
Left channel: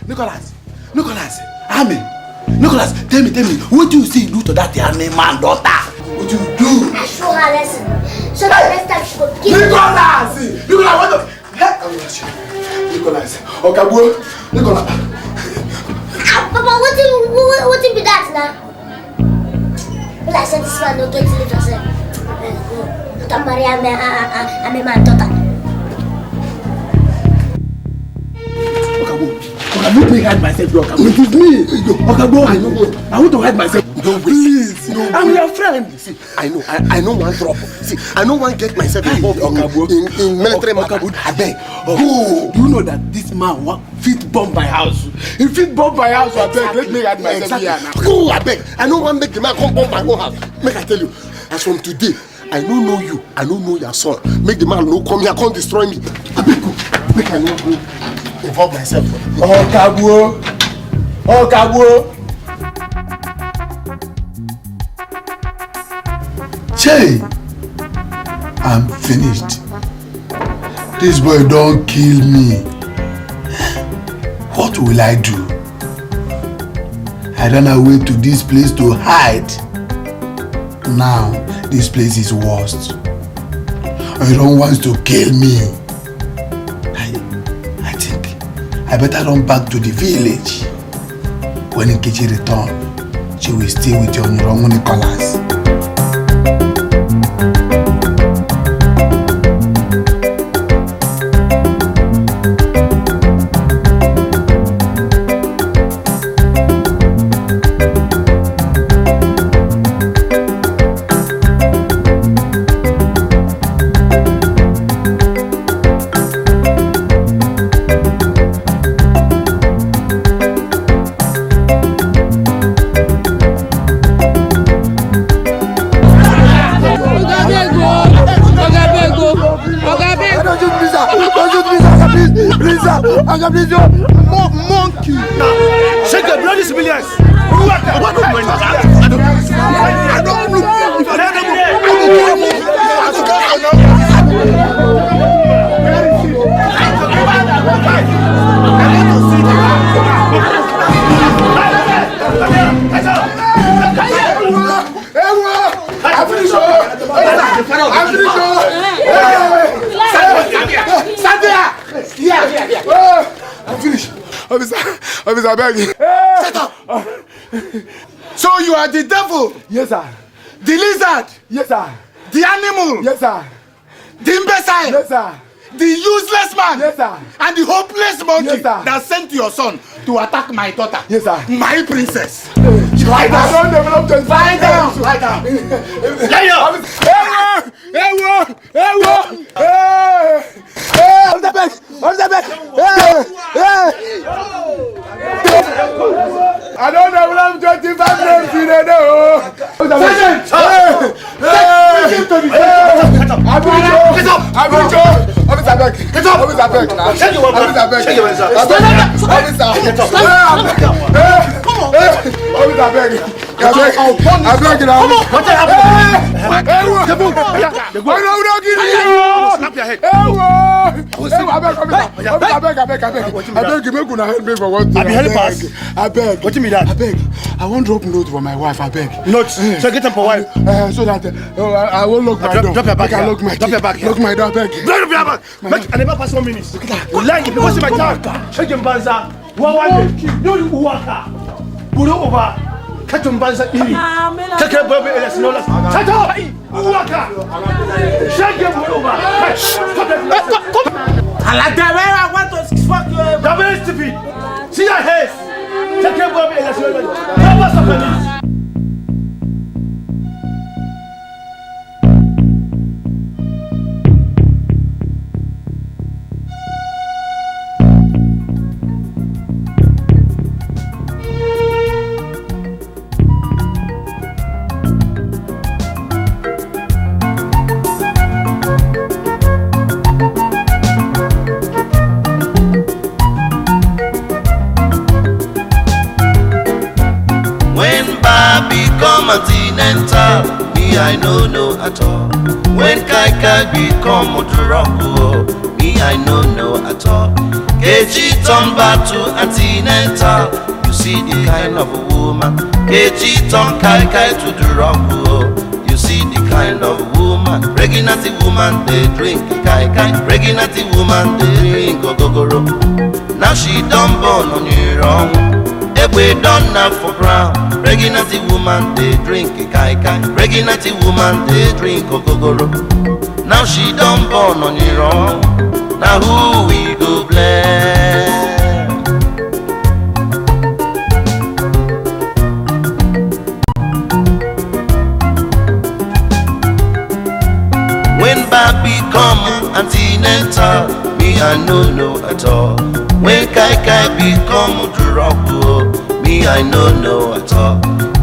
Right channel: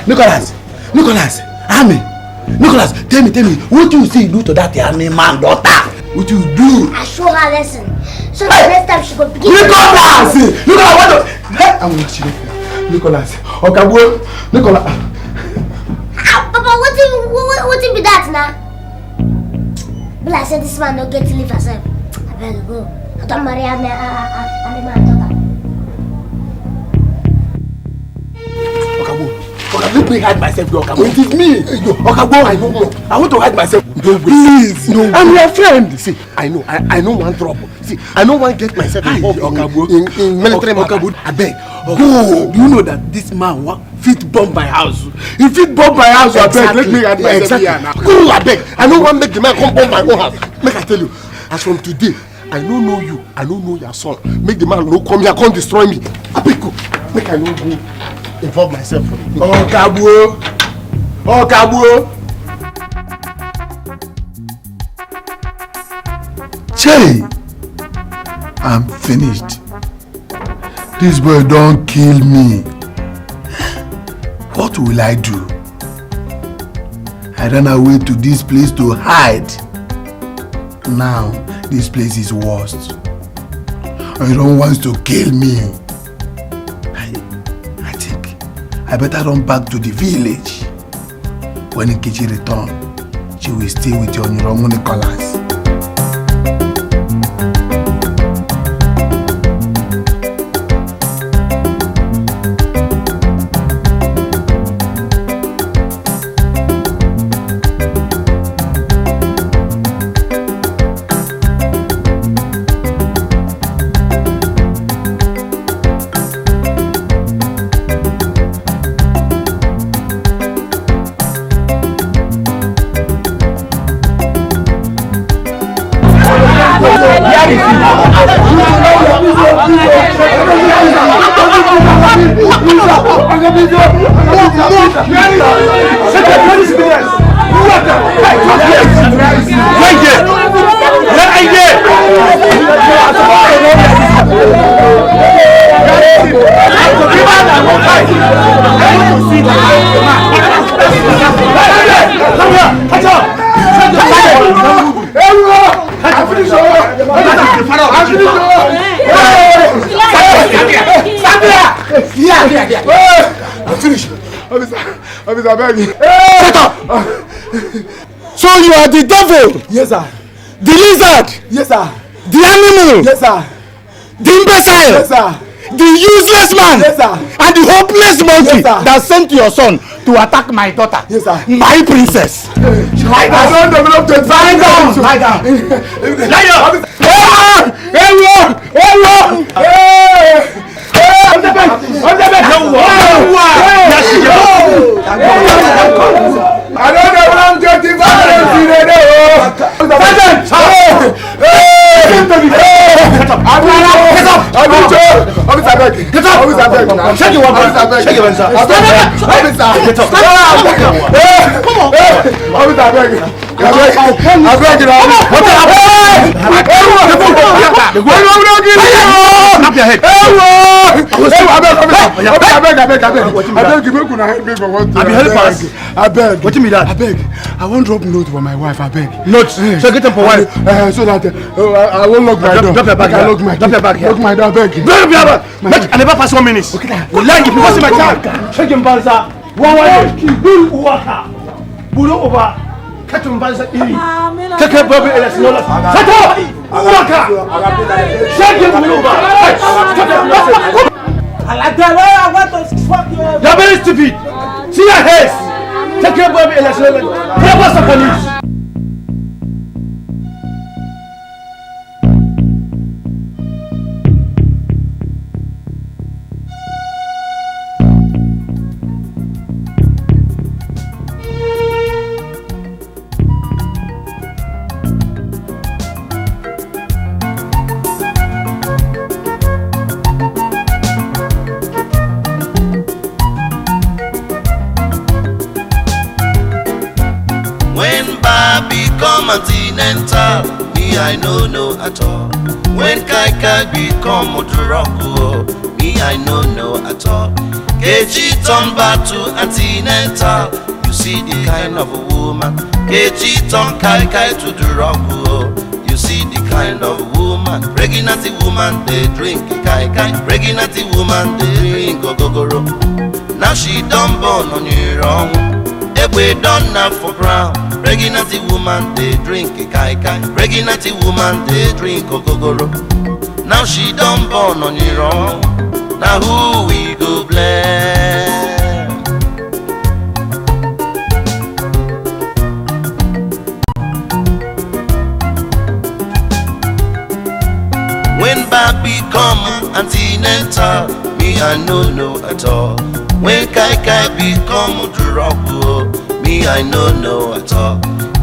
Nicholas, army. Nicholas, tell me, what do you see you do to that army man daughter? What do you do? I show her lesson. So the next time she go begin. Nicholas, what do? I'm not sure. Nicholas, okay, go. Nicholas. Papa, what be that now? Well, I said this man don't get to live herself. Well, go. I don't marry a man daughter. Let me hide myself, Okagbo. Give me. Okagbo, I want to hide myself. No, please. No. I'm your friend. See, I know one trouble. See, I know one get myself involved in military Okagbo. I beg. Go. Do you know that this man fit bomb my house? He fit bomb my house. Exactly. I beg. Let me hide myself here now. Go, I beg. I know one make the man come bomb my own house. Make I tell you, as from today, I don't know you. I don't know your son. Make the man no come here, come destroy me. I beg go. Make I no go involve myself. Okagbo. Che, I'm finished. This boy don't kill me. What will I do? I ran away to this place to hide. Now, this place is worst. He don't want to kill me. I think I better run back to the village. When Nkechi returns, she will stay with your Nrongo Nicholas. So you are the devil? Yes, sir. The lizard? Yes, sir. The animal? Yes, sir. The imbecile? Yes, sir. The useless man? Yes, sir. And the hopeless monkey, yes, sir, that sent your son to attack my daughter? Yes, sir. My princess. Lie down. I don't develop the Lie down. Lie down. Lie down. I don't know what I'm getting violence in it. I beg. What you mean that? I beg. I won't drop note for my wife. I beg. Note. So get them for wife. So that I won't lock my door. Drop your bag. Drop your bag. Lock my door. I beg. Drop your bag. I never pass 1 minute. Okay. Like if you pass my time. Check him balsa. One kill waka. Buru over. Catch him balsa iri. Take a baby and no less. Shut waka. Check him over. I want to fuck you. You're very stupid. See your heads. Take your baby and no less. What's the police? Continental, me I no know at all. When Kai become Motorola, me I no know at all. Kechi turn back to Continental, you see the kind of a woman. Kechi turn Kai to the rock, you see the kind of woman. Pregnant woman they drink Kai. Pregnant woman they drink Gogoro. Now she done born on your own. We done now for brown. Pregnant woman they drink Kai. Pregnant woman they drink Gogoro. Now she done born on your own. Now who we go blame? become antenatal, me I no know at all. When Kai become Duroko, me I no know at all.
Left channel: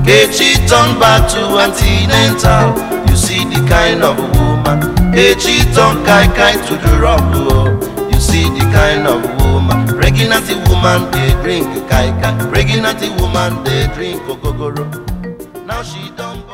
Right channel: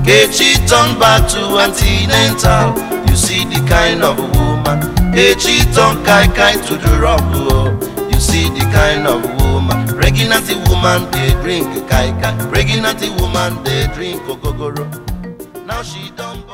Kechi turn back to antenatal, you see the kind of woman. Kechi turn Kai to Duroko, you see the kind of woman. Pregnant woman they drink Kai. Pregnant woman they drink Ogogoro. Now she don't